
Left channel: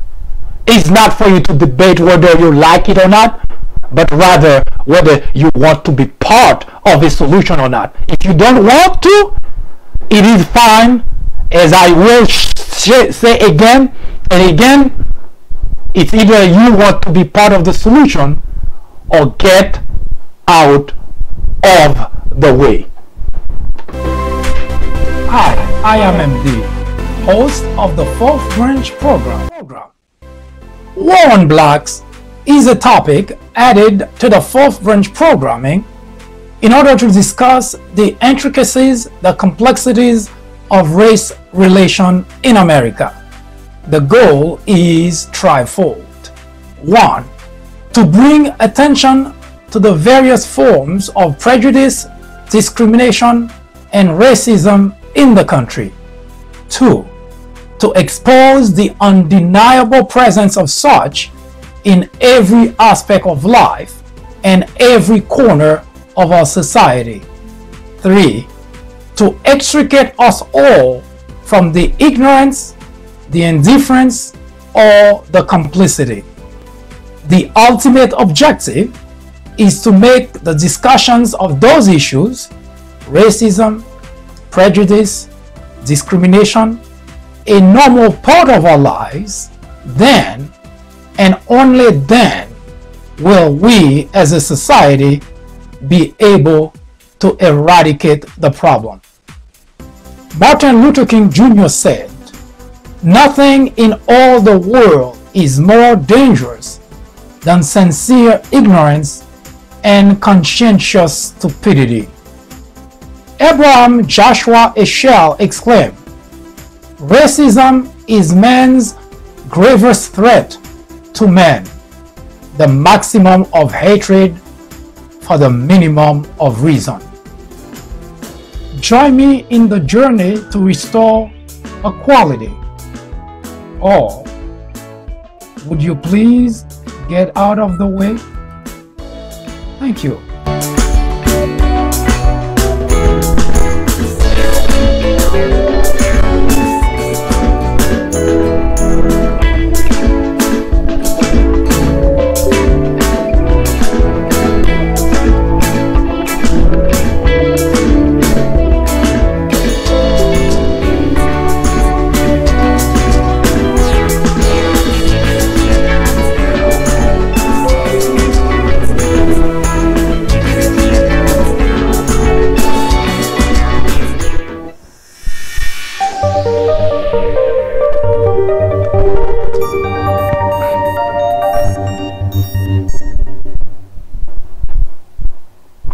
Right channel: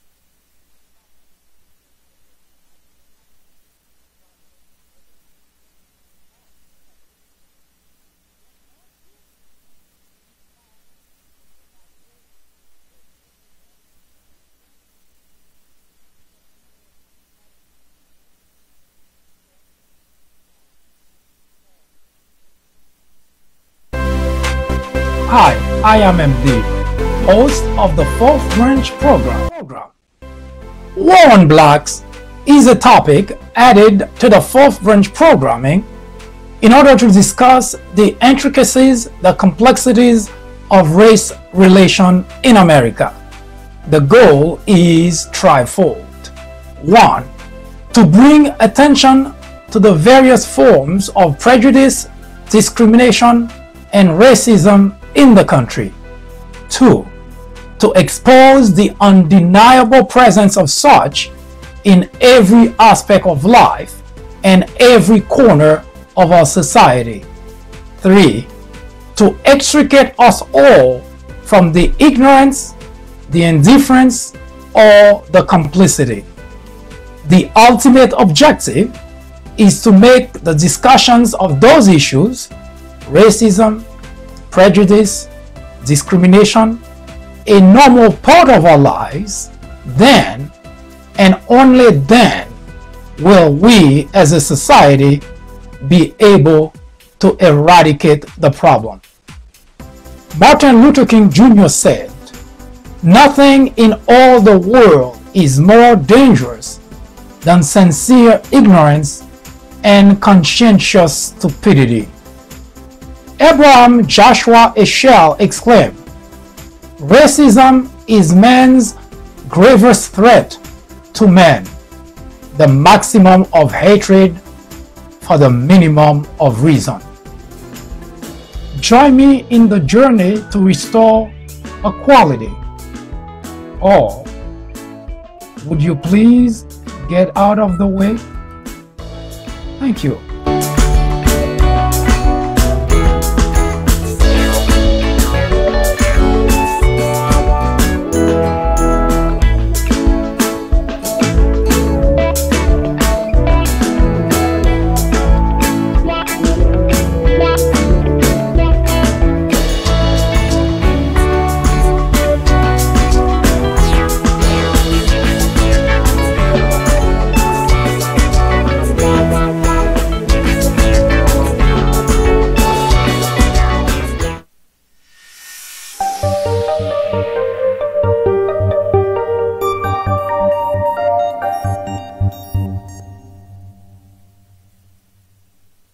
is not for you to debate whether you like it or not, but rather whether you want to be part of a solution or not. If you don't want to, it is fine. As I will say again and again, it's either you want to be part of the solution or get out of the way. Hi, I am MD, host of the Fourth Branch program. War on Blacks is a topic added to the Fourth Branch programming in order to discuss the intricacies, the complexities of race relation in America. The goal is threefold. 1. To bring attention to the various forms of prejudice, discrimination, and racism in the country. 2. To expose the undeniable presence of such in every aspect of life and every corner of our society. 3. To extricate us all from the ignorance, the indifference, or the complicity. The ultimate objective is to make the discussions of those issues, racism, prejudice, discrimination, a normal part of our lives. Then, and only then, will we as a society be able to eradicate the problem. Martin Luther King Jr. said, "Nothing in all the world is more dangerous than sincere ignorance and conscientious stupidity." Abraham Joshua Heschel exclaimed, "Racism is man's gravest threat to man, the maximum of hatred for the minimum of reason." Join me in the journey to restore equality. Or would you please get out of the way? Thank you.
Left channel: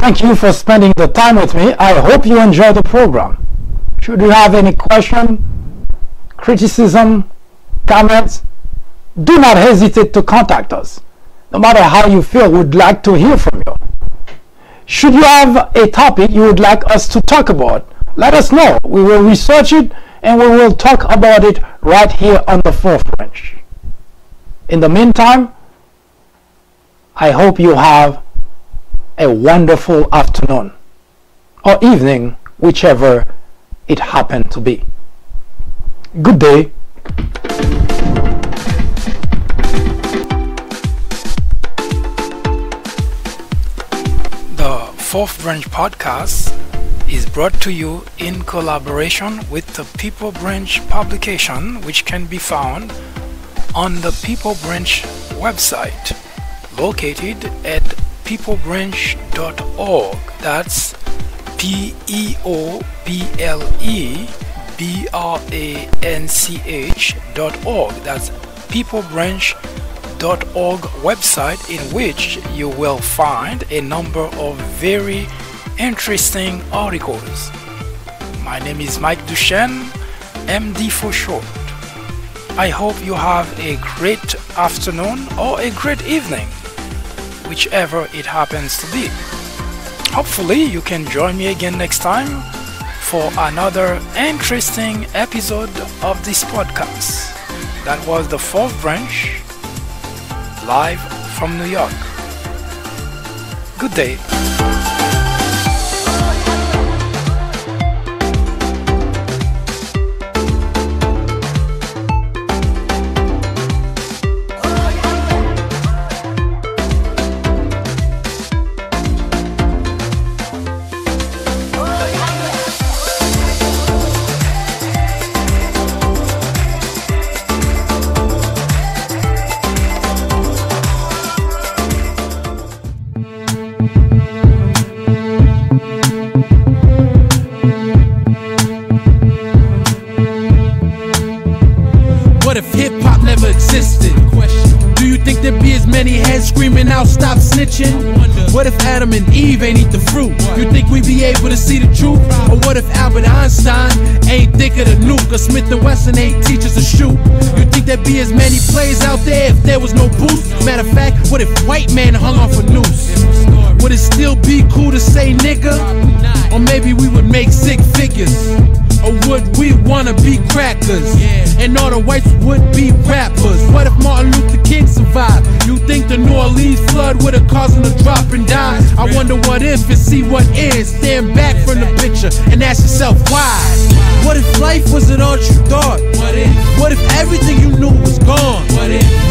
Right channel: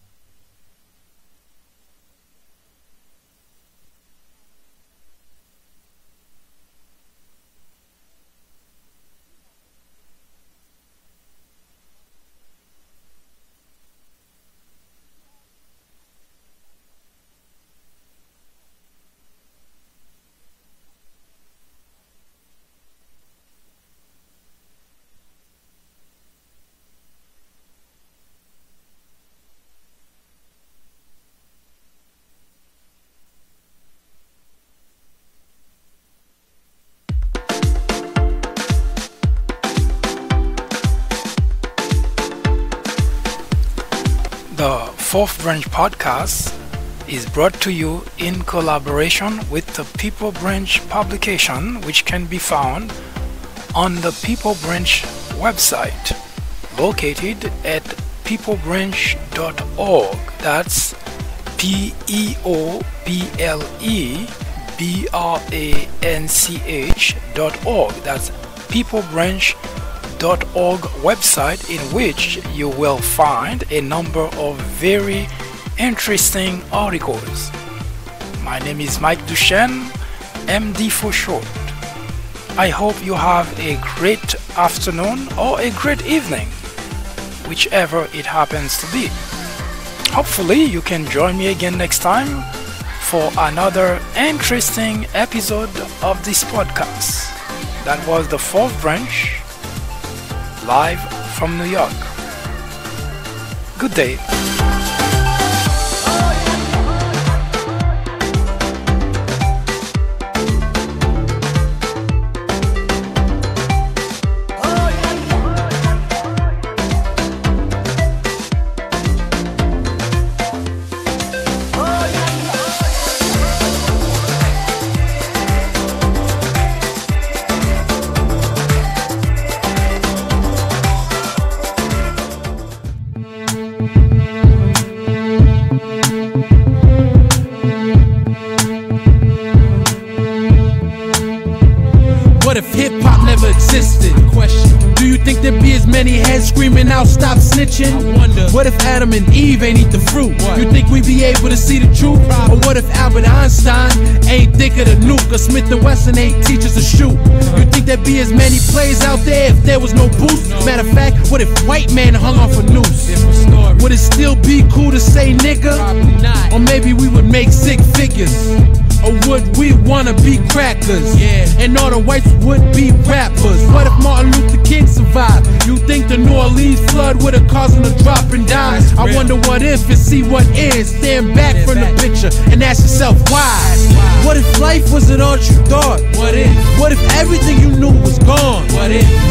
Thank you for spending the time with me. I hope you enjoy the program. Should you have any question, criticism, comments, do not hesitate to contact us. No matter how you feel, we'd like to hear from you. Should you have a topic you would like us to talk about, let us know. We will research it and we will talk about it right here on the Fourth Branch. In the meantime, I hope you have a wonderful afternoon or evening, whichever it happened to be. Good day. The Fourth Branch podcast is brought to you in collaboration with the People Branch publication, which can be found on the People Branch website located at peoplebranch.org. That's peoplebranch.org. That's peoplebranch.org website, in which you will find a number of very interesting articles. My name is Mike Duchesne, MD for short. I hope you have a great afternoon or a great evening, whichever it happens to be. Hopefully you can join me again next time for another interesting episode of this podcast. That was the Fourth Branch, live from New York. Good day. What if hip-hop never existed? Question. Do you think there'd be as many heads screaming out, stop snitching? I wonder. What if Adam and Eve ain't eat the fruit? What? You think we'd be able to see the truth? Or what if Albert Einstein ain't think of the nuke? Or Smith & Wesson ain't teach us to shoot? You think there'd be as many plays out there if there was no boost? Matter of fact, what if white man hung off a noose? Would it still be cool to say nigga? Or maybe we would make six figures? Or would we wanna be crackers? Yeah. And all the whites would be rappers. What if Martin Luther King survived? You think the New Orleans flood would have caused him to drop and die? I wonder what if and see what is. Stand back from the picture and ask yourself why. What if life wasn't all you thought? What if everything you knew was gone?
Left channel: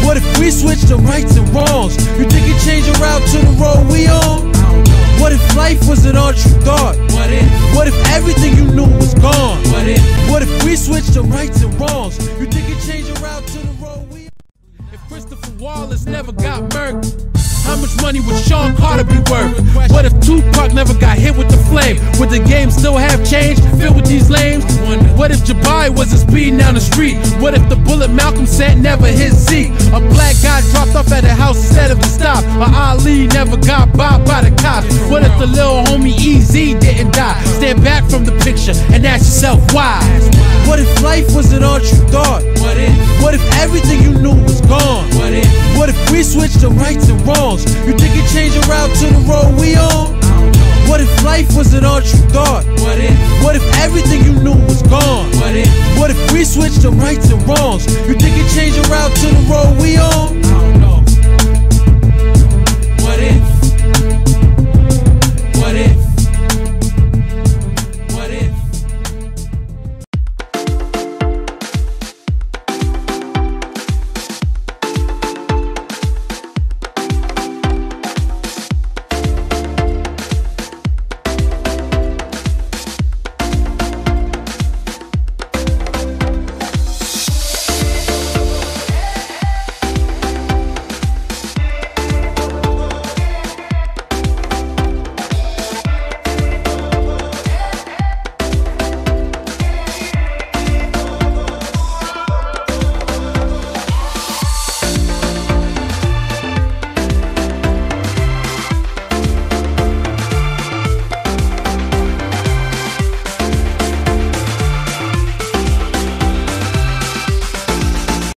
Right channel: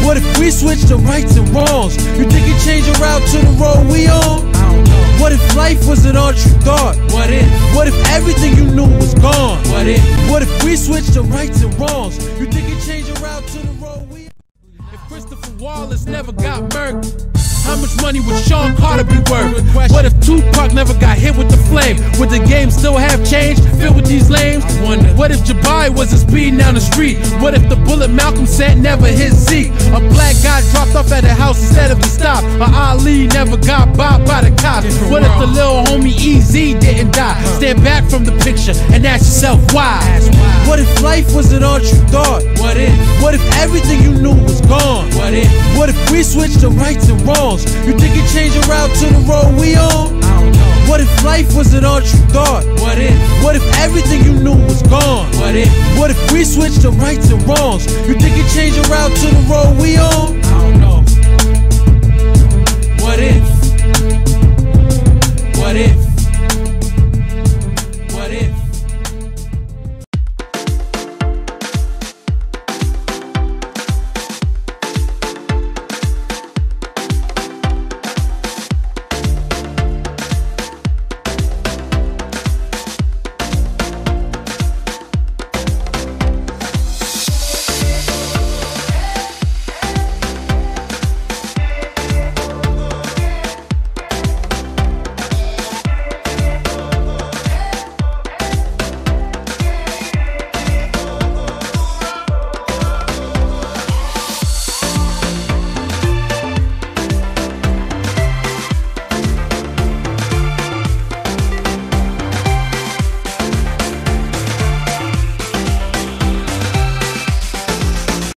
What if we switched to rights and wrongs? You think you'd change your route to the road we on? What if life wasn't all you thought? What if everything you knew was gone? What if we switched to rights and wrongs? You think you'd change your route to the road we on? If Christopher Wallace never got murked, how much money would Sean Carter be worth? What if Tupac never got hit with the flame? Would the game still have change filled with these lames? What if Jabari wasn't speeding down the street? What if the bullet Malcolm sent never hit Zeke? A black guy dropped off at a house instead of a stop? Or Ali never got bopped by the cops? What if the little homie EZ didn't die? Stand back from the picture and ask yourself why. What if life wasn't all you thought? What if everything you knew was gone? What if we switched to rights and wrongs? You think you'd change your route to the road we on? What if life wasn't all you thought? What if everything you knew was gone? What if we switched to rights and wrongs? You think you'd change your route to the road we on? I don't know. What if?